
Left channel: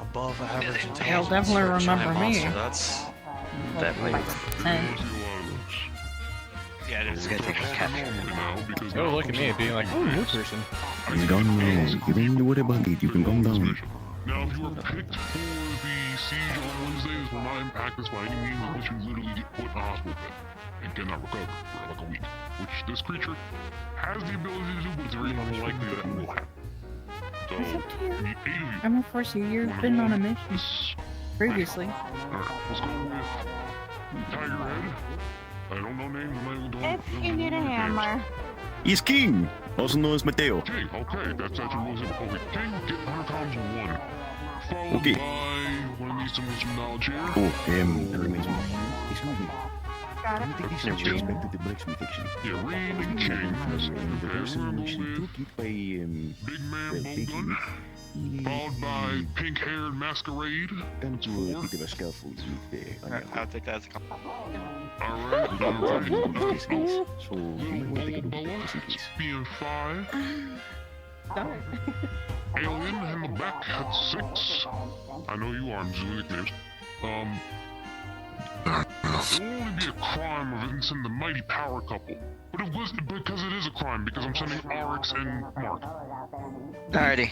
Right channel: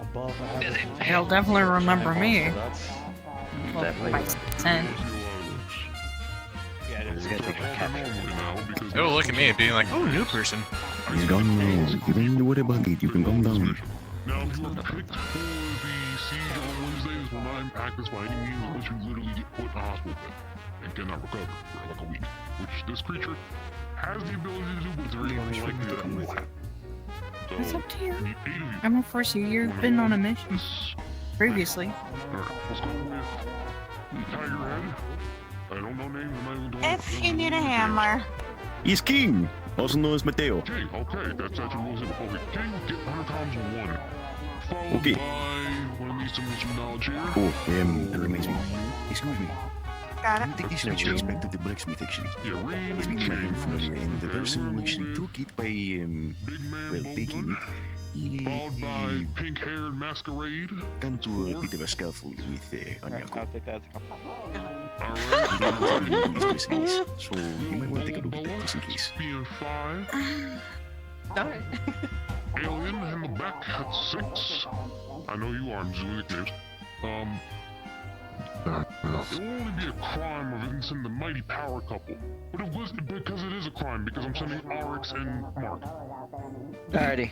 Above average. They'll definitely remember me. That's Definitely. And Yeah, it is. Oh, look at me being like, oh, new person. You don't know. You don't need to worry about it. You can calm down. Now, if you are picked for the siege on Wednesdays, will not impact us by any means unless you literally get put in a hospital bed and cannot recover for like a week. Which this creature has the ability to do, but it's very unlikely that it will happen. So, it's up to you. the 8 of you. I'm gonna force you. You've been on a mission previously. Alright, let's go with Tigerhead. I don't know names, I'm not even going If you need a hammer. He's King, also known as Mateo. King, okay, that's actually really simple. Okay, King, get 100 times 1. Followed Okay. by one of these some knowledge here. Oh, that reminds me. Excuse me. Got I it. think you should change back to the blacksmith action. Yeah, Rain With and me King. from the person actually took it by, Big Man Bolton. Followed by Pink Haired Masquerade. Come to a bit of a scuffle with I think that's a couple. Alright, So, you might take a look at that just in case. Being 5. Alien in the back at 6. I know you are, I'm just doing nicknames. It will only be a crime of it sending the mighty power couple. But it was because it is a crime, because I'm sending Oryx and Mark. Alrighty.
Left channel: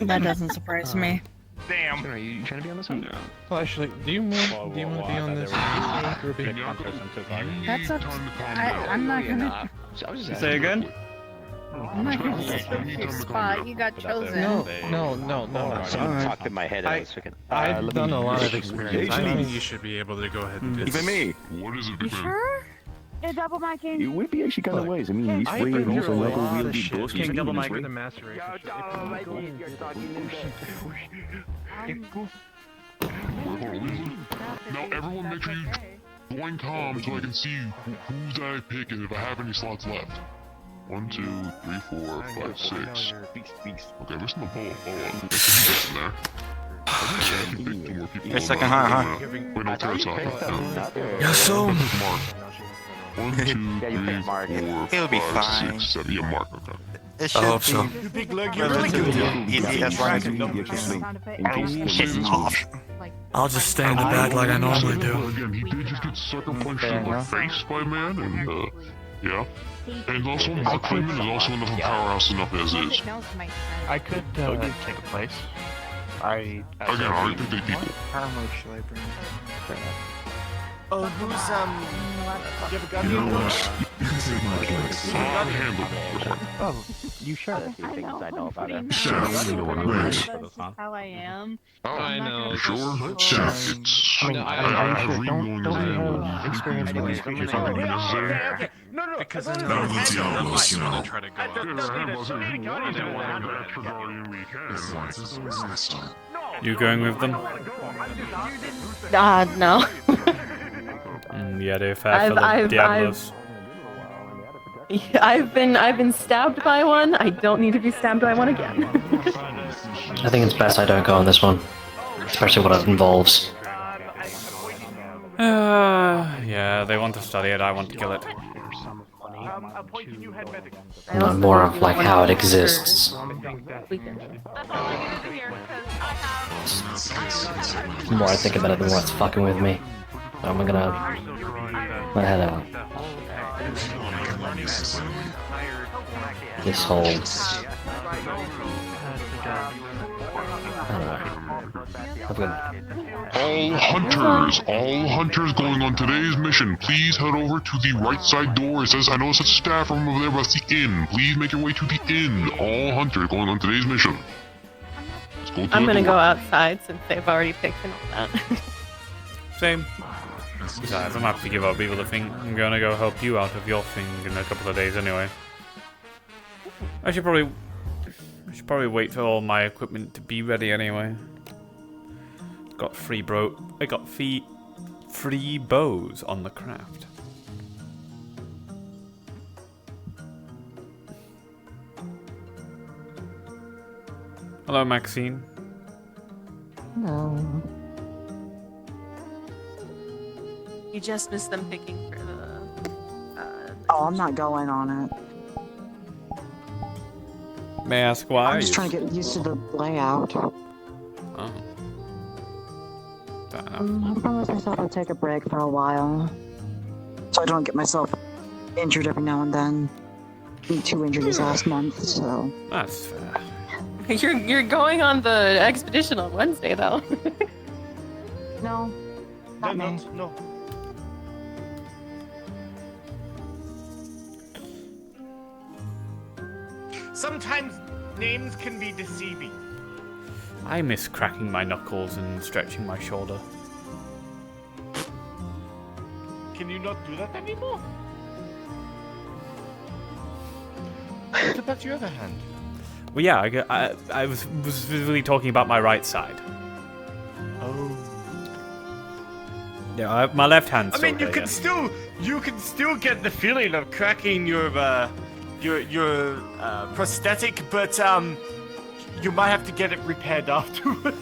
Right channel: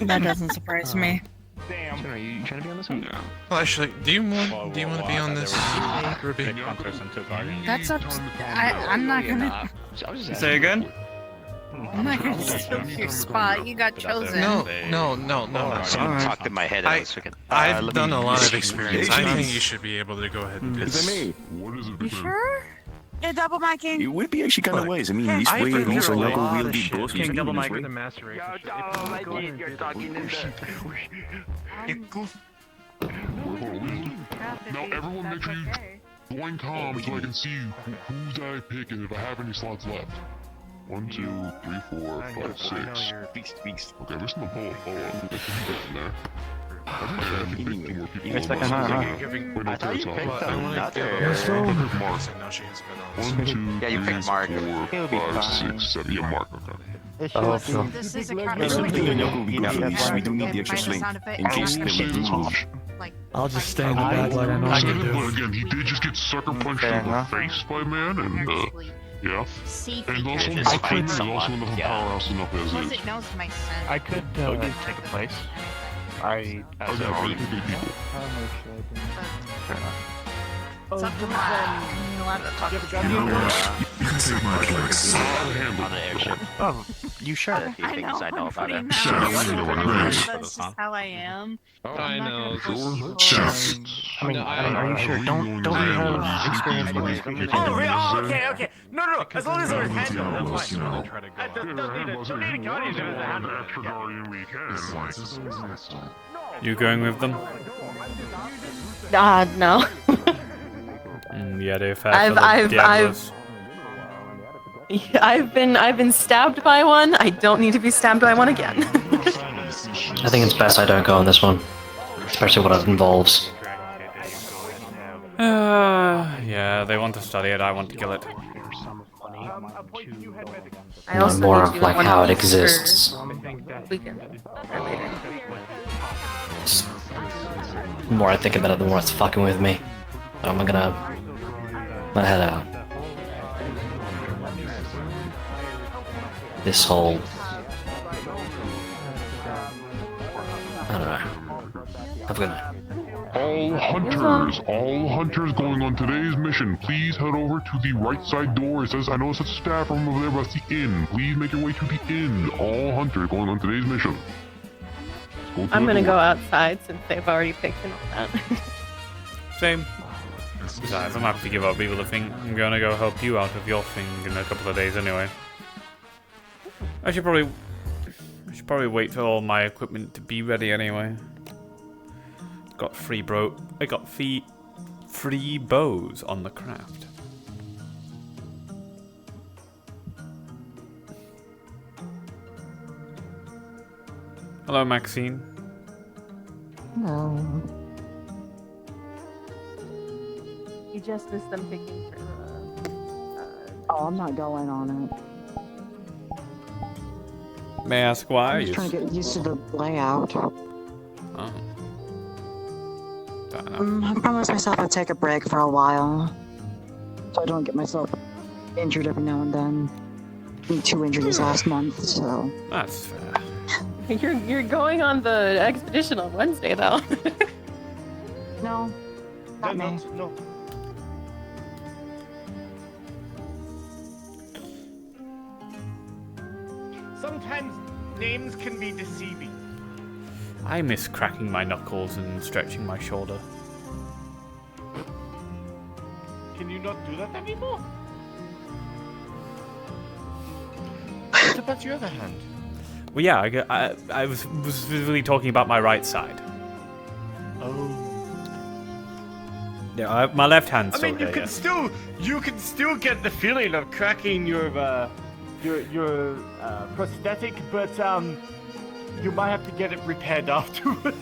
That doesn't surprise me. Damn. Are you trying to be on this one? No. Well, actually, do you want to be on this? Ruby? That's up. I'm not gonna. Say again? I'm not gonna take your spot. You got chosen. No. Talked in my head. I've done a lot of experience. I think you should be able to go ahead and do Even this. me. What is it? You sure? You're double micing. It would be actually kind of wise. I mean, this way at least our local will be both King double in mic this with a way. master race. Now everyone make sure you join comms so I can see who's I pick and if I have any slots left. 1, 2, 3, 4, 5, 6. Okay, there's no follow up. There's in there. I think I can pick 2 more people. Your second hunt, huh? Wait, no, tell us out. Yes, sir. Mark. 1, 2, 3, 4, 5, 6, 7. Yeah, Mark, okay. I hope so. I will say this much. I'll just stand in the back like I normally do. Again, he did just get sucker punched in the face by a man, and yeah. And also, Mark Freeman is also enough of a powerhouse enough as is. I could take a place. Okay, I think they people. Oh, who's You have a gun? You know what? You can take my place. I'll handle this one. Oh, you sure? I know, I'm pretty That's just how I am. I know. I mean, are you sure? Don't we have experience with this? Okay. No. As long as he has head, that's fine. You going with them? No. Yeah, they're fair for the Diablos. I've been stabbed by one. I don't need to be stabbed by one again. I think it's best I don't go on this one, especially what it involves. Yeah, they want to study it, I want to kill it. Not more of like how it exists. The more I think about it, the more it's fucking with me. So I'm gonna head out. This whole... I don't know. Have a good night. All hunters going on today's mission, please head over to the right side door. It says, I know it says staff room over there, but that's the inn. Please make your way to the inn. All hunters going on today's mission. I'm gonna go outside since they've already picked and all that. Same. Besides, I'm happy to give other people a thing. I'm gonna go help you out with your thing in a couple of days anyway. I should probably wait for all my equipment to be ready anyway. Got free bows on the craft. Hello, Maxine. No. You just missed them picking for Oh, I'm not going on it. May I ask why? I'm just trying to get used to the layout. Oh. Fair enough. I promised myself I'd take a break for a while, so I don't get myself injured every now and then. Me 2 injuries last month, so. That's fair. You're going on the expedition on Wednesday though. No, not me. No. Sometimes names can be deceiving. I miss cracking my knuckles and stretching my shoulder. Can you not do that anymore? What about your other hand? Well, yeah, I was specifically talking about my right side. Oh. Yeah, my left hand's I still mean, here. you can still get the feeling of cracking your prosthetic, but you might have to get it repaired afterwards.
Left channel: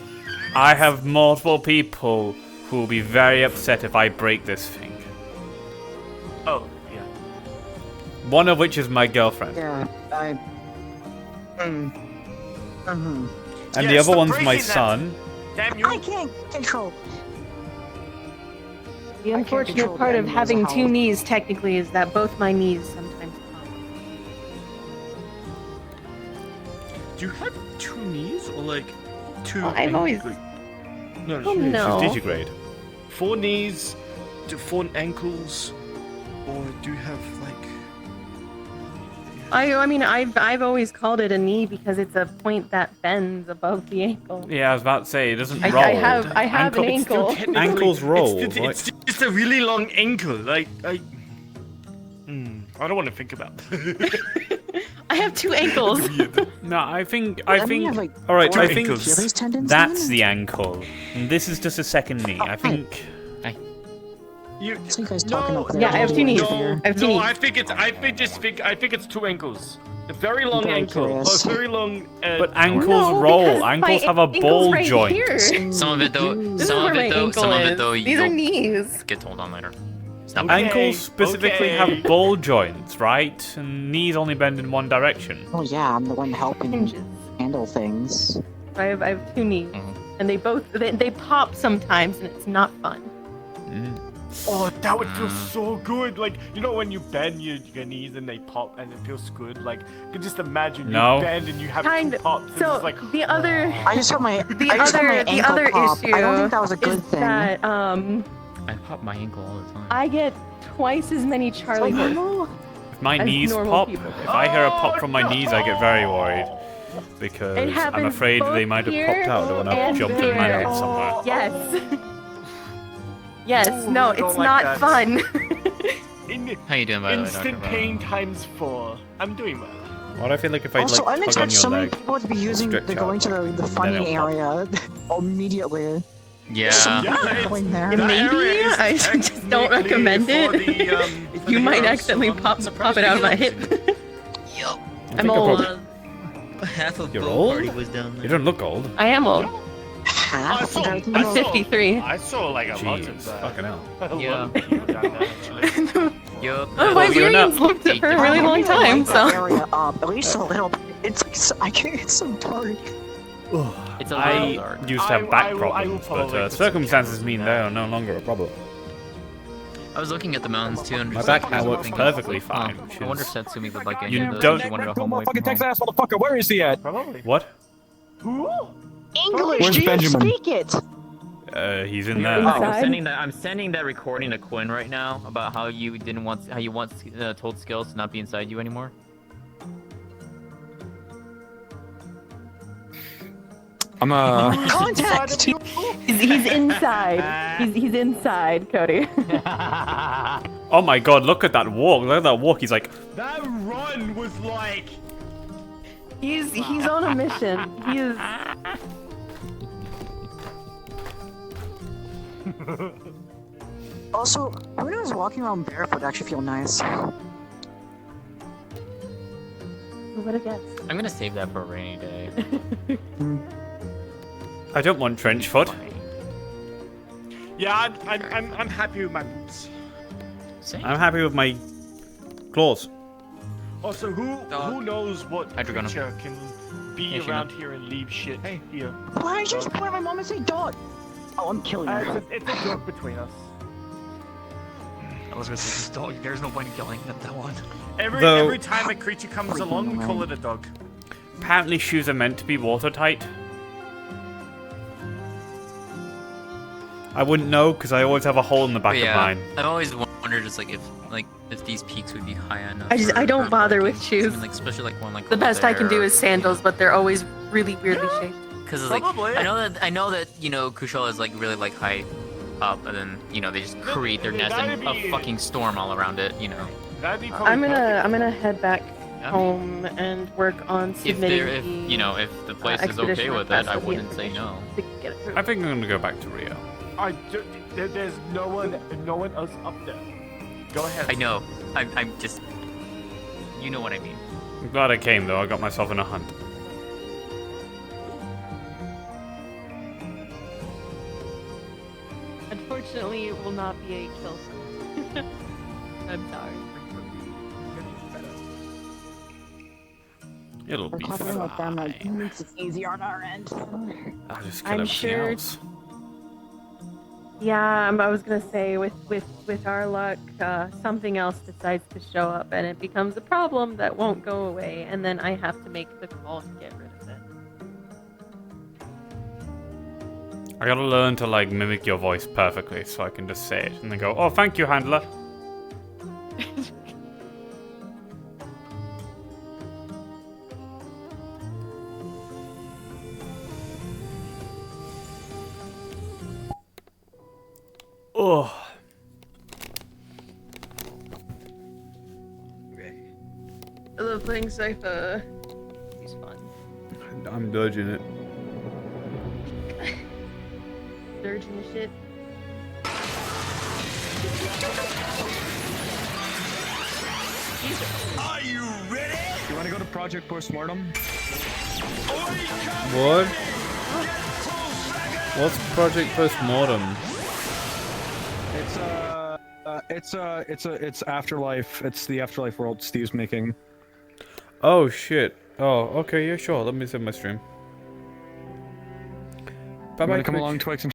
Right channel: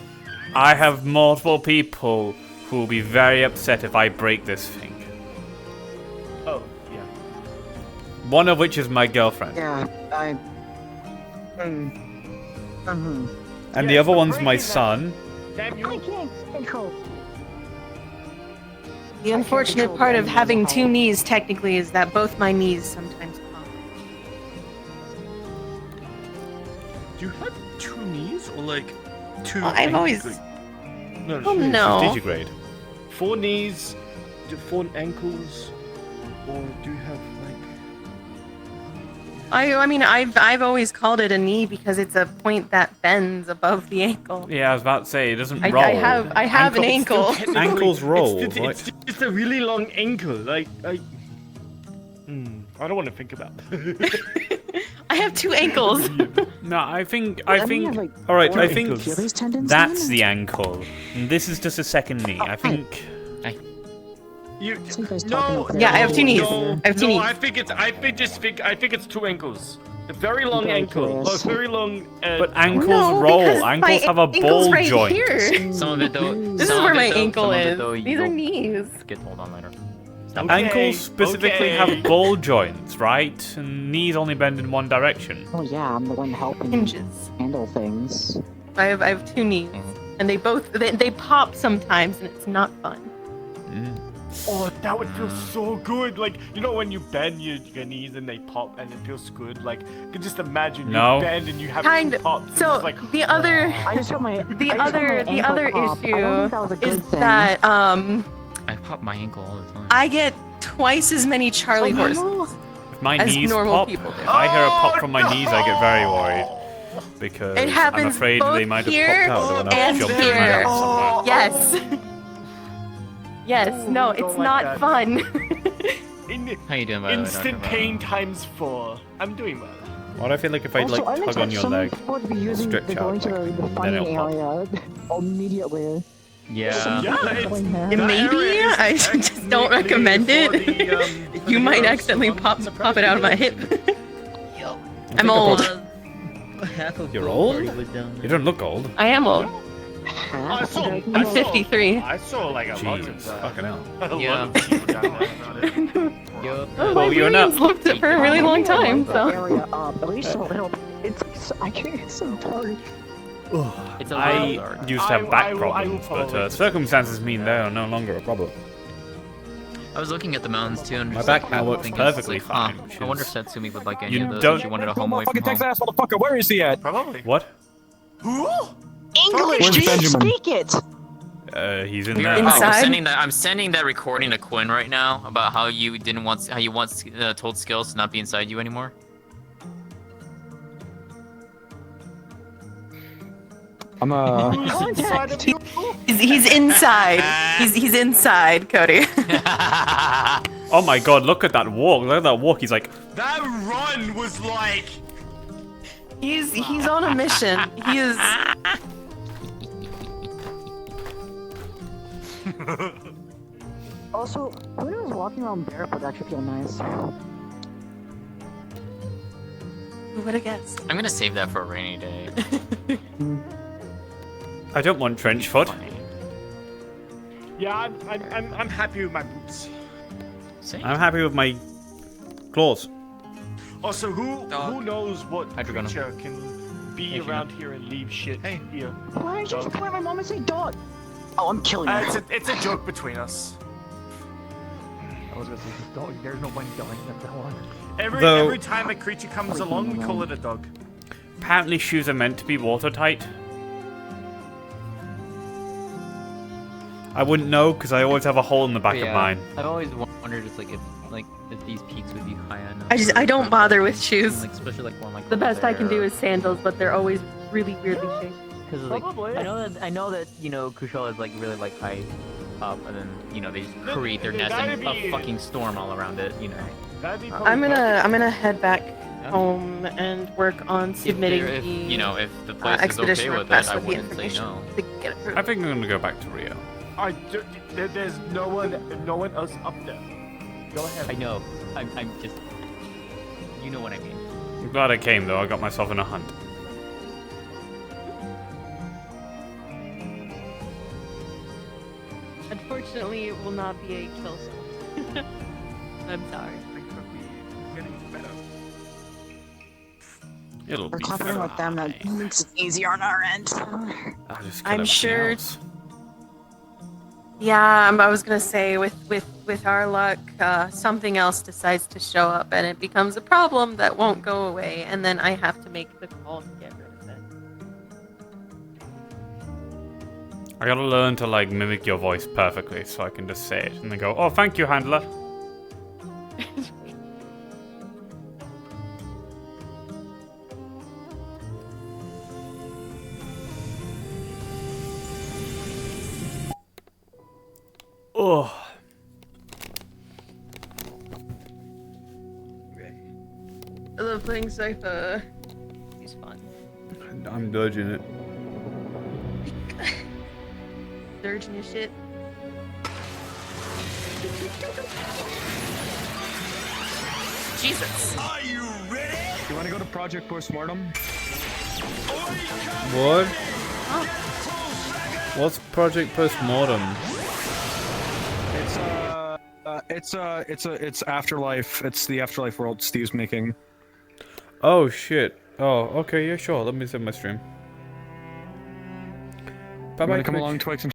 I have multiple people who will be very upset if I break this thing. Oh, yeah. One of which is my girlfriend. Yeah, And the other one's my son. Damn you. I can't control. The unfortunate part of having 2 knees technically is that both my knees sometimes pop. Do you have 2 knees or like 2? Well, I've always. No, Oh, no. She's digigrade. 4 knees, 4 ankles, or do you have like? I mean, I've always called it a knee because it's a point that bends above the ankle. Yeah, I was about to say, it doesn't I roll. have an ankle. Ankles roll, It's just a really long ankle. I don't want to think about it. I have 2 ankles. No, I think. I mean, like, All right, I do think Achilles tendons that's then? the ankle. And this is just a second knee. I think. You guys no, talking over Yeah, I have 2 knees. No, I have 2 no, knees. I think it's 2 ankles. A very long Very ankle. curious. A very long. But ankles No, roll. because Ankles my have a ankle's ball right joint. here. Some of it though. This is where my ankle is. These are knees. Get told on later. Ankles specifically have ball joints, right? And knees only bend in one direction. Oh yeah, I'm the one helping Hinges. handle things. I have 2 knees, and they both they pop sometimes, and it's not fun. Oh, that would feel so good. Like, you know when you bend your knees and they pop and it feels good? Like, you can just imagine No. you bend and you have 2 pops. And So it's like, the other, I just got my the I just got my other ankle pop. issue I don't think that was a good is thing. that I pop my ankle all the time. I get twice as many Charlie horses. If my As knees normal pop, people. if I hear a pop from my knees, I get very worried. Because It I'm happens afraid both they might have here popped out when I and jumped here. in my head somewhere. yes, yes, no, it's like not that. fun. How you doing, by the way, instant Dr. pain times 4. I'm doing well. Why do I feel like if I Also, like I'm tug on your so many leg, people would be using stretch the out, going to like, the then funny it'll pop. area immediately. Yeah. Going there. Maybe I just don't recommend it. You might accidentally pop it out of my hip. I'm old. You're old? You don't look old. I am old. I saw, I'm 53. I saw like a lot Jeez, of fucking hell. Yeah. Well, Well, my you're brain's not- lived it for a really long time, so. Area up, at least a little bit. It's like I can't get so dark. I used to have back I will problems, follow but this. circumstances mean they are no longer a problem. I was looking at the mountains too. My back now works perfectly fine, which I wonder is... if Satsumi would like any You of those. don't- If you wanted a Kill home away from motherfucking Texas home. ass motherfucker. Where is he at? Probably. What? English, Where's do you Benjamin? speak it? He's in Oh, there. I'm sending that recording to Quinn right now about how you once told Skills to not be inside you anymore. I'm Contact. He's inside. He's inside, Cody. Oh my god, look at that walk. Look at that walk. He's like, That run was like. He's on a mission. He is. Also, who knows walking around barefoot actually feel nice? Who would have guessed? I'm gonna save that for a rainy day. I don't want trench foot. Yeah, I'm happy with my boots. Same. I'm happy with my Claws. Also, who knows what Hydrogonum. creature can be Hey, around here and leave shit here? Why did you just point at my mom and say dog? Oh, I'm killing you. It's a joke between us. I was gonna say, just don't, there's no point killing that one. Every time a creature comes along, we call it a dog. Apparently shoes are meant to be watertight. I wouldn't know because I always have a hole in the back of mine. I've always wondered, just like if these peaks would be high enough. I don't bother with shoes. Like, especially like one like The best I can do there. is sandals, but they're always really weirdly shaped. Because like I know that Kushala is like really like high up, and then they just create their nest and a fucking storm all around it. I'm gonna head back home and work on submitting If the place is okay expedition with it, request I with the wouldn't say information no. to get approved. I think I'm gonna go back to Rio. There's no one else up there. Go ahead. I know. I'm just. You know what I mean. I'm glad I came though. I got myself in a hunt. Unfortunately, it will not be a kill zone. I'm sorry. It'll We're be covering with them. fine. It makes it easier on our end. I'll just kill I'm everything sure. else. Yeah, I was gonna say with our luck, something else decides to show up and it becomes a problem that won't go away, and then I have to make the call to get rid of it. I gotta learn to like mimic your voice perfectly so I can just say it and then go, "Oh, thank you, handler." Oh. I love playing Cypher. It's fun. I'm dodging it. Surgeon and shit. Jesus. Are you ready? You want to go to Project Postmortem? What? What's Project Postmortem? It's Afterlife. It's the Afterlife world Steve's making. Oh shit. Oh, okay, yeah, sure. Let me send my stream. Bye bye. Come along, Twix, and